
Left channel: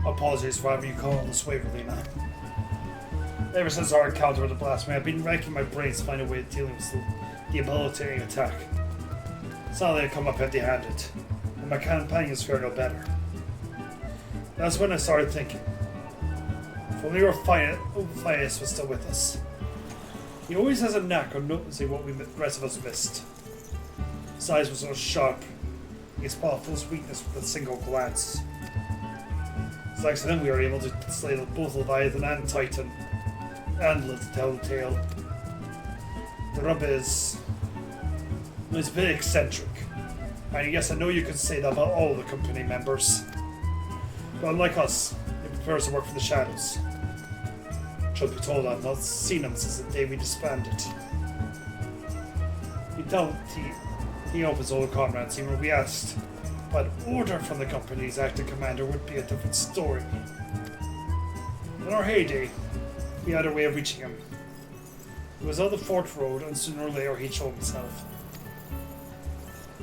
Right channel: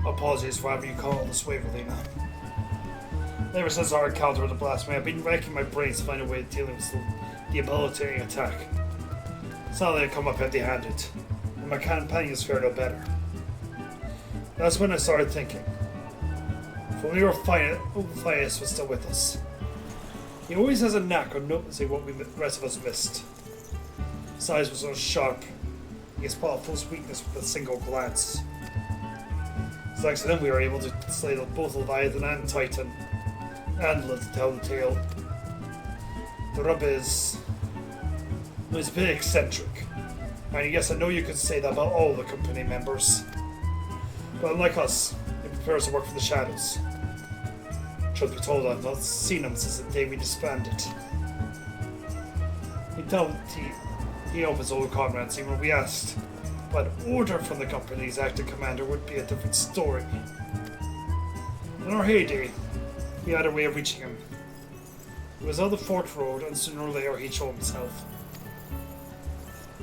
Apologies for having you call all this way, Melina. Ever since our encounter with the blasphemy, I've been racking my brains to find a way of dealing with the debilitating attack. It's not that I come up empty-handed, and my companions fare no better. That's when I started thinking. If only Ruffius was still with us. He always has a knack of noticing what the rest of us missed. His eyes were so sharp, he can spot Paul's weakness with a single glance. Thanks to them, we were able to slay both Leviathan and Titan, and live to tell the tale. The rub is, he's a bit eccentric, and yes, I know you could say that about all the company members. But unlike us, he prefers to work for the shadows. Truth be told, I've not seen him since the day we disbanded. He opens all the comrades, even when we asked. But order from the company's acting commander would be a different story. In our heyday, he had a way of reaching him. It was on the Fort Road, and sooner or later he'd show himself.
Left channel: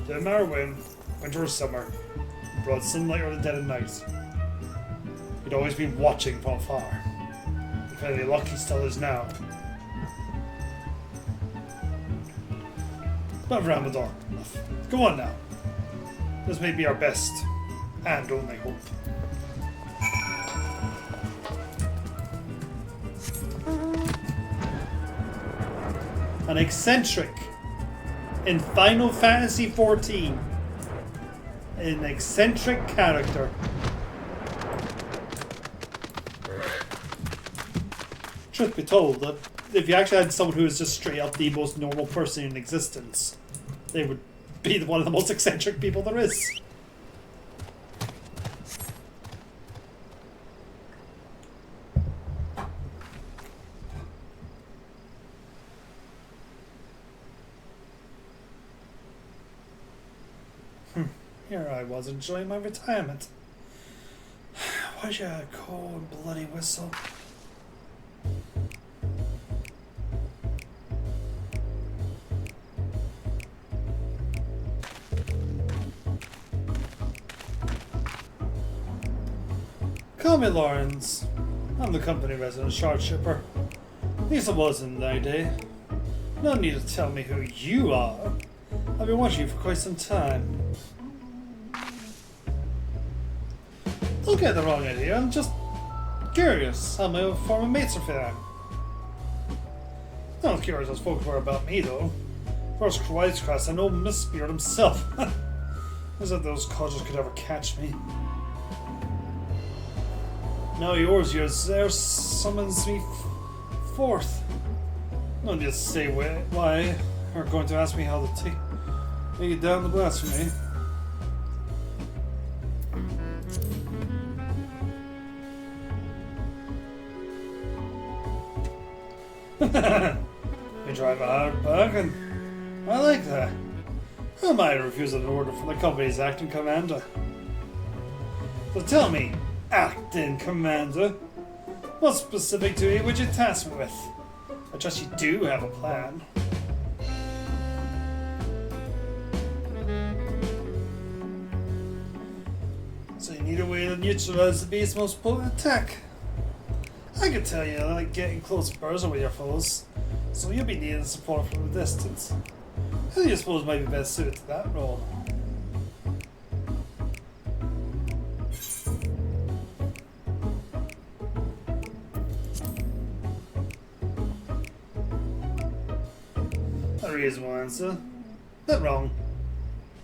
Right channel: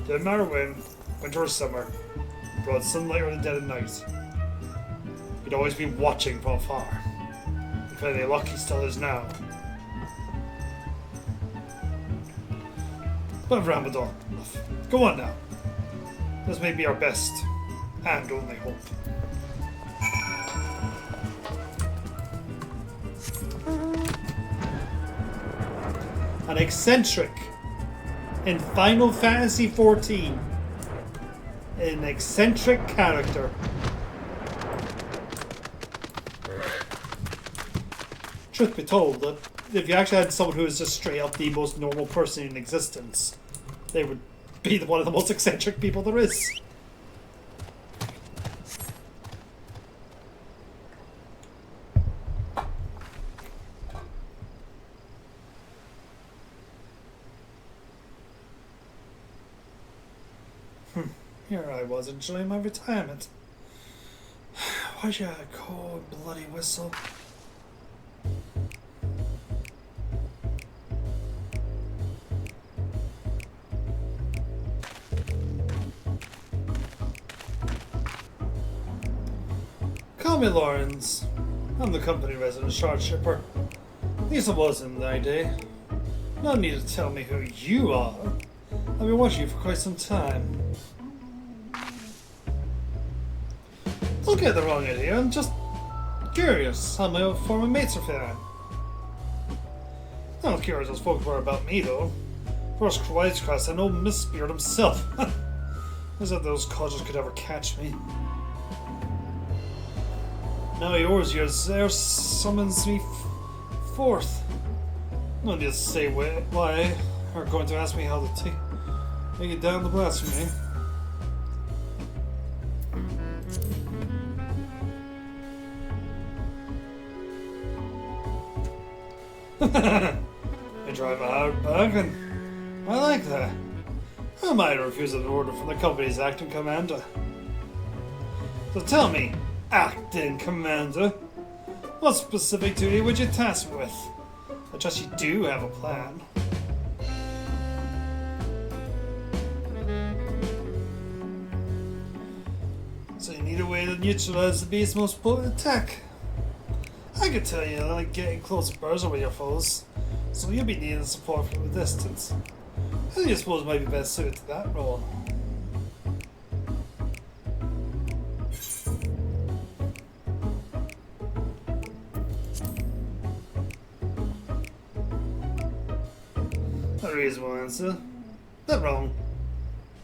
Didn't matter when, winter or summer, broad sunlight or the dead of night. He'd always be watching from afar. If any luck, he still is now. But Ramadan, go on now. This may be our best and only hope. An eccentric in Final Fantasy XIV. An eccentric character. Truth be told, that if you actually had someone who was just straight up the most normal person in existence, they would be one of the most eccentric people there is. Here I was enjoying my retirement. Why'd you cold bloody whistle? Call me Lawrence. I'm the company resident shard shipper. At least I was in thy day. No need to tell me who you are. I've been watching you for quite some time. Don't get the wrong idea, I'm just curious how my former mates are faring. Not curious as folks were about me though. First Wisecast, I know Mistbeard himself. As if those codgers could ever catch me. Now yours there summons me forth. I'll just say why are going to ask me how to take down the blasphemy. You drive a hard bargain. I like that. I might refuse an order from the company's acting commander. So tell me, acting commander, what specific duty would you task me with? I trust you do have a plan. So you need a way to neutralize the beast's most potent attack. I can tell you that like getting close quarters with your foes, so you'll be needing support from the distance. Who do you suppose might be best suited to that role? A reasonable answer. Not wrong.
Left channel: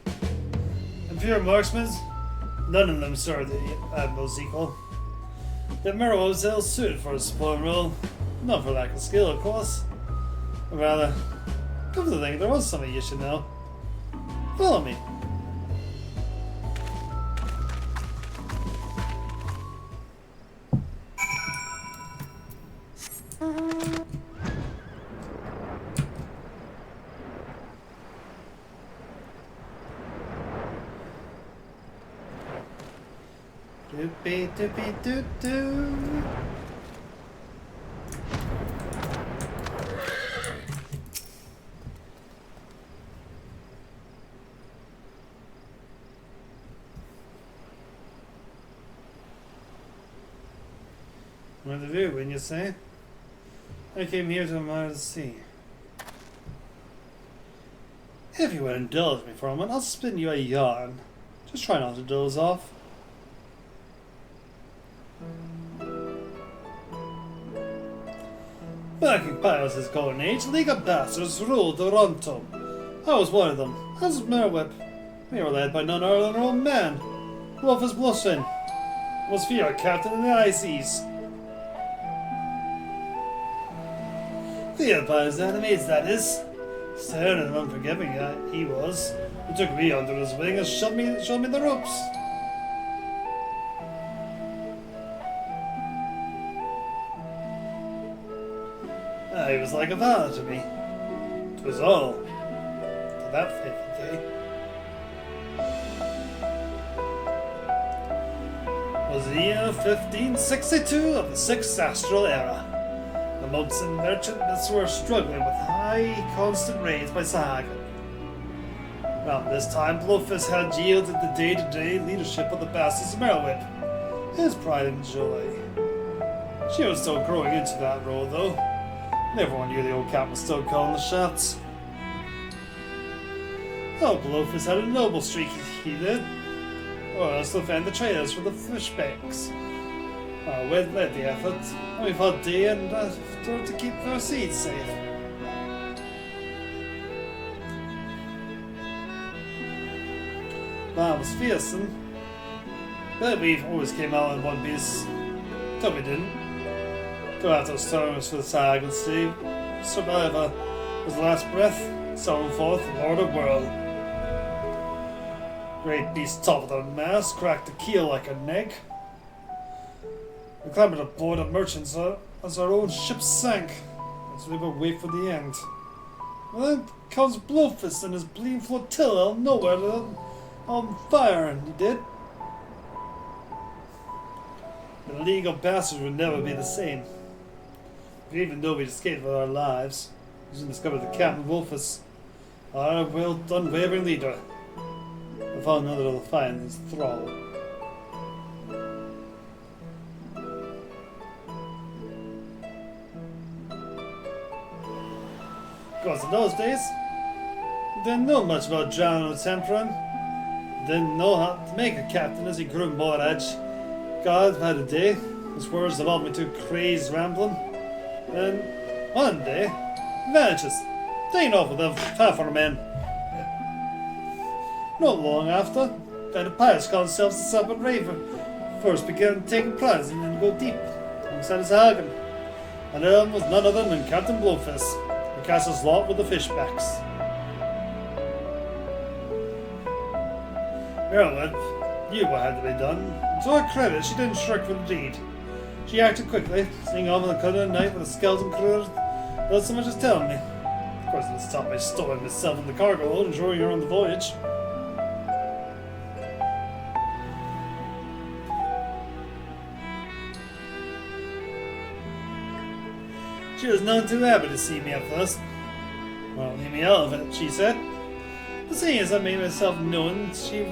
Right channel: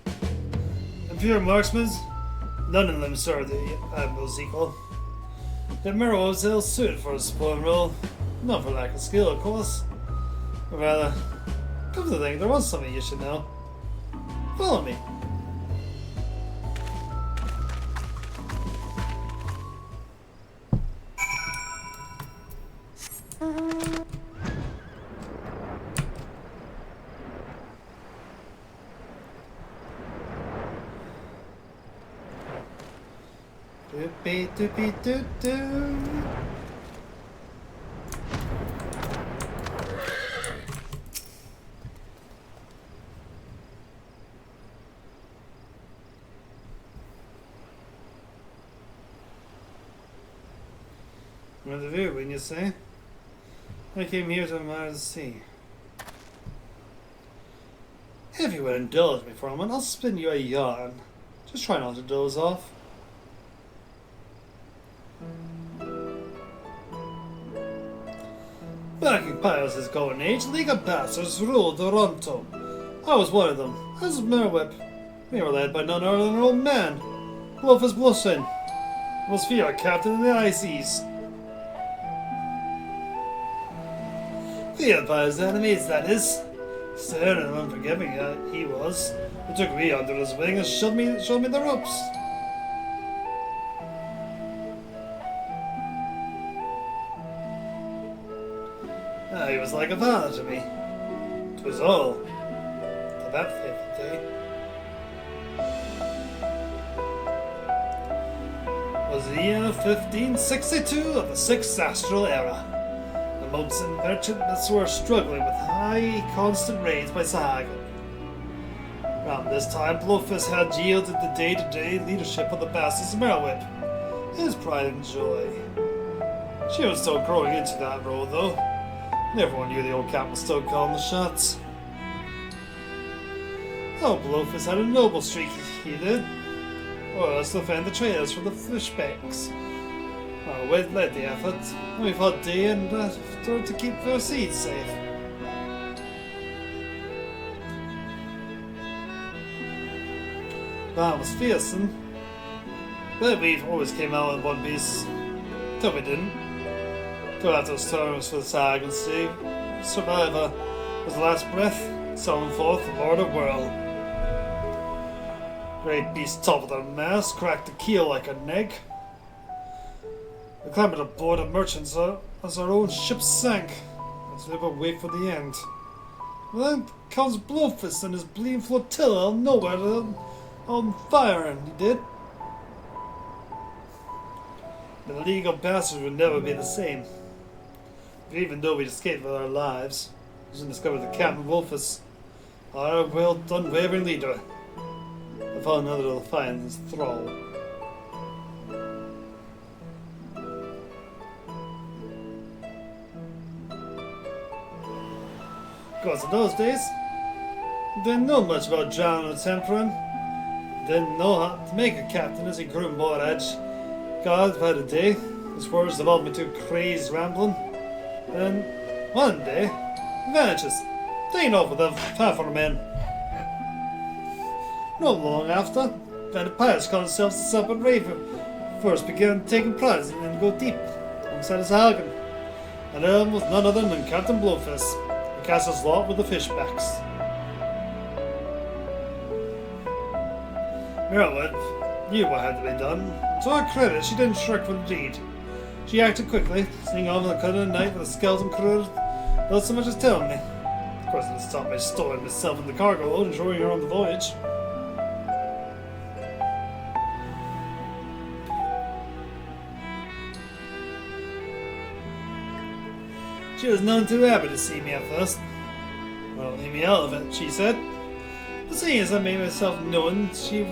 And pure marksmen, none of them serve the Admiral's equal. The Admiral was ill suited for a support role, not for lack of skill, of course. Rather, come to think, there was something you should know. Follow me. Doopy doopy doo doo. What to do, wouldn't you say? I came here to admire the sea. If you would indulge me for a moment, I'll spin you a yarn. Just try not to doze off. Back in Pyrus' golden age, League of Bastards ruled Toronto. I was one of them, as was Merwhip. We were led by none other than an old man, Wolfus Blushing, most feared captain in the High Seas. The Empire's enemies, that is. Stern and unforgiving he was, who took me under his wing and showed me the ropes. He was like a father to me. It was all. To that fateful day. It was the year 1562 of the 6th Astral Era. The monks and merchants were struggling with high constant raids by Sahag. Around this time, Blowfist had yielded the day-to-day leadership of the Bastards of Merwhip, his pride and joy. She was still growing into that role, though. Everyone knew the old captain was still calling the shots. Oh, Blowfist had a noble streak, he did. Royals to defend the trails for the fishbacks. We led the effort. We fought day and to keep our seeds safe. That was fearsome. But we always came out in one piece. Till we didn't. Throughout those terms for the Sag and Steve, survivor, his last breath, summoned forth the Lord of World. Great beast toppled our mast, cracked the keel like an egg. We clambered aboard a merchant's as our own ship sank, as we would wait for the end. And then comes Blowfist and his bleeding flotilla out of nowhere on fire, and he did. The League of Bastards would never be the same. But even though we'd escaped with our lives, we soon discovered that Captain Wolfus, our unwavering leader, we found another to find his thrall. Of course, in those days, we didn't know much about John the Temperance. Didn't know how to make a captain as he grew more edge. God had a day, his words developed into crazed rambling. Then, one day, vanishes, taking off with half our men. Not long after, the pirates called themselves the Serpent Raven. First began taking prize and then go deep, alongside his Hagen. And was none other than Captain Blowfist. cast his lot with the fishbacks. Merlin knew what had to be done. To her credit, she didn't shrink from the deed. She acted quickly, seeing all the cut of the night with a skeleton crew without so much as telling me. Of course, it stopped by stowing myself in the cargo hold and showing her on the voyage. She was none too happy to see me at first. Well, leave me out of it, she said. But seeing as I made myself known, she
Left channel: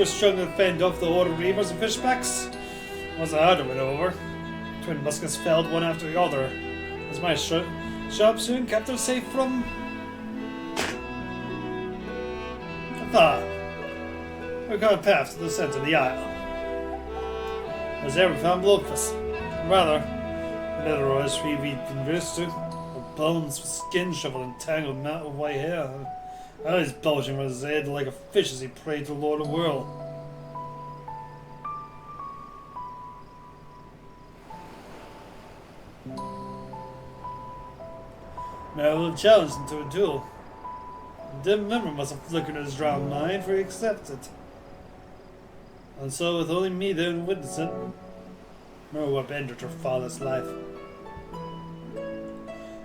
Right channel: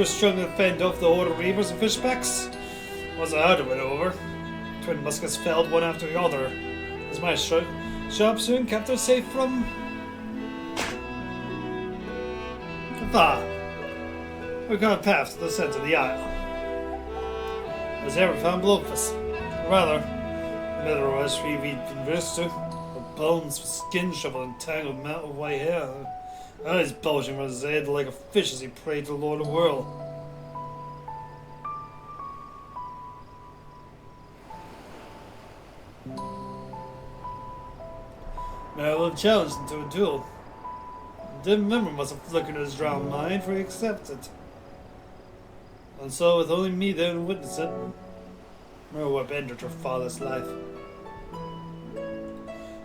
was struggling to fend off the horde of reavers and fishbacks. It wasn't hard to win over. Twin muskets felled one after the other, as my shop soon kept her safe from... afar. We got past the centre of the isle. As ever found Blowfus. Rather, better as we conversed to. With bones, skin shovel, and tangled mat of white hair. Eyes bulging from his head like a fish as he prayed to the Lord of the World. Merlin challenged him to a duel. The dim memory must have flickered in his drowned mind, for he accepted. And so, with only me there to witness it, Merlin ended her father's life.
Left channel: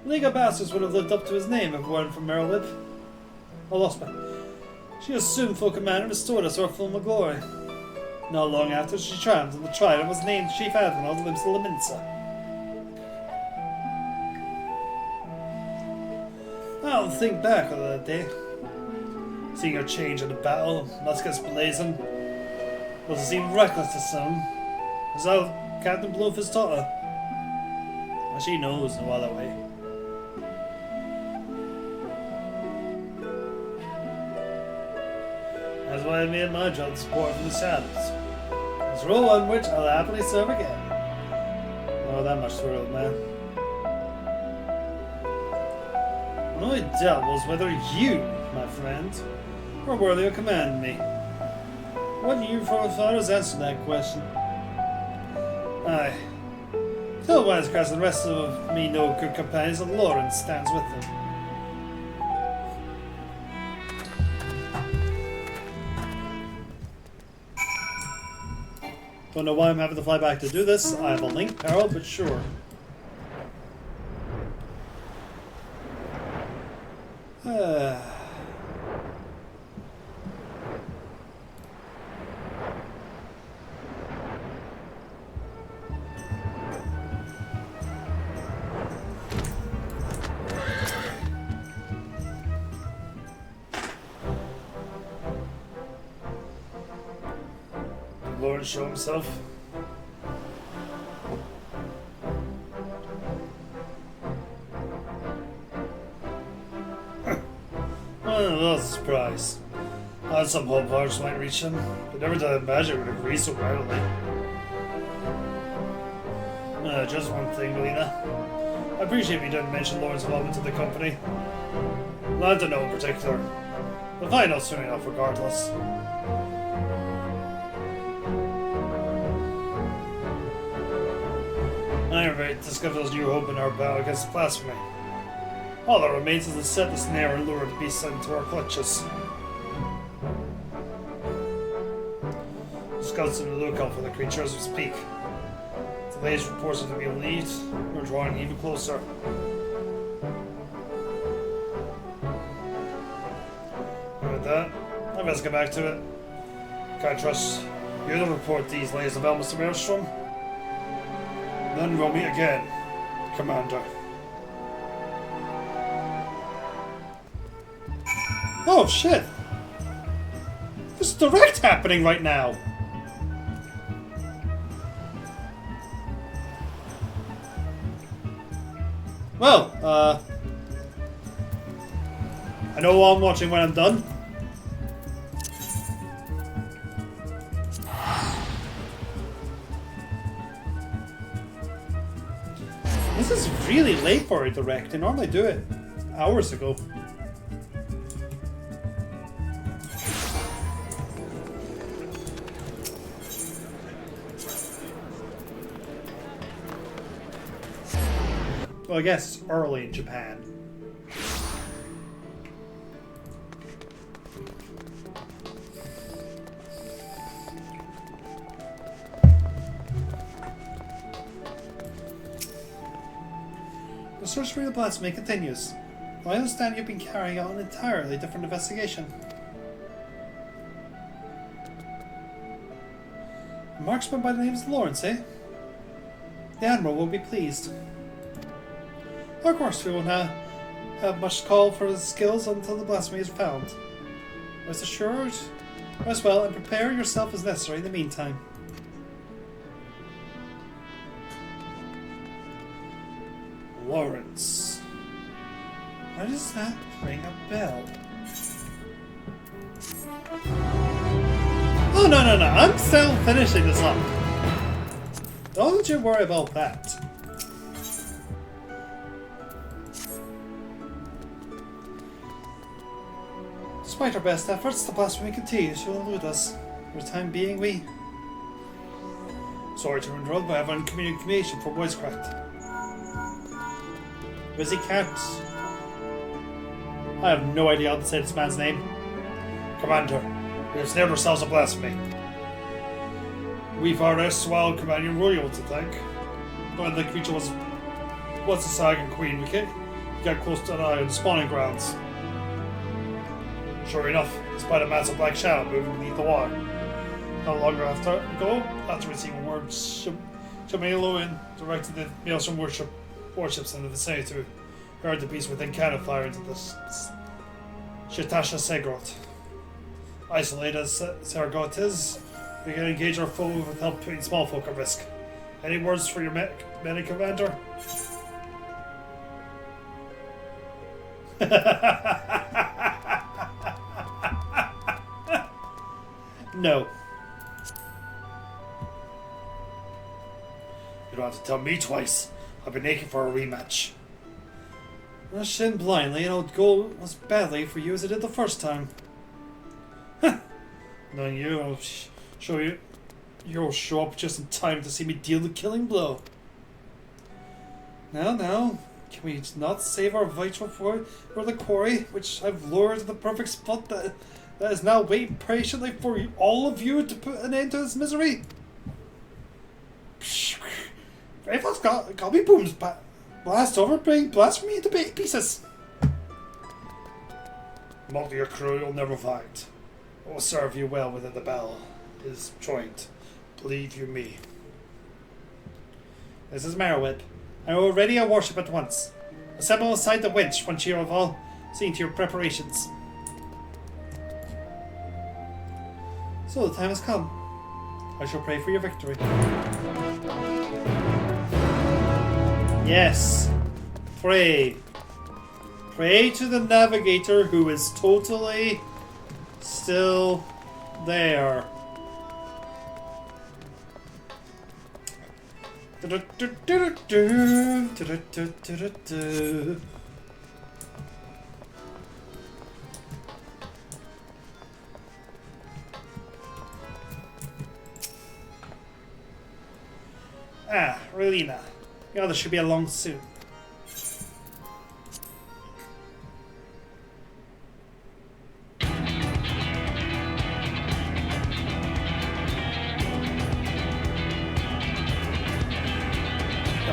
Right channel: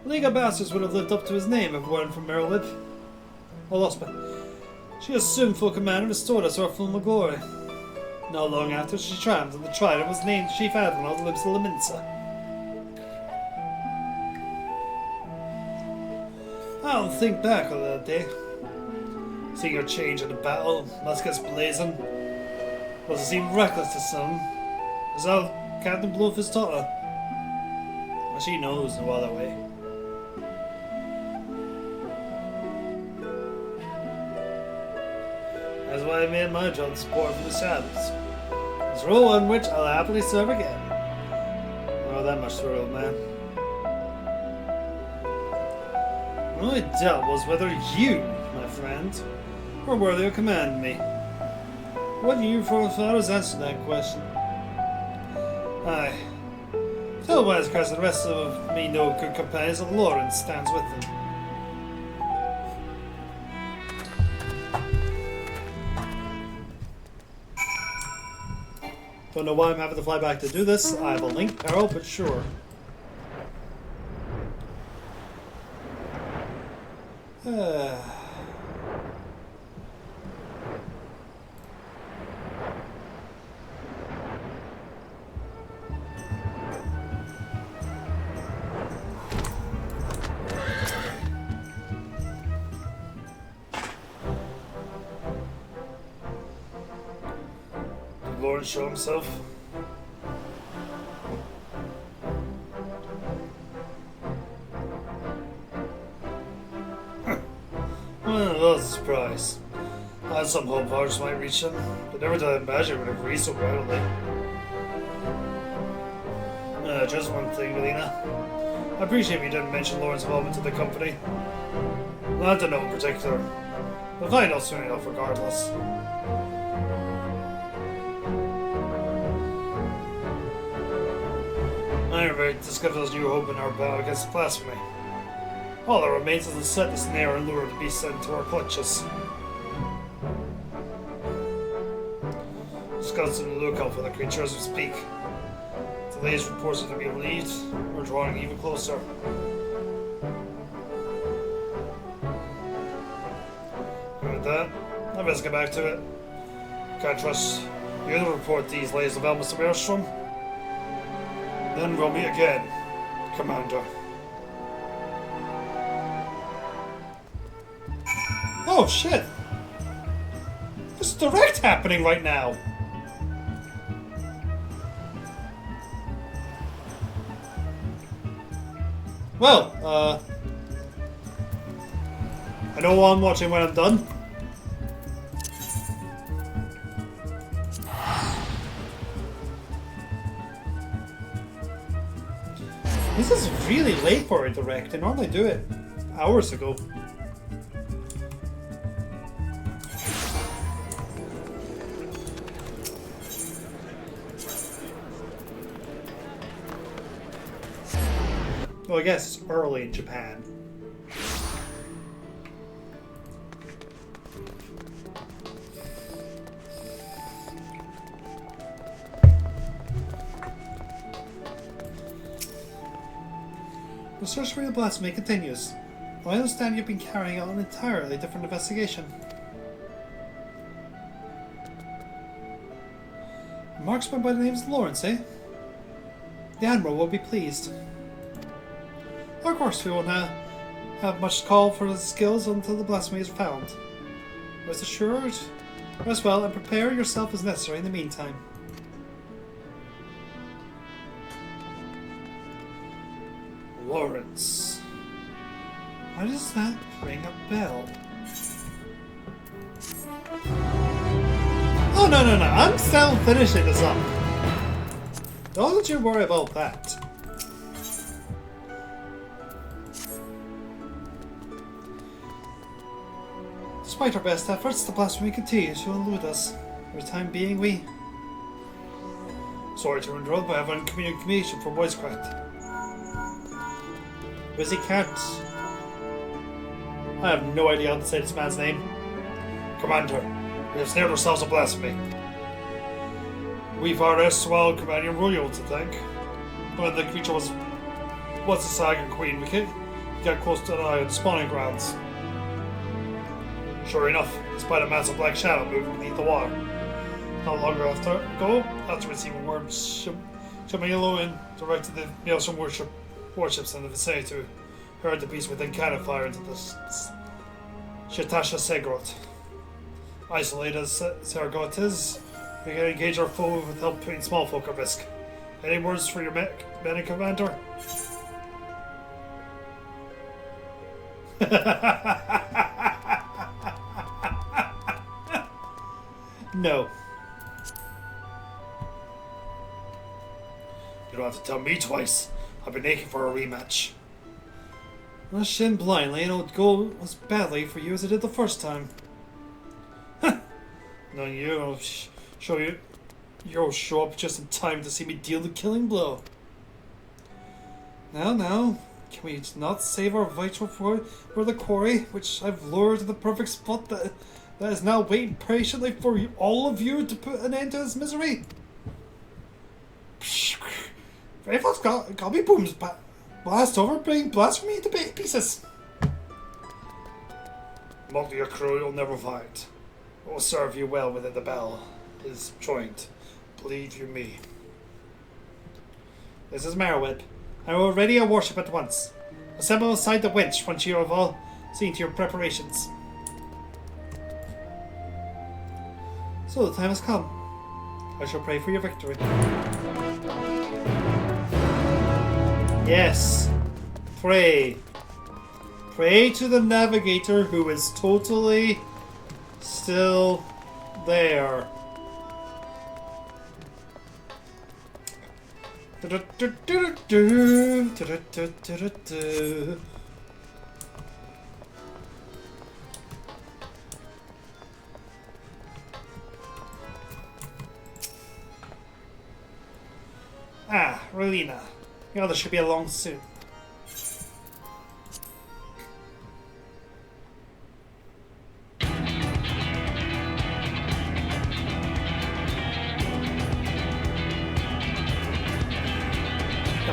League of Bastards would have lived up to his name if it weren't for Merlin. She assumed full command and restored us our former glory. Not long after, she triumphed, and the trident was named Chief Admiral of the Lips of Laminsa. I'll think back on that day. Seeing her change in the battle, muskets blazing. Was it seemed reckless to some? Is that Captain Blowfus taught her? But she knows no other way. That's why I made my job to support from the saddles. It's a role on which I'll happily serve again. Oh, that much thrilled, man. The only doubt was whether you, my friend, were worthy of commanding me. What do you forefathers answer that question? Aye. Tell Wisecrest and the rest of me know good companions that Lawrence stands with them. Don't know why I'm having to fly back to do this. I have a link peril, but sure. Lord show himself. Well, that's a surprise. I had some hope ours might reach him, but never did I imagine it would agree so readily. Just one thing, Lena. I appreciate you didn't mention Lauren's involvement in the company. Not to know in particular. We'll find out soon enough regardless. I am ready to discover those new hope in our battle against blasphemy. All that remains is to set the snare and lure the beast into our clutches. Just constantly look out for the creature as we speak. If the latest reports are to be believed, we're drawing even closer. And with that, I best get back to it. Can't trust you to report these layers of Mr. Maelstrom. Then we'll meet again, Commander. Oh shit! There's direct happening right now! Well, I know who I'm watching when I'm done. This is really late for a direct. I normally do it hours ago. Well, I guess it's early in Japan. The search for the blasphemy continues. I understand you've been carrying out an entirely different investigation. A marksman by the name of Lawrence, eh? The Admiral will be pleased. Of course, we will not have much call for his skills until the blasphemy is found. Rest assured, rest well, and prepare yourself as necessary in the meantime. Lawrence. Why does that ring a bell? Oh, no, I'm still finishing this up. Don't you worry about that. Despite our best efforts, the blasphemy continues to elude us. For the time being, we... Sorry to interrupt, but I have communication for voicecraft. Busy cat. I have no idea how to say this man's name. Commander, we have snared ourselves a blasphemy. We've our erstwhile companion royal to thank. When the creature was a Sagan queen, we got close to the spawning grounds. Sure enough, despite a massive black shadow moving beneath the water. Not long after receiving word Shamilo in directed the Maelstrom warships in the vicinity to herd the beast within cannon fire into the Shatasha Segrot. Isolated as Segrot is, we can engage our foe with help putting small folk at risk. Any words for your medic commander? No. You don't have to tell me twice. I've been aching for a rematch. Rush in blindly and it'll go as badly for you as it did the first time. Knowing you, you'll show up just in time to see me deal the killing blow. Now, can we not save our vital for the quarry, which I've lured to the perfect spot that is now waiting patiently for all of you to put an end to this misery? Raven's got me booms blast over, bring blasphemy to pieces. Mock your crew, you'll never find. It will serve you well within the battle is joint. Believe you me. This is Marrowweb. I will ready a warship at once. Assemble aside the winch once you have all seen to your preparations. So the time has come. I shall pray for your victory. Yes. Pray. Pray to the navigator who is totally still there. Ah, Relina. The other should be along soon.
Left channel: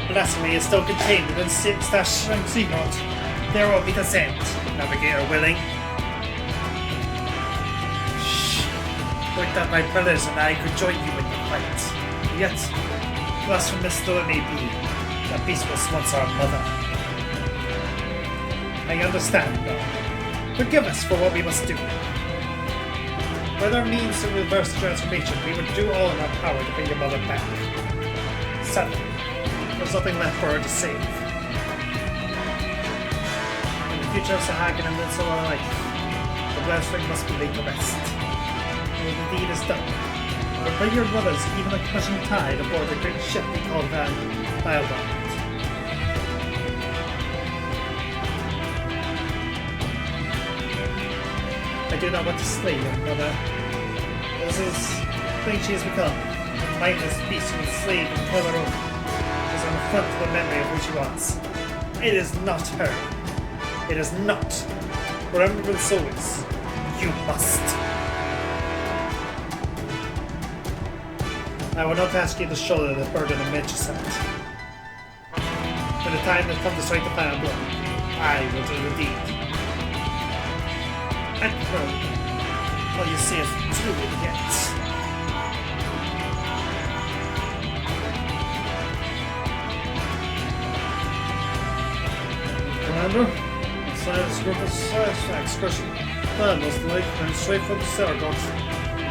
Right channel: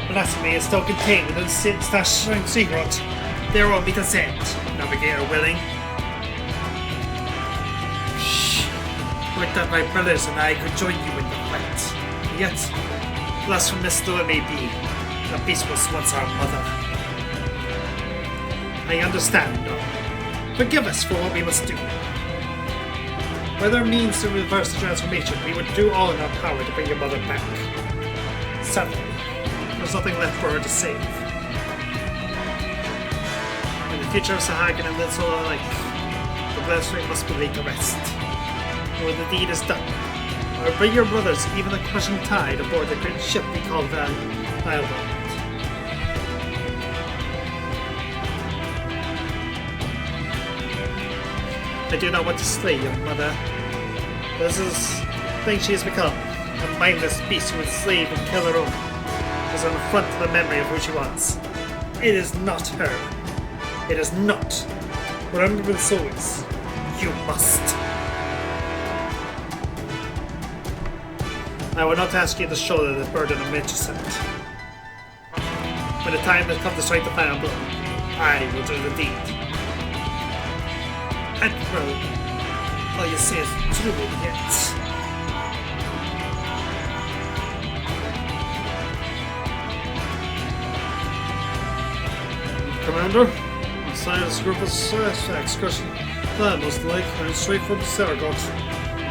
Blasphemy is still contained within the secret. There will be consent. Navigator willing. Shh. Like that my brothers and I could join you in the fight. Yet, blasphemous though it may be, a beast will once our mother. I understand, though. Forgive us for what we must do. With our means to reverse the transformation, we would do all in our power to bring your mother back. Sadly, there's nothing left for her to save. In the future of Sahagan and its whole life, the blasphemy must be laid to rest. When the deed is done, we'll bring your brothers, even like crushing tide, aboard the great ship we call Valdon. I do not want to slay your mother. This is the thing she has become. A mindless beast who will slave and kill her own. Is an affront to the memory of who she was. It is not her. It is not. Your honorable souls. You must. I will not ask you to shoulder the burden of Magicent. When the time has come to strike the fan, I will do the deed. And well, you say it's true yet. Commander, decided to screw up this excursion. Plan was like and straight for the Saragoth.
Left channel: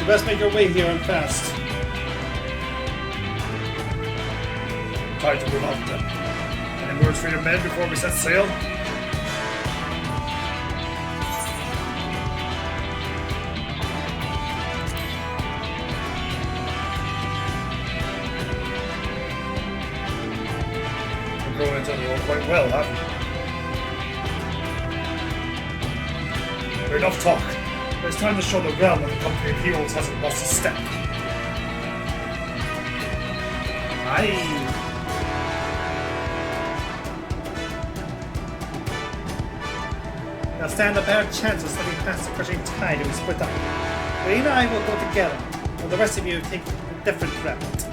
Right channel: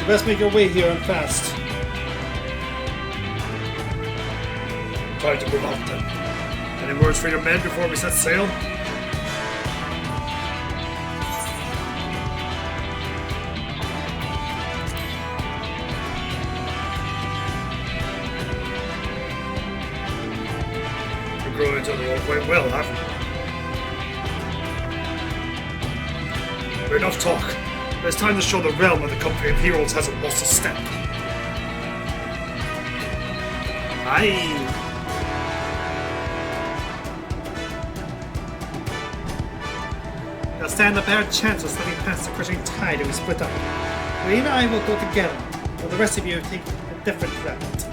You best make your way here and fast. Try to bring up then. Any words for your men before we set sail? You're growing into the quite well, haven't you? Enough talk. It's time to show the realm that the company of heroes hasn't lost a step. Aye. Now stand a bad chance of slipping past the crushing tide and we split up. Wayne and I will go together, while the rest of you take a different route.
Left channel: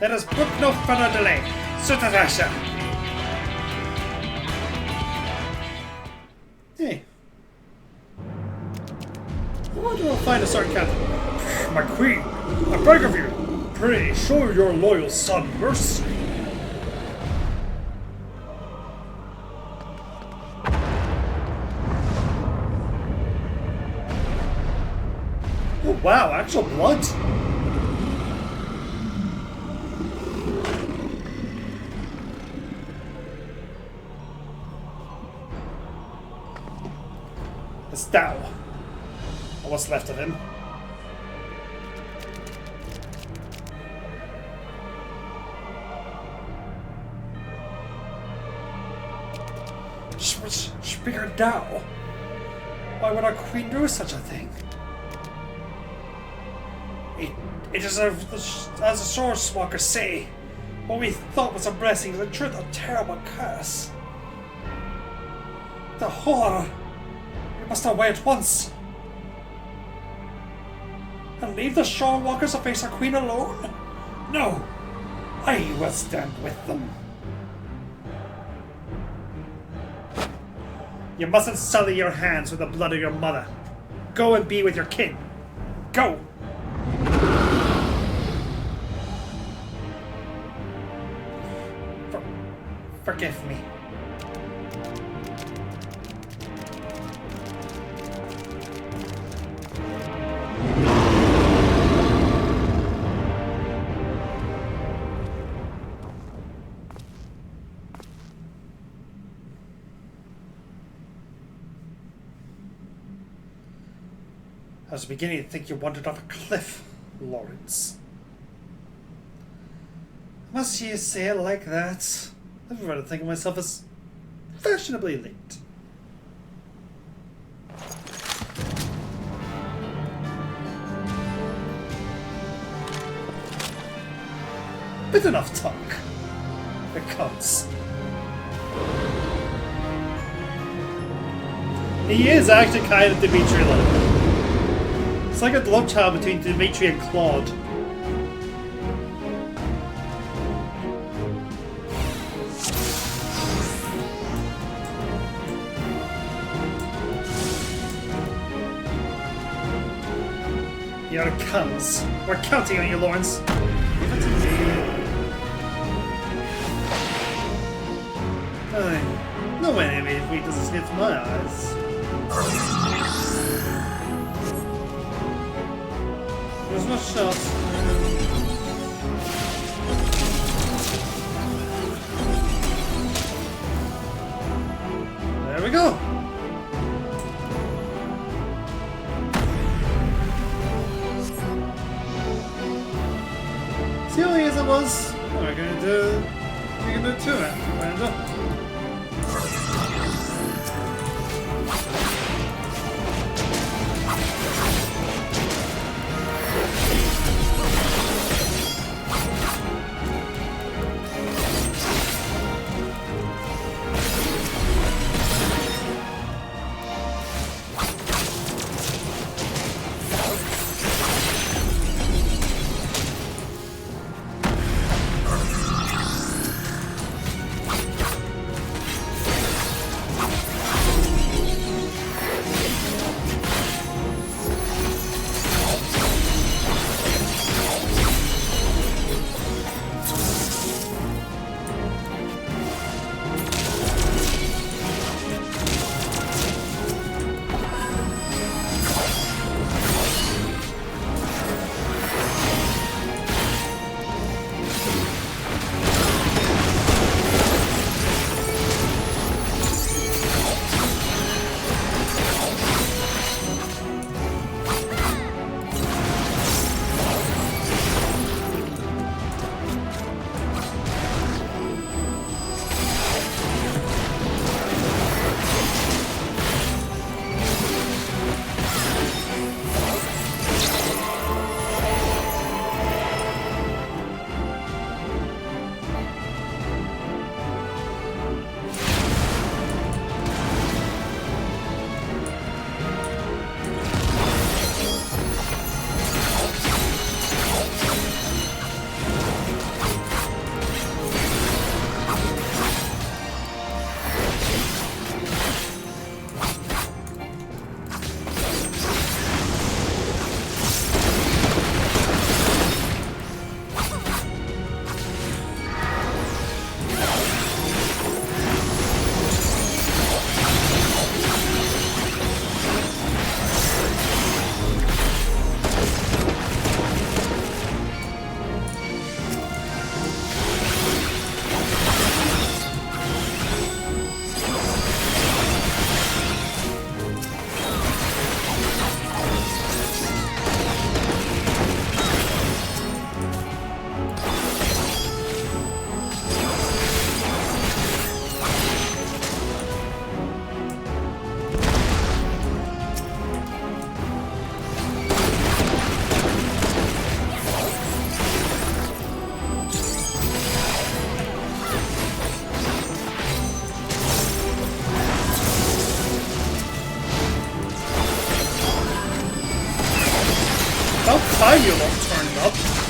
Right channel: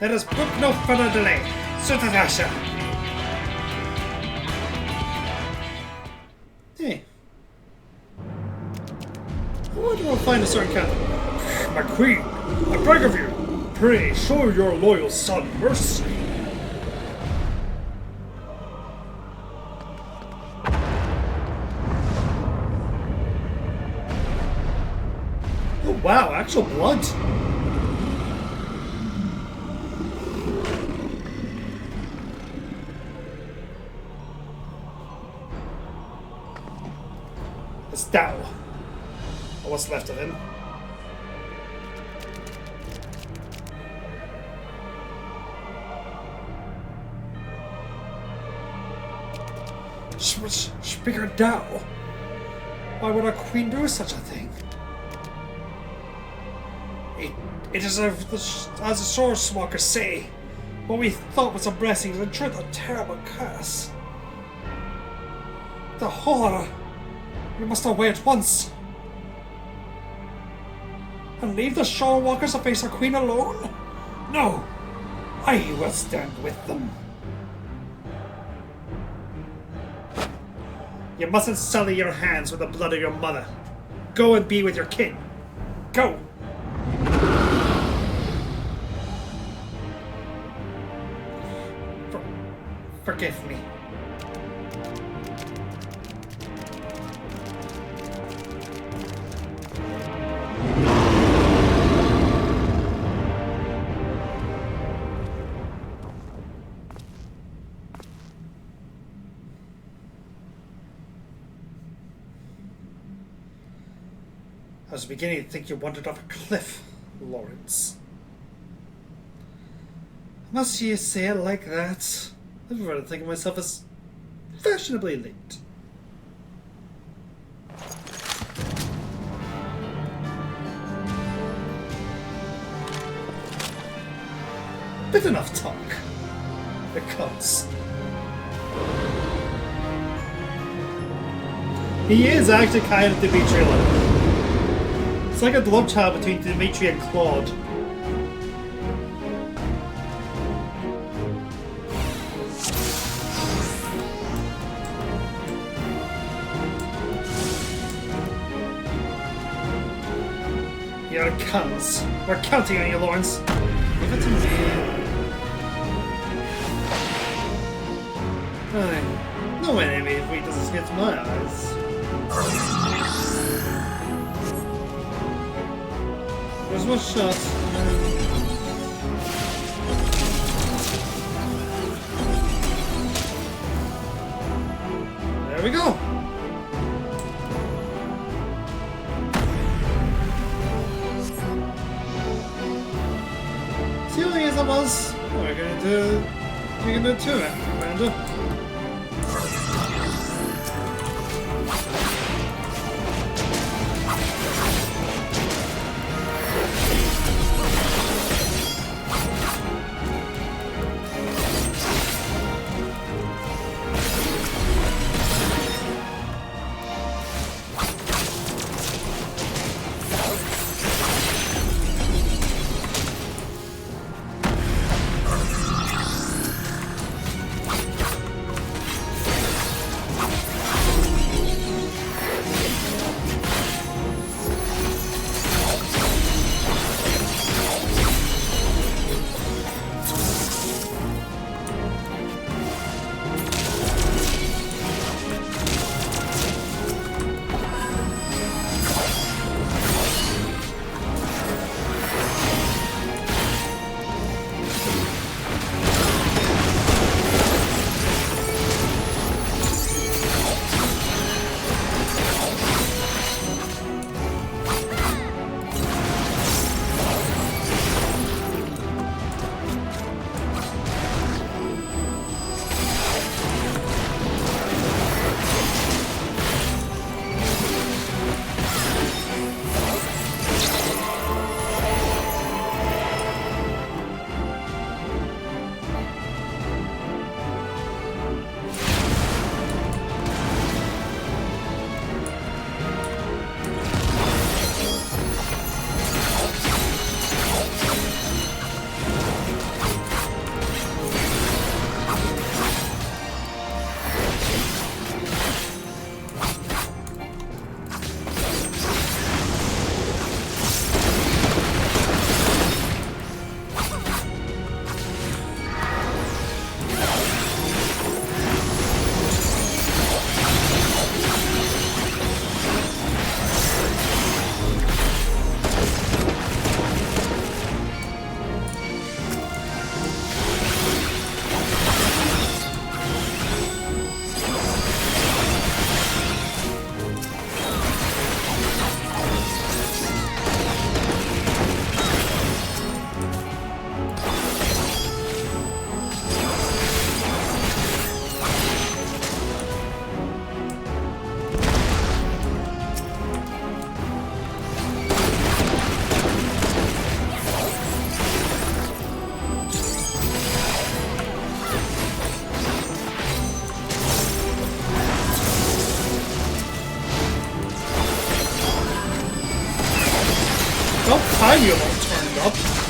Let us put no further delay. Sutadasha! Hey. Where do I find a certain captain? My queen, I beg of you, pray show your loyal son mercy. Oh wow, actual blood. It's down. What's left of him? Speaker Dao. Why would our queen do such a thing? It is as the source walkers say, what we thought was a blessing is in truth a terrible curse. The horror. We must away at once. And leave the shore walkers to face our queen alone? No! I will stand with them. You mustn't sully your hands with the blood of your mother. Go and be with your king. Go! Forgive me. I was beginning to think you wandered off a cliff, Lawrence. Must you say it like that? I'd rather think of myself as fashionably late. Bit enough talk. It comes. He is actually kind of Dimitri. It's like a love child between Dimitri and Claude. Here it comes. We're counting on you, Lawrence. No enemy if weakness gets my eyes. There's no shelf. There we go. See what use of us? We're gonna do too, Amanda. time you almost turned up.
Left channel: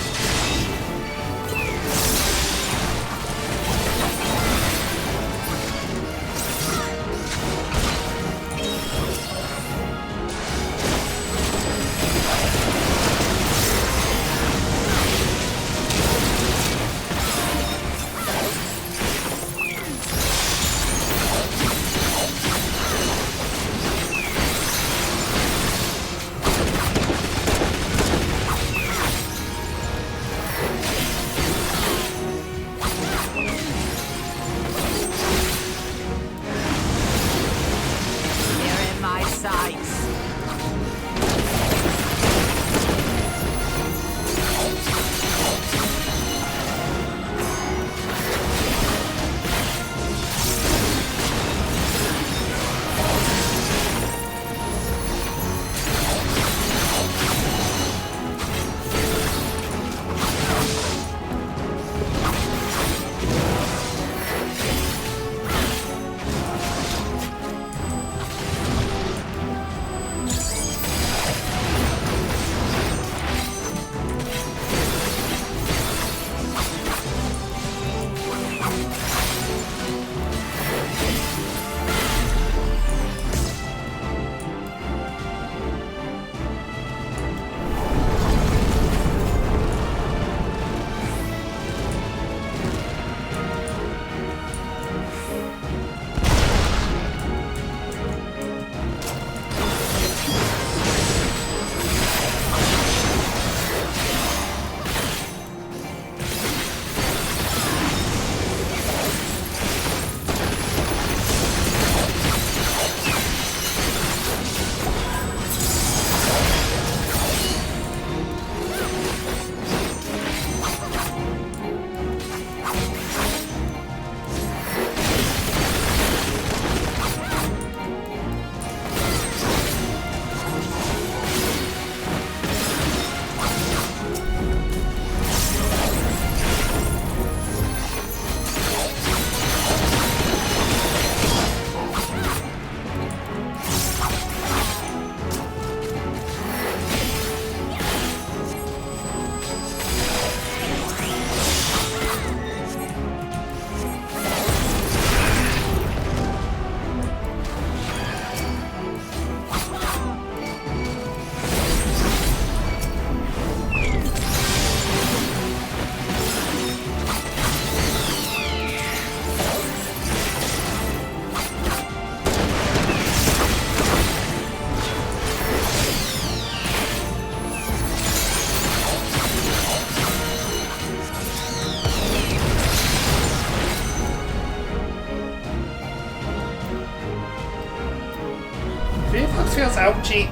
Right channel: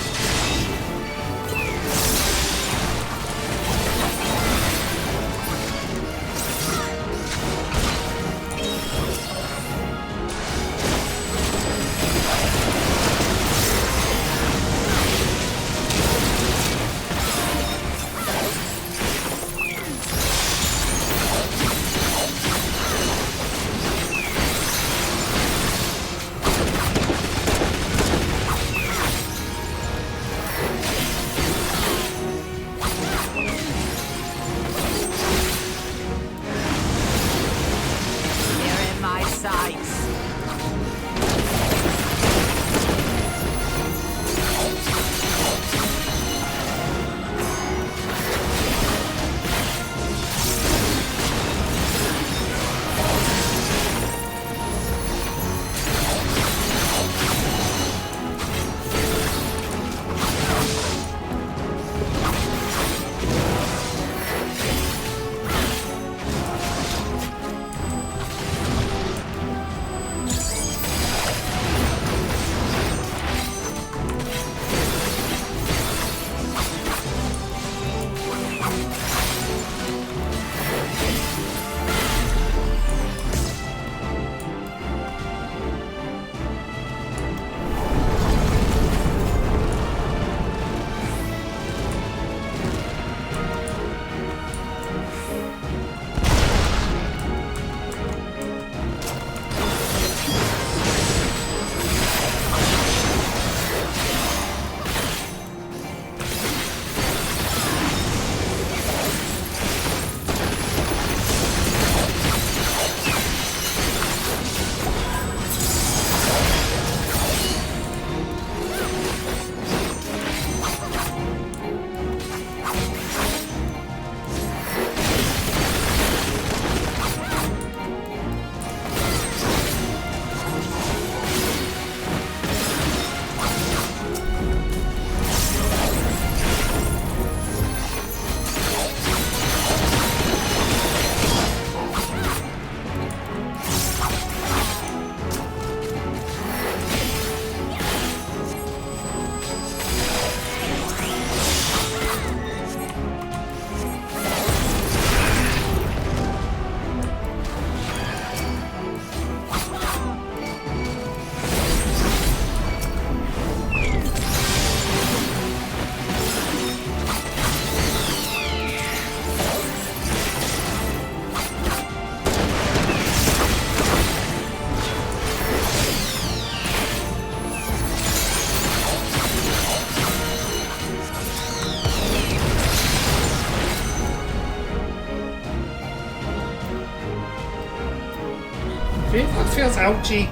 feels ouchy.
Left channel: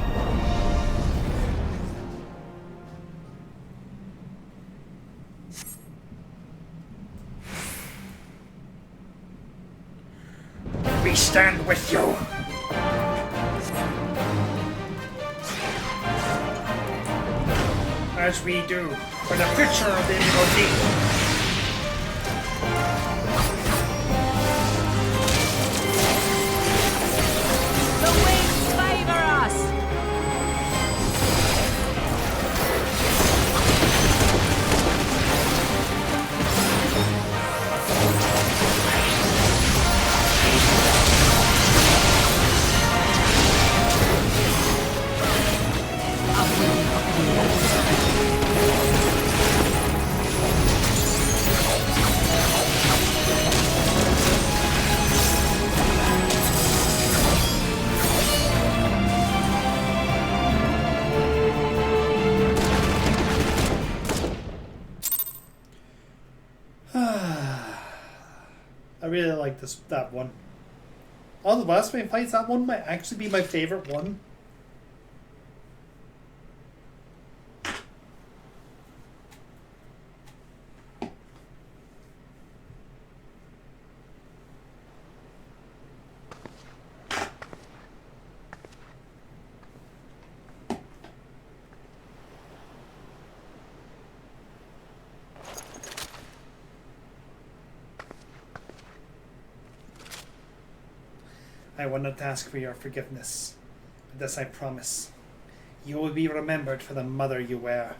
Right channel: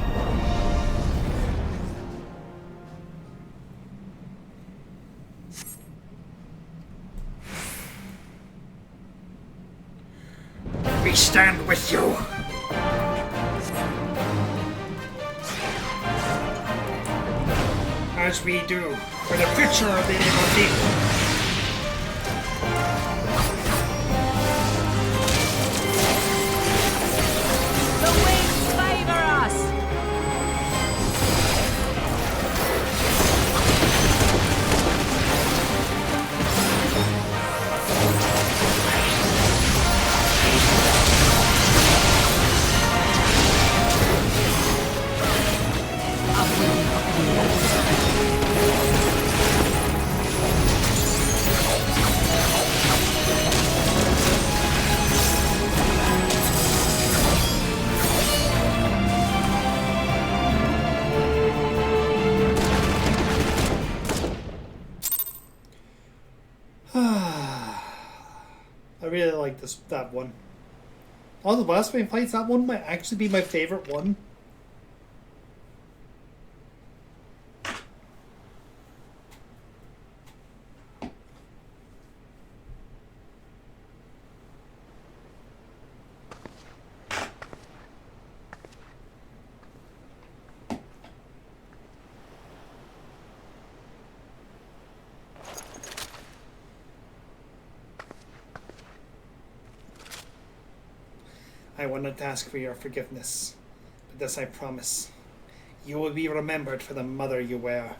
We stand with you. As we do for the future of the MOD. I really like that one. All the last main fights, that one might actually be my favorite one. I will not ask for your forgiveness, but this I promise. You will be remembered for the mother you were.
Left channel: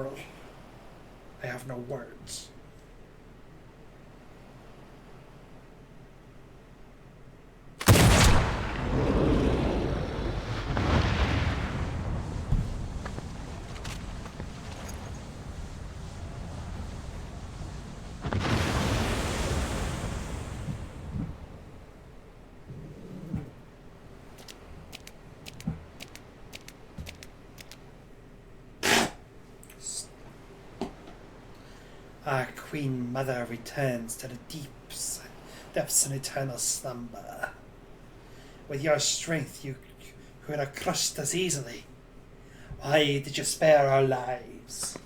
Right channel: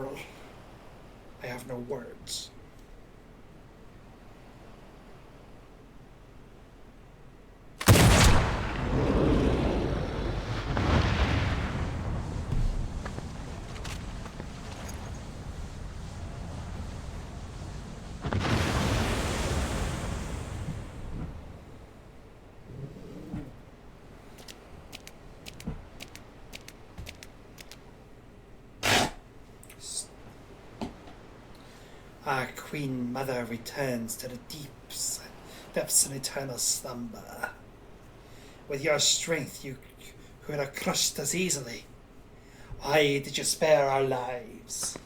Admiral. I have no words. Our Queen Mother returns to the depths in eternal slumber. With your strength, you could have crushed us easily. Why did you spare our lives?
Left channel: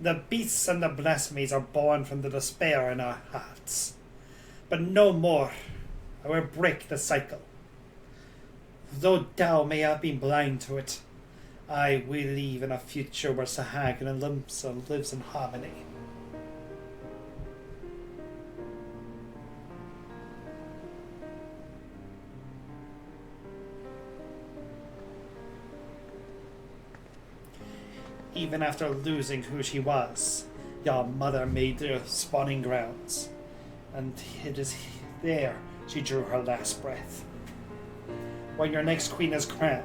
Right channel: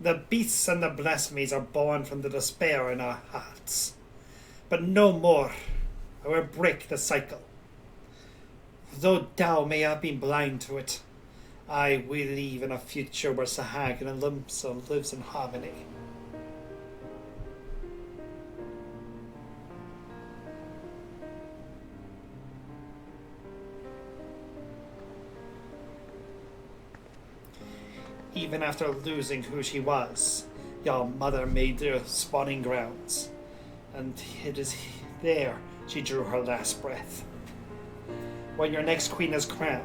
The beasts and the blasphemies are born from the despair in our hearts. But no more. I will break the cycle. Though Tao may have been blind to it, I believe in a future where Sahag and Limsa lives in harmony. Even after losing who she was, your mother made the spawning grounds, and it is there she drew her last breath. When your next queen is crowned,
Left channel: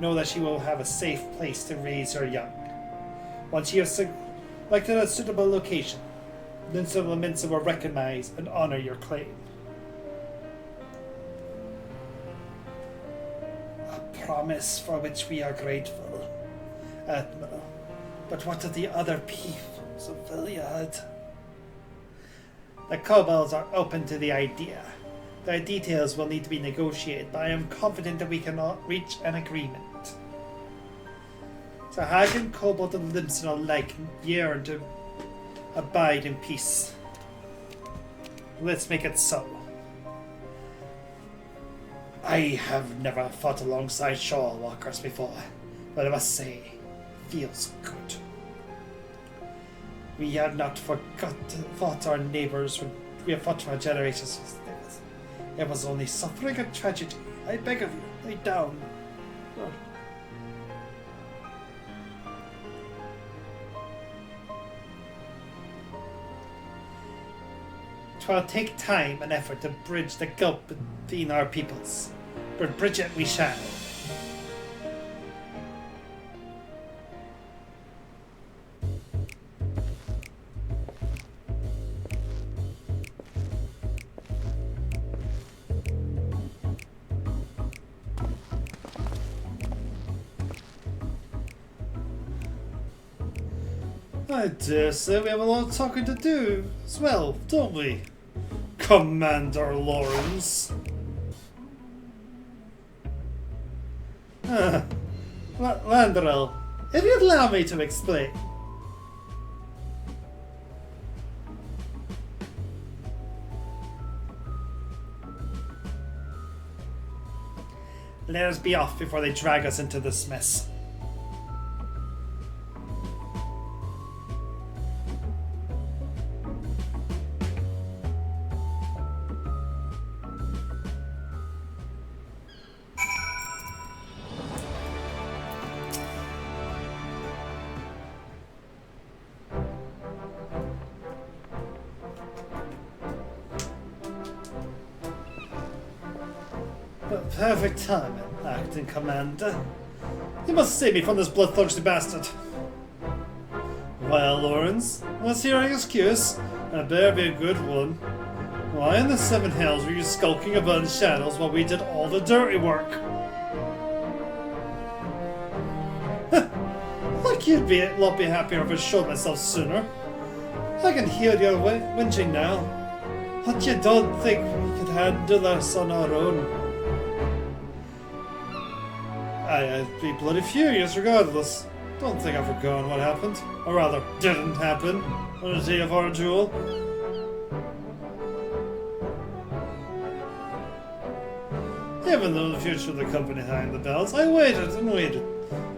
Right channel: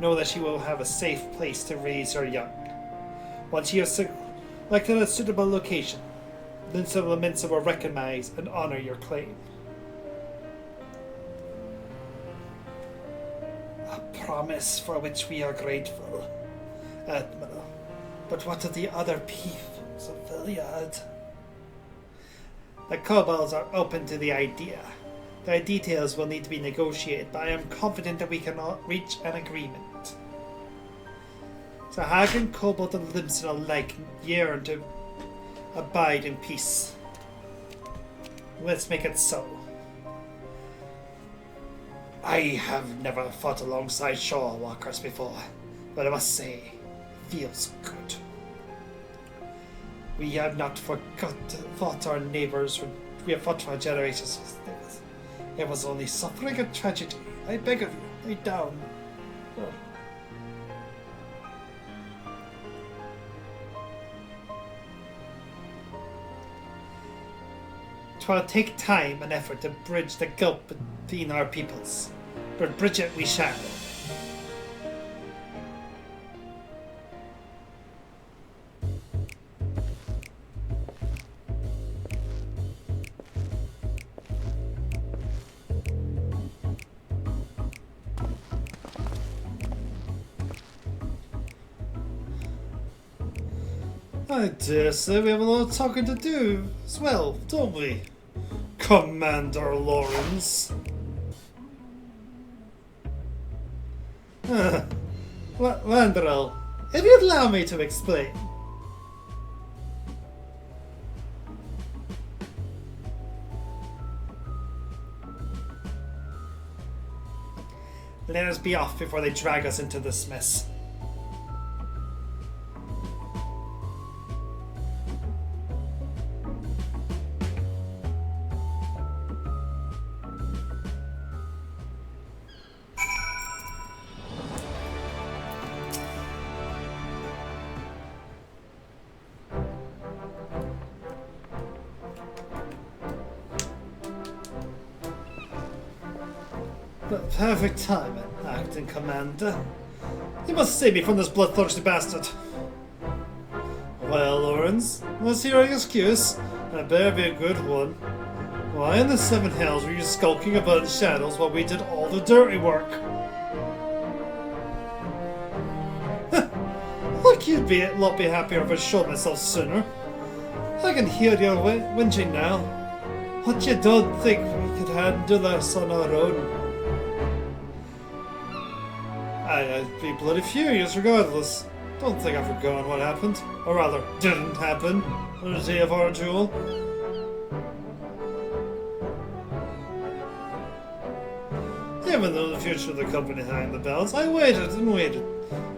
know that she will have a safe place to raise her young. Once she has selected a suitable location, Limsa will recognize and honor your claim. A promise for which we are grateful, Admiral. But what of the other peoples of Viliad? The kobolds are open to the idea. The details will need to be negotiated, but I am confident that we can reach an agreement. Sahag and Kobold and Limsa alike yearn to abide in peace. Let's make it so. I have never fought alongside shore walkers before, but I must say, feels good. We have not fought our neighbors. We have fought for generations. It was only suffering and tragedy. I beg of you, lay down. It will take time and effort to bridge the gulf between our peoples, but bridge it we shall. I dare say we have a lot of talking to do as well, don't we, Commander Lawrence? Landrel, if you'd allow me to explain. Let us be off before they drag us into this mess. Perfect time, acting commander. You must save me from this bloodthirsty bastard. Well, Lawrence, let's hear your excuse. I better be a good one. Why in the seven hells were you skulking about in shadows while we did all the dirty work? Like you'd be a lot happier if I showed myself sooner. I can hear your whinging now. But you don't think we could handle this on our own? I'd be bloody furious regardless. Don't think I've forgotten what happened. Or rather, didn't happen on the day of our duel. Even though the future of the company hung in the balance, I waited and waited.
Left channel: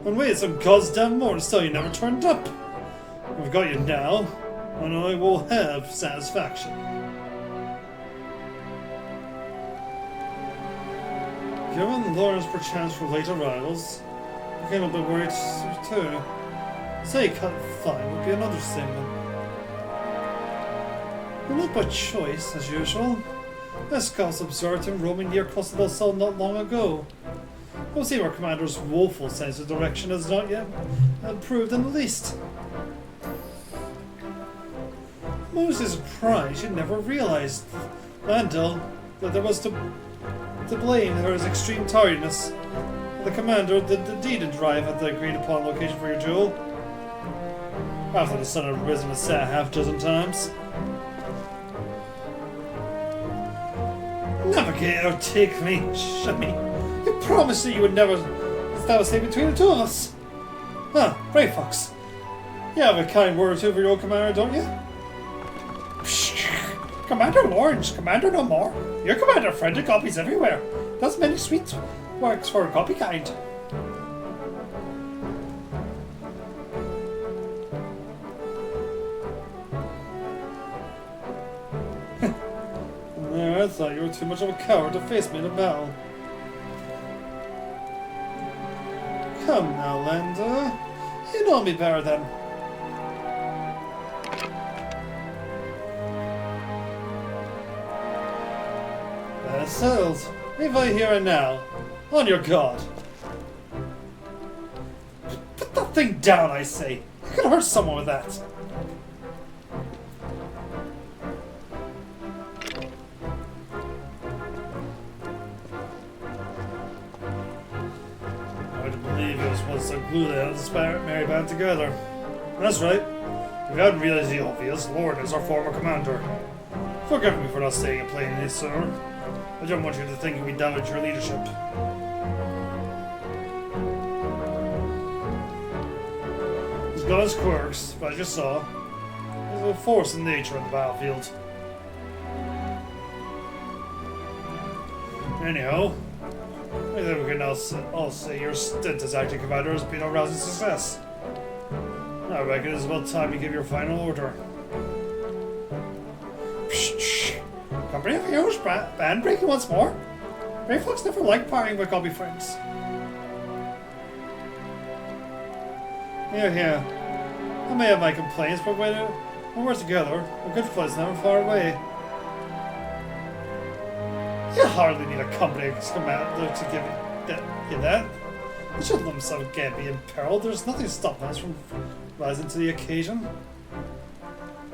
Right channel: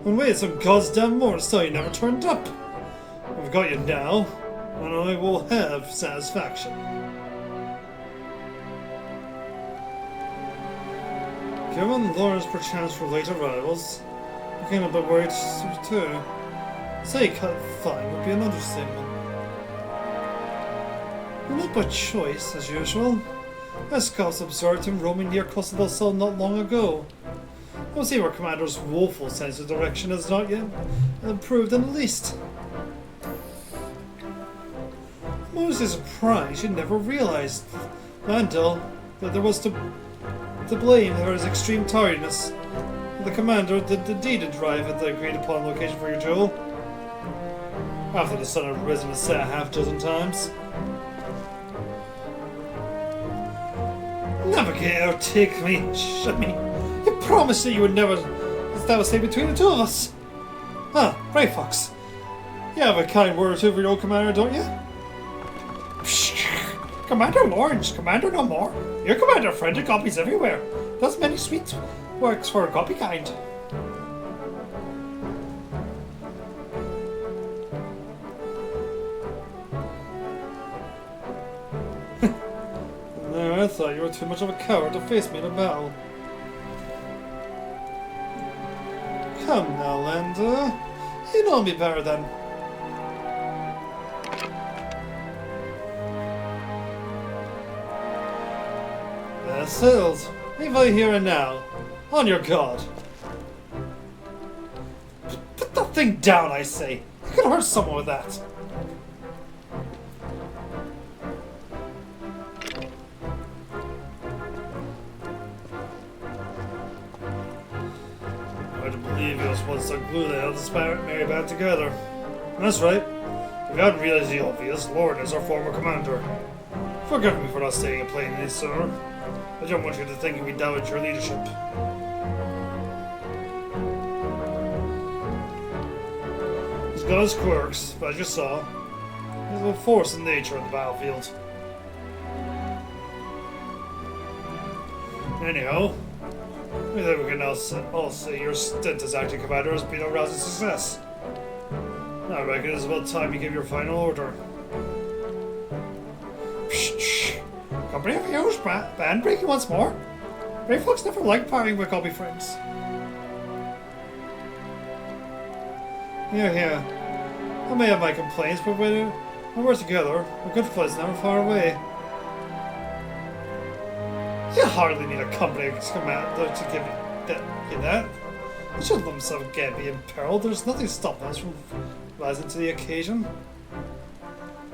And waited some goddamn more, so you never turned up. We've got you now, and I will have satisfaction. Given Lawrence perchance for late arrivals, became a bit worried too. Say kind of fine would be an understatement. Not by choice, as usual. This cost absurd in roaming near Custodal Cell not long ago. We'll see our commander's woeful sense of direction has not yet improved in the least. Mostly surprised she never realized, Landell, that there was to blame her his extreme tiredness. The commander did indeed arrive at the agreed upon location for your jewel. After the sun had risen a set half dozen times. Navigator, take me, shut me. You promised that you would never stay between the two of us. Ah, Grey Fox. You have a kind word or two for your commander, don't you? Commander Orange, Commander no more. Your commander friend of copies everywhere. Does many sweet works for a copy kind. No, I thought you were too much of a coward to face me in a battle. Come now, Landa. You know me better than. That's settled. Leave I here and now. On your guard. Put that thing down, I say. You could hurt someone with that. They held this merry band together. That's right. We hadn't realized the obvious. Lord is our former commander. Forgive me for not staying and playing this, sir. I don't want you to think we damaged your leadership. He's got his quirks, but as you saw, there's a force in nature on the battlefield. Anyhow, I think we can all say your stint as acting commander has been a rousing success. I reckon it's about time you give your final order. Company of yours, band breaking once more? Grey Fox never liked partying with gobby friends. Yeah. I may have my complaints, but when we're together, a good flight's never far away. You hardly need a company commander to give that. You should let himself again be in peril. There's nothing stopping us from rising to the occasion.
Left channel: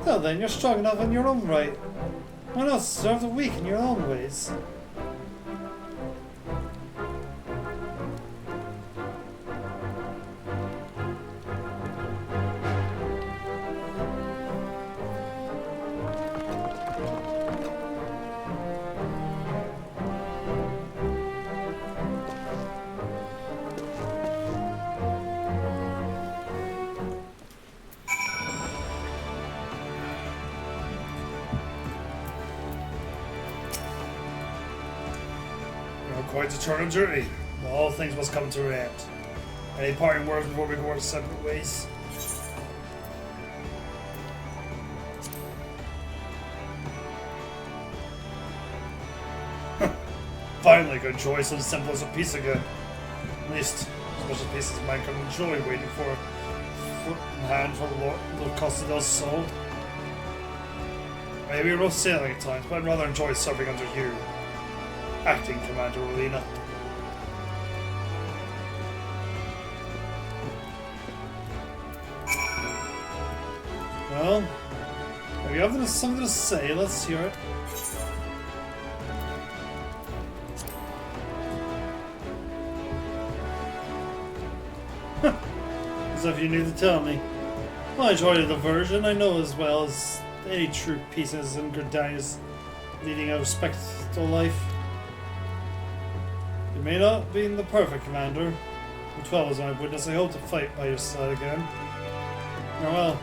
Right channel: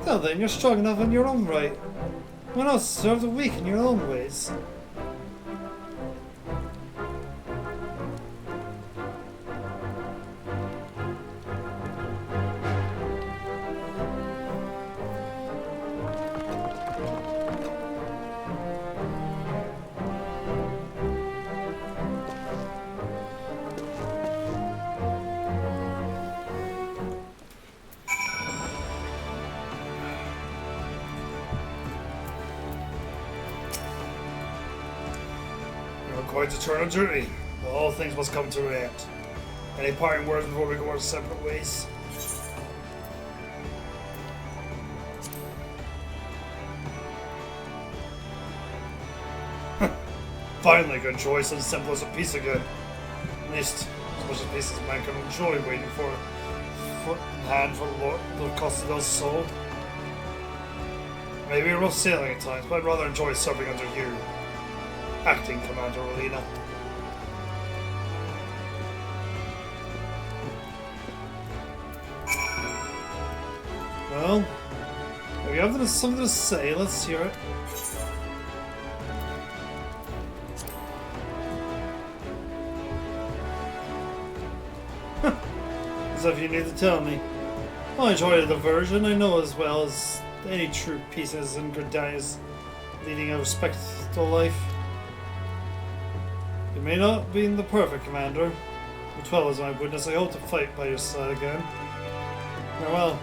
Well then, you're strong enough in your own right. Why not serve the weak in your own ways? Going to turn on journey. All things must come to an end. Any parting words before we go our separate ways? Finally, good choice, as simple as a piece of good. At least, as much a piece as man can enjoy waiting for foot and hand for the Lord Custodal's soul. Maybe a rough sailing at times, but I'd rather enjoy serving under you. Acting Commander Olina. Well, we have something to say. Let's hear it. As if you need to tell me. I enjoyed the diversion. I know as well as any true pieces and good dies leading a respectful life. You may not be the perfect commander, but 12 is my witness. I hope to fight by your side again. Farewell.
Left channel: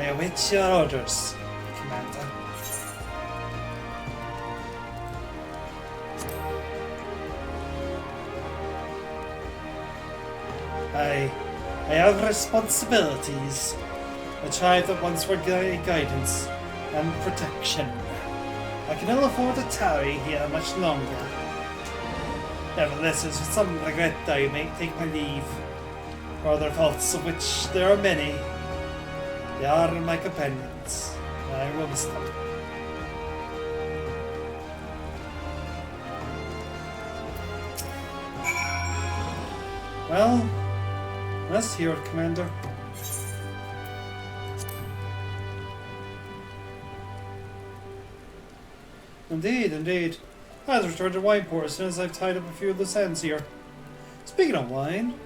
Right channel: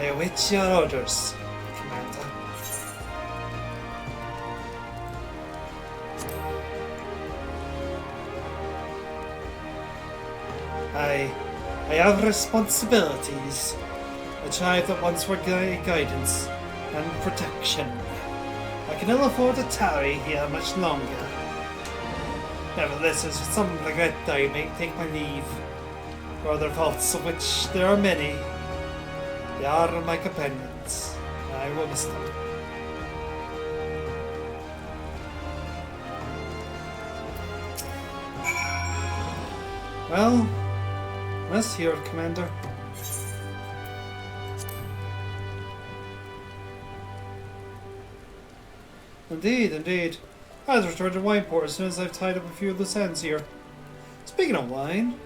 I await your orders, Commander. I have responsibilities, which I but once were guidance and protection. I can ill afford to tarry here much longer. Nevertheless, it's something like that I may take my leave. For other faults, of which there are many. They are my companions. I will miss them. Well, let's hear it, Commander. Indeed, indeed. I'll return to Wineport as soon as I've tied up a few loose ends here. Speaking of wine,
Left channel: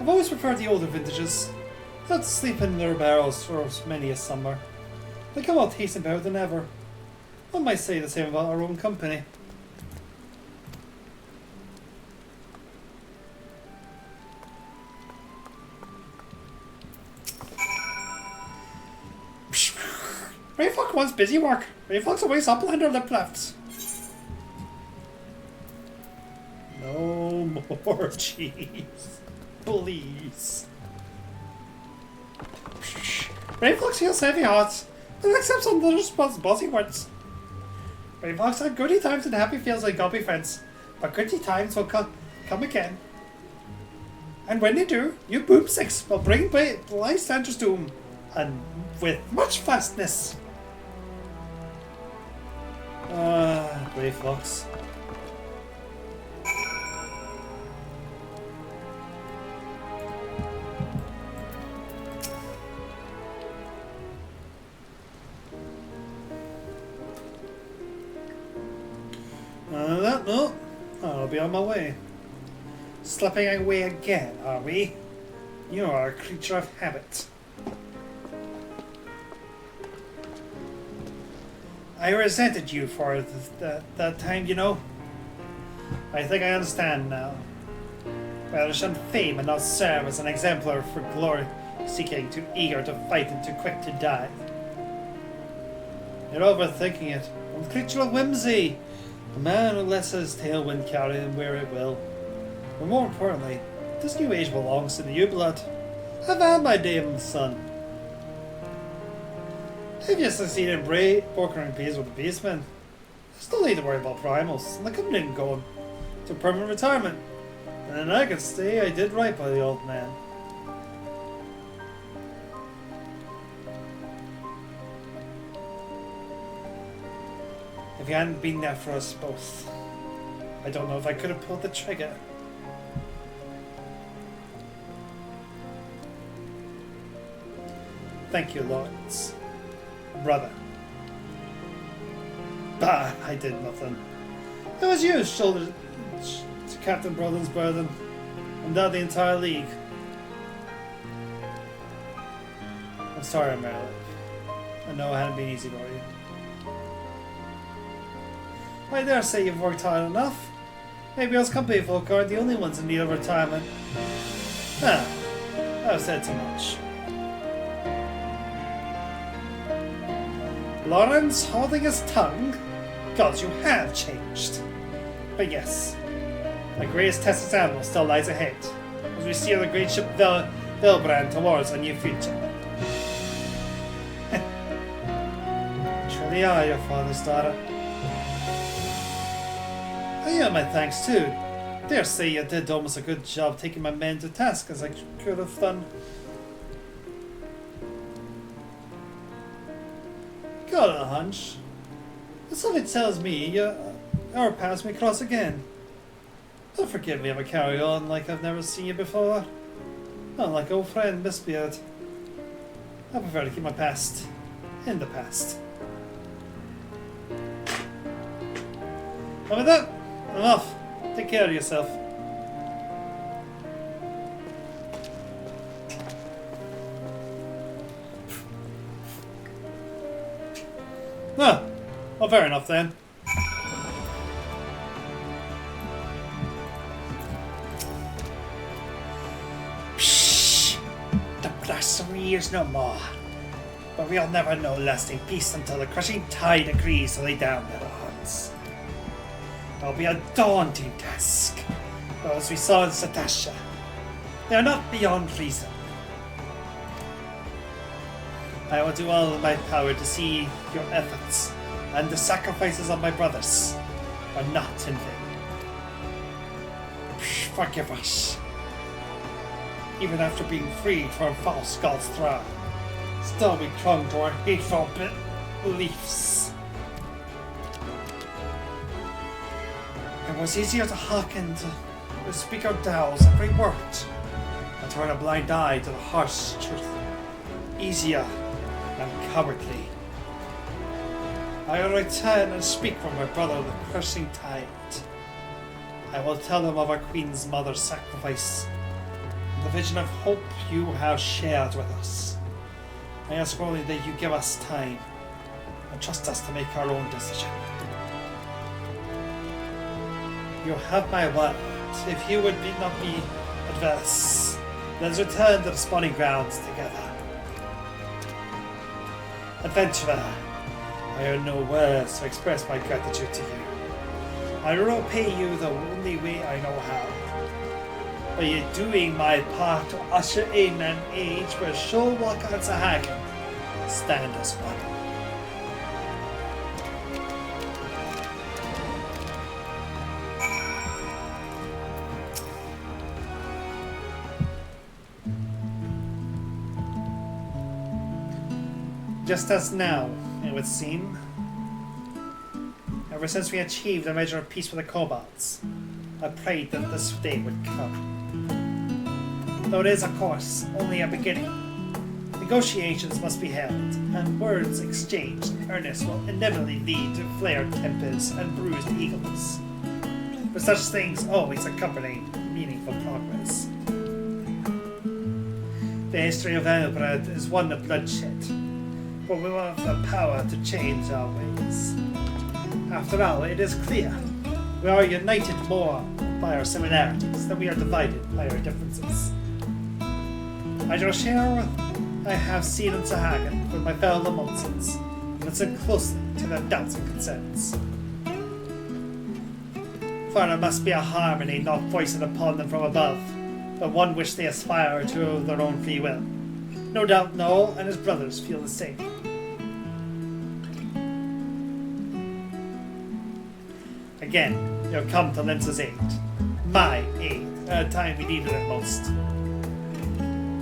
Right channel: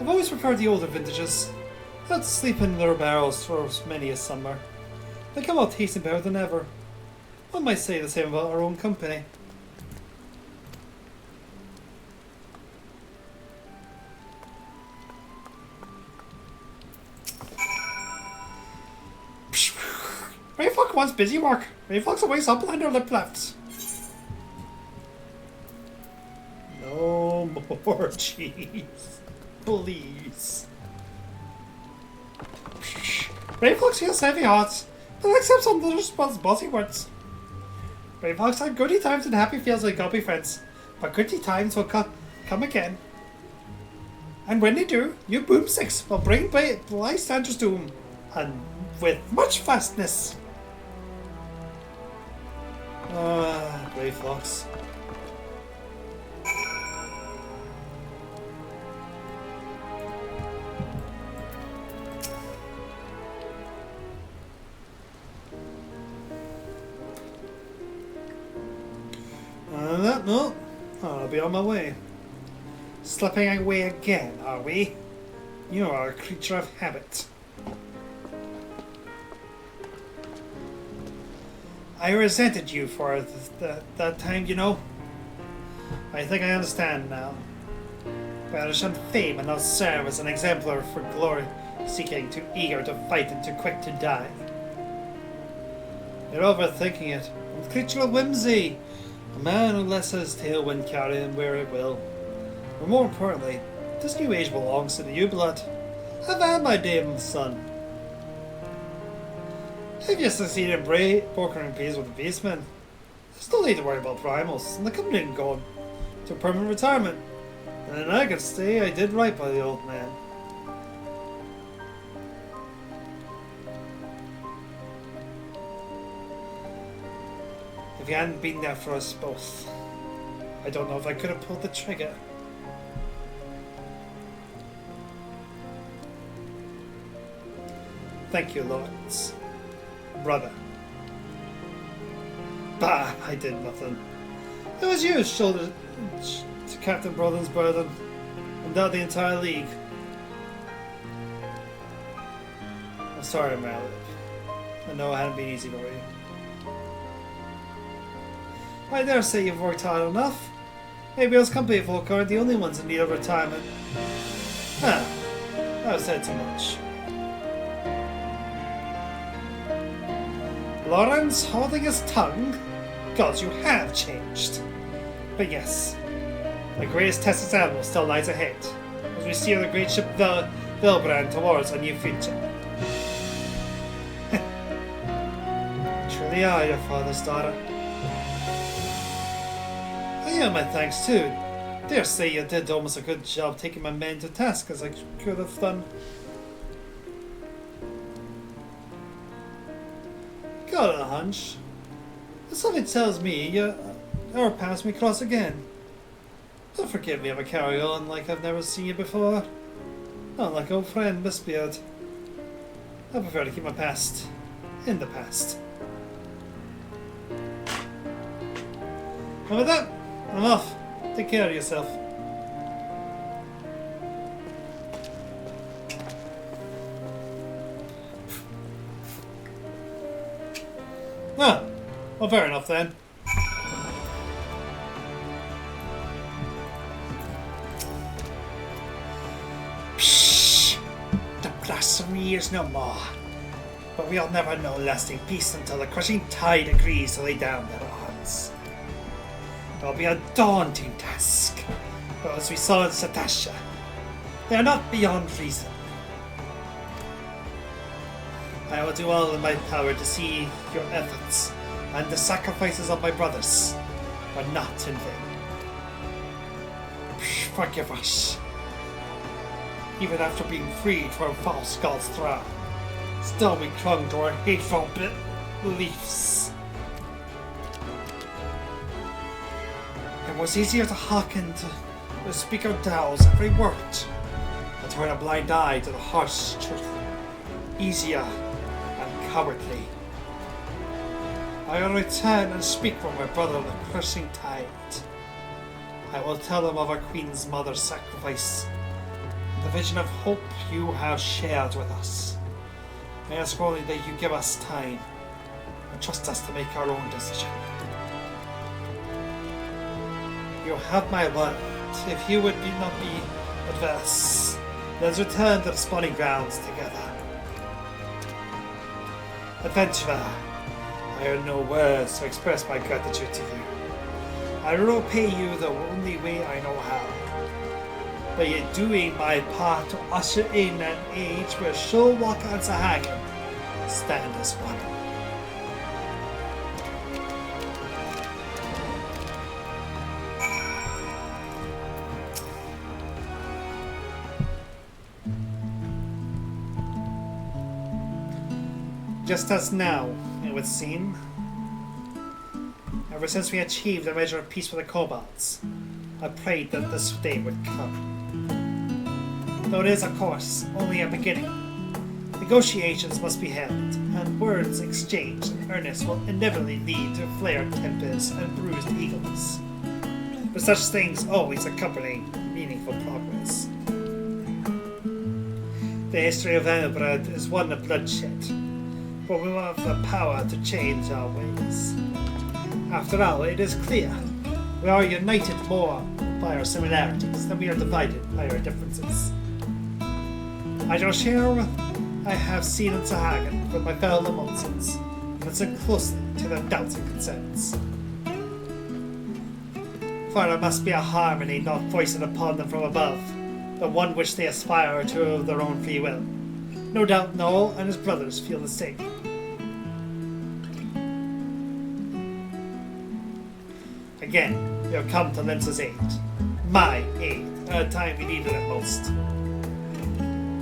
I've always preferred the older vintages. I've had to sleep in their barrels for many a summer. They come out tasting better than ever. One might say the same about our own company. Rayfuck wants busy work. Rayfuck's always up under lip left. No more cheese. Please. Rayfuck's feels heavy hearts. And accept some of those bossy words. Rayfuck's had goody times and happy feels like gulpy friends. But goody times will come again. And when they do, you boomsticks will bring bystanders to them. And with much fastness. Rayfuck's. No, I'll be on my way. Slipping away again, are we? You are a creature of habit. I resented you for that time, you know. I think I understand now. Rather shun fame and not serve as an exemplar for glory, seeking, too eager to fight and too quick to die. You're overthinking it. I'm a creature of whimsy. A man who lets his tailwind carry him where it will. But more importantly, this new age belongs to the U-blood. I've had my day in the sun. If you succeed in brokering peace with the beastmen, still need to worry about primals, and the company can go to permanent retirement. And then I can say I did right by the old man. If you hadn't been there for us both, I don't know if I could have pulled the trigger. Thank you, Lawrence. Brother. Bah, I did nothing. It was you who shouldered Captain Brother's burden, and not the entire league. I'm sorry, Malik. I know it hadn't been easy for you. I dare say you've worked hard enough. Maybe us company folk aren't the only ones in need of retirement. I've said too much. Lawrence holding his tongue? God, you have changed. But yes, the greatest test of Salmon still lies ahead, as we steer the great ship Vilbrand towards a new future. Truly are your father's daughter. I owe my thanks too. Dare say you did almost a good job taking my men to task as I could have done. Got a hunch. But something tells me our paths may cross again. Don't forgive me if I carry on like I've never seen you before. Not like old friend Miss Beard. I prefer to keep my past in the past. And with that, I'm off. Take care of yourself. Well, fair enough then. Psh! The blasphemy is no more. But we'll never know lasting peace until the crushing tide agrees to lay down their arms. It'll be a daunting task. But as we saw in Satasha, they are not beyond reason. I will do all in my power to see your efforts and the sacrifices of my brothers are not in vain. Forgive us. Even after being freed from false God's throne, still we clung to our hateful beliefs. It was easier to hearken to speak our doubts every word, and turn a blind eye to the harsh truth. Easier and cowardly. I will return and speak for my brother with cursing tide. I will tell him of our Queen's mother's sacrifice, and the vision of hope you have shared with us. I ask only that you give us time and trust us to make our own decision. You have my word. If you would not be adverse, let us return to the spawning grounds together. Adventurer, I have no words to express my gratitude to you. I will repay you the only way I know how. By doing my part to usher in an age where sure walk on Sahagan stand as one. Just as now, it would seem. Ever since we achieved a measure of peace with the Kobolds, I prayed that this day would come. Though it is, of course, only a beginning. Negotiations must be held, and words exchanged in earnest will inevitably lead to flared tempers and bruised egos. But such things always accompany meaningful progress. The history of Elbrad is one of bloodshed, but we will have the power to change our ways. After all, it is clear we are united more by our similarities than we are divided by our differences. As your share, I have seen in Sahagan with my fellow Monsons, and listen closely to their doubts and concerns. For there must be a harmony not foisted upon them from above, but one which they aspire to of their own free will. No doubt Noel and his brothers feel the same. Again, you have come to Linza's aid. My aid, at a time we needed it most.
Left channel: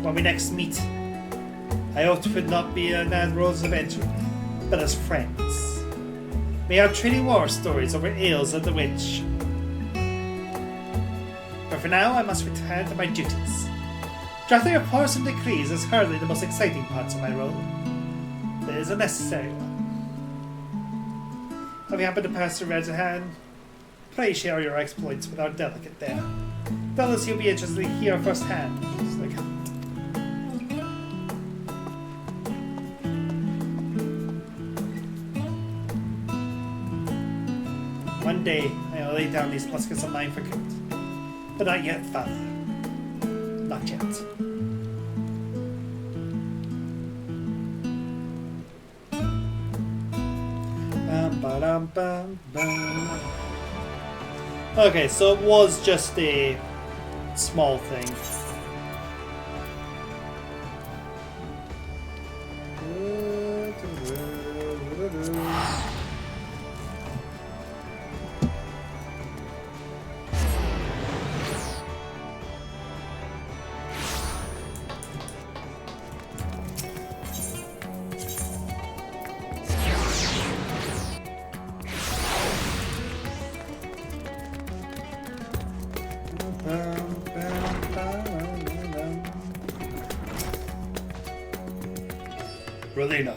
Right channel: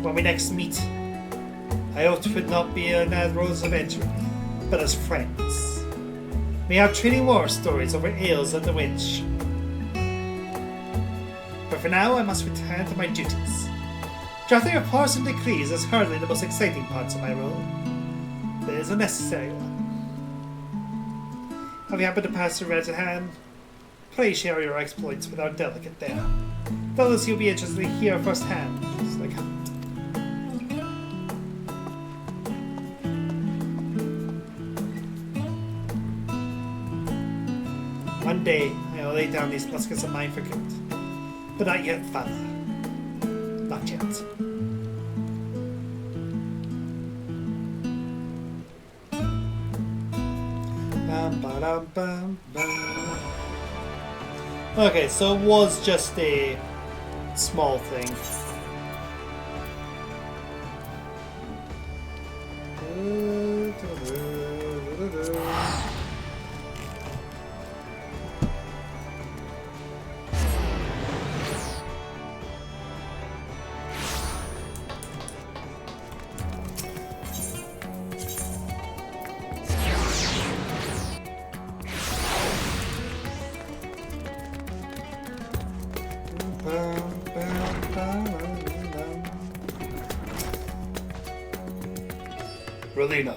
When we next meet, I hope it would not be an admiral's adventure, but as friends. We have trading war stories over ales and the witch. But for now, I must return to my duties. Drafting reports and decrees is hardly the most exciting parts of my role. It is a necessary one. Have you happened to pass through Redhaven? Pray share your exploits with our delegate there. Tell us you'll be interested to hear firsthand. One day, I will lay down these muskets of mine for good. But not yet, father. Not yet. Bum, bum, bum. Okay, so it was just a small thing. Relina,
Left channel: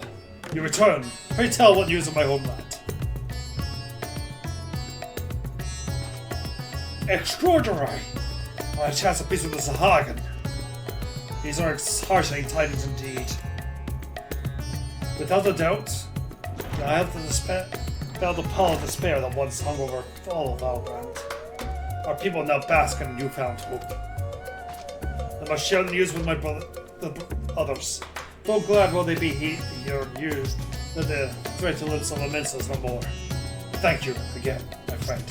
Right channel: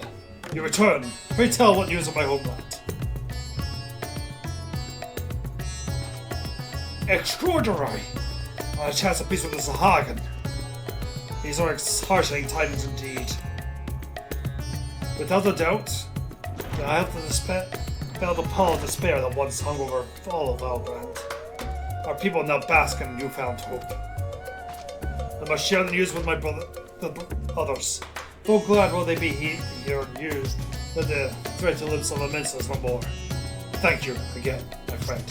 you return. Pray tell what news of my homeland. Extraordinary! I chance a piece with the Sahagan. These are heartening tidings indeed. Without a doubt, I have felt the pall of despair that once hung over all of Elbrand. Our people now bask in newfound hope. I must share the news with my the others. So glad will they be here and used that the vigilance of the minces were more. Thank you again, my friend.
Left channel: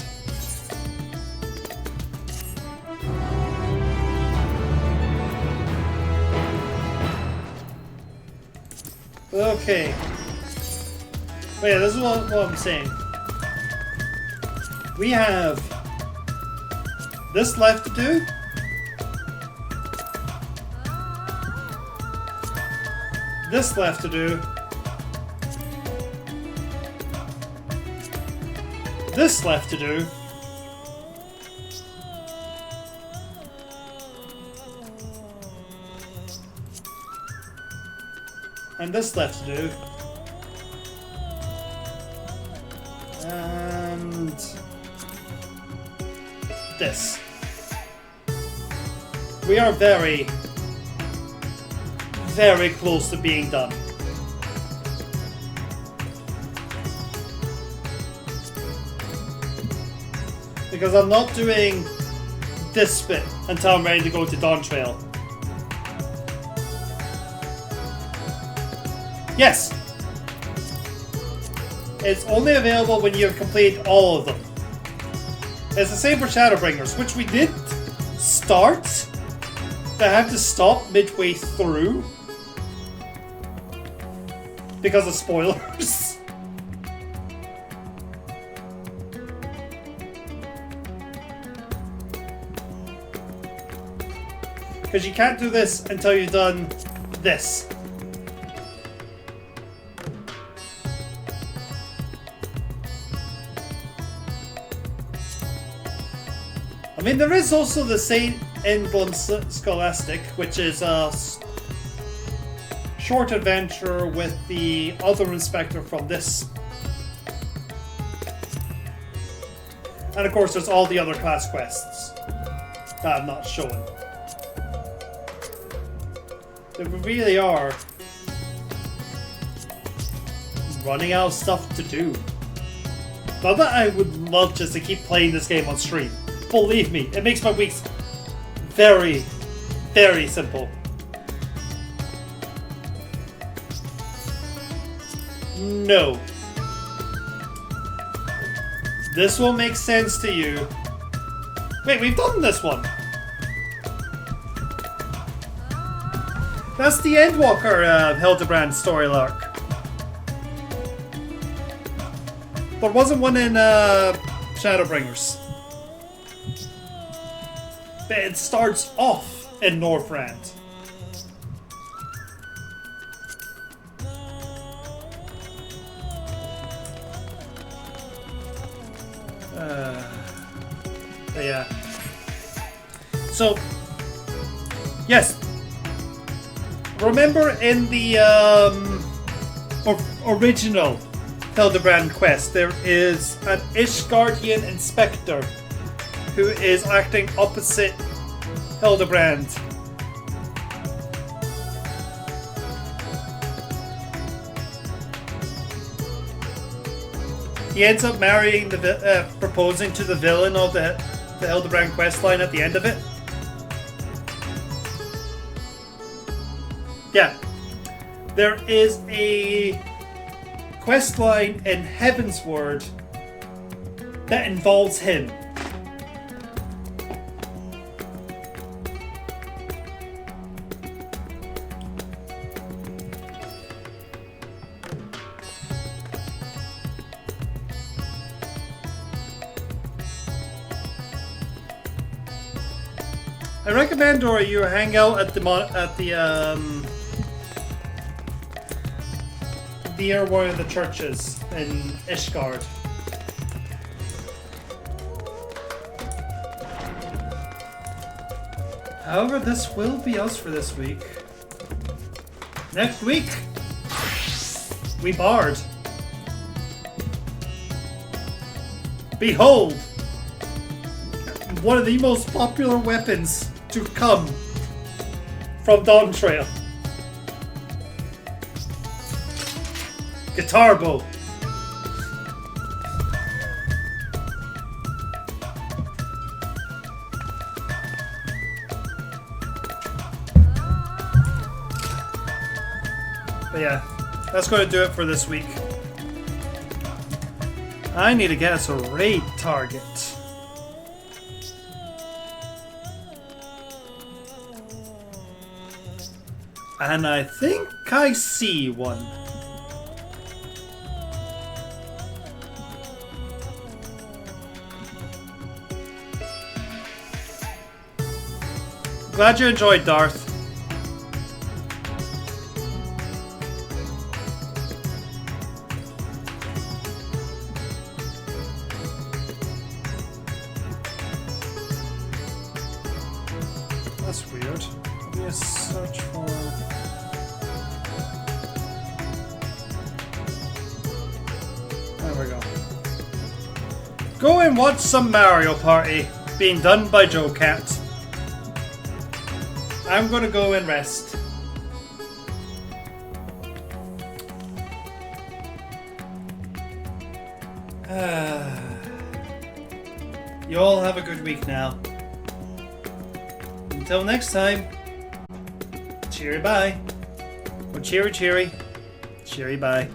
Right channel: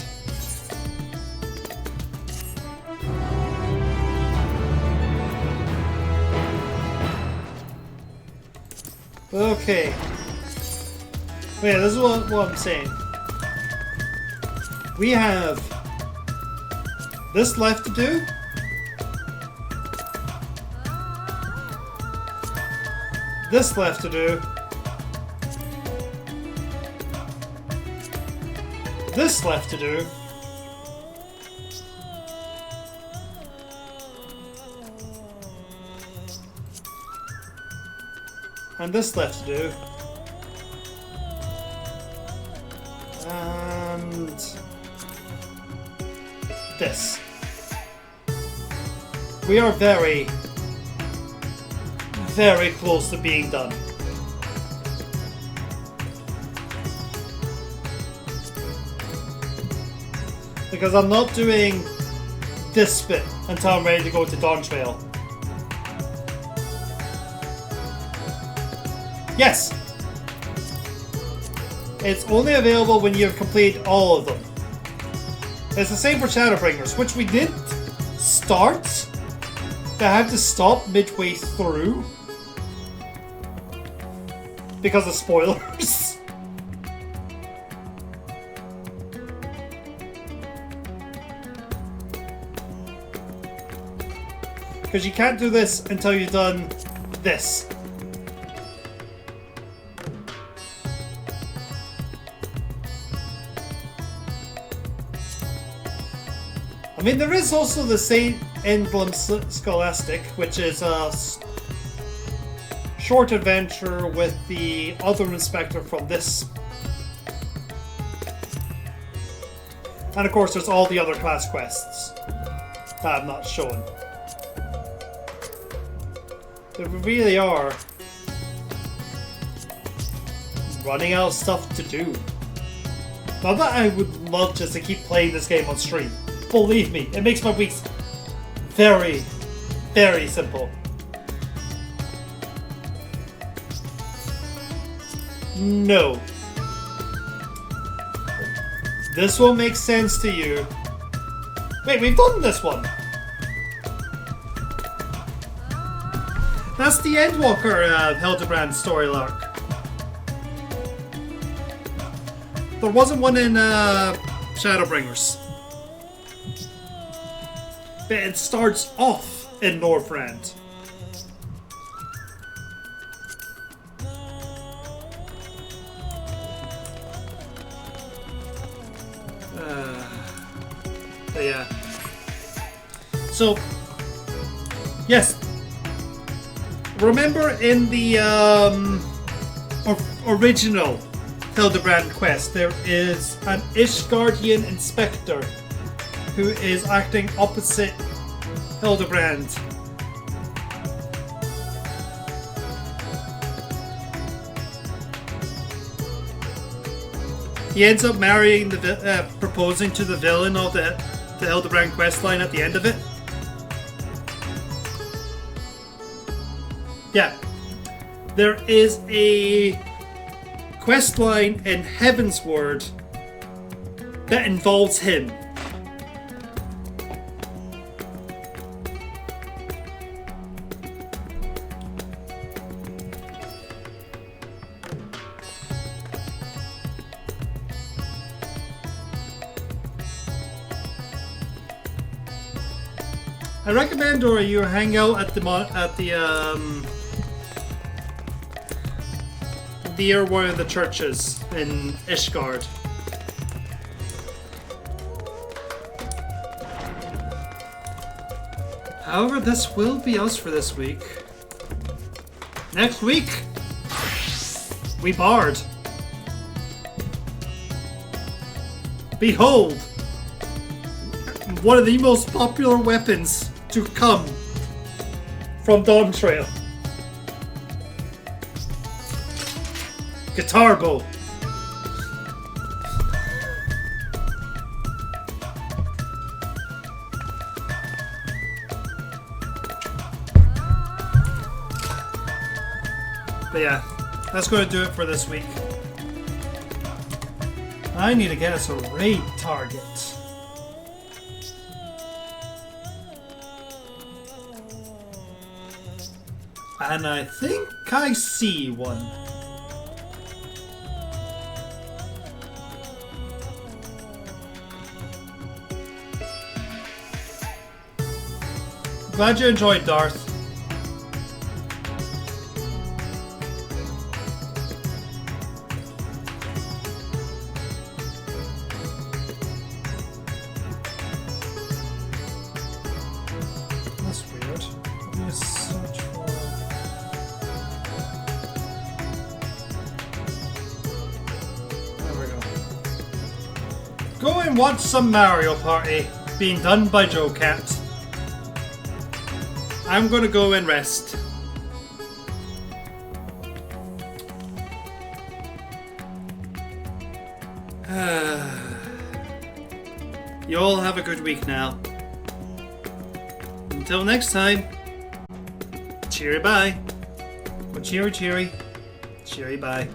Okay. But yeah, this is what I'm saying. We have this left to do. This left to do. This left to do. And this left to do. And this. We are very, very close to being done. Because I'm not doing this bit until I'm ready to go to Dawn Trail. Yes! It's only available when you have completed all of them. It's the same for Shadowbringers, which we did start to have to stop midway through because of spoilers. Because you can't do this until you've done this. I mean, there is also the Saint Emblem Scholastic, which is a short adventure with the other inspector from this. And of course, there's all the other class quests that I'm not showing. But we really are running out of stuff to do. Not that I would love just to keep playing this game on stream. Believe me, it makes my weeks very, very simple. No. This will make sense to you. Wait, we've done this one. That's the Endwalker Hildebrand story arc. There wasn't one in Shadowbringers. But it starts off in Northrend. But yeah. So, yes. Remember in the original Hildebrand quest, there is an Ishgardian inspector who is acting opposite Hildebrand. He ends up marrying proposing to the villain of the Hildebrand questline at the end of it. Yeah, there is a questline in Heavensward that involves him. I recommend, or you hang out at the near one of the churches in Ishgard. However, this will be us for this week. Next week, we bard. Behold, one of the most popular weapons to come from Dawn Trail. Guitar bow. But yeah, that's going to do it for this week. I need to get us a raid target. And I think I see one. Glad you enjoyed, Darth. That's weird. Yes, search for... There we go. Go and watch some Mario Party being done by Joe Cat. I'm gonna go and rest. You all have a good week now. Until next time, cheery bye. Or cheery cheery. Cheery bye.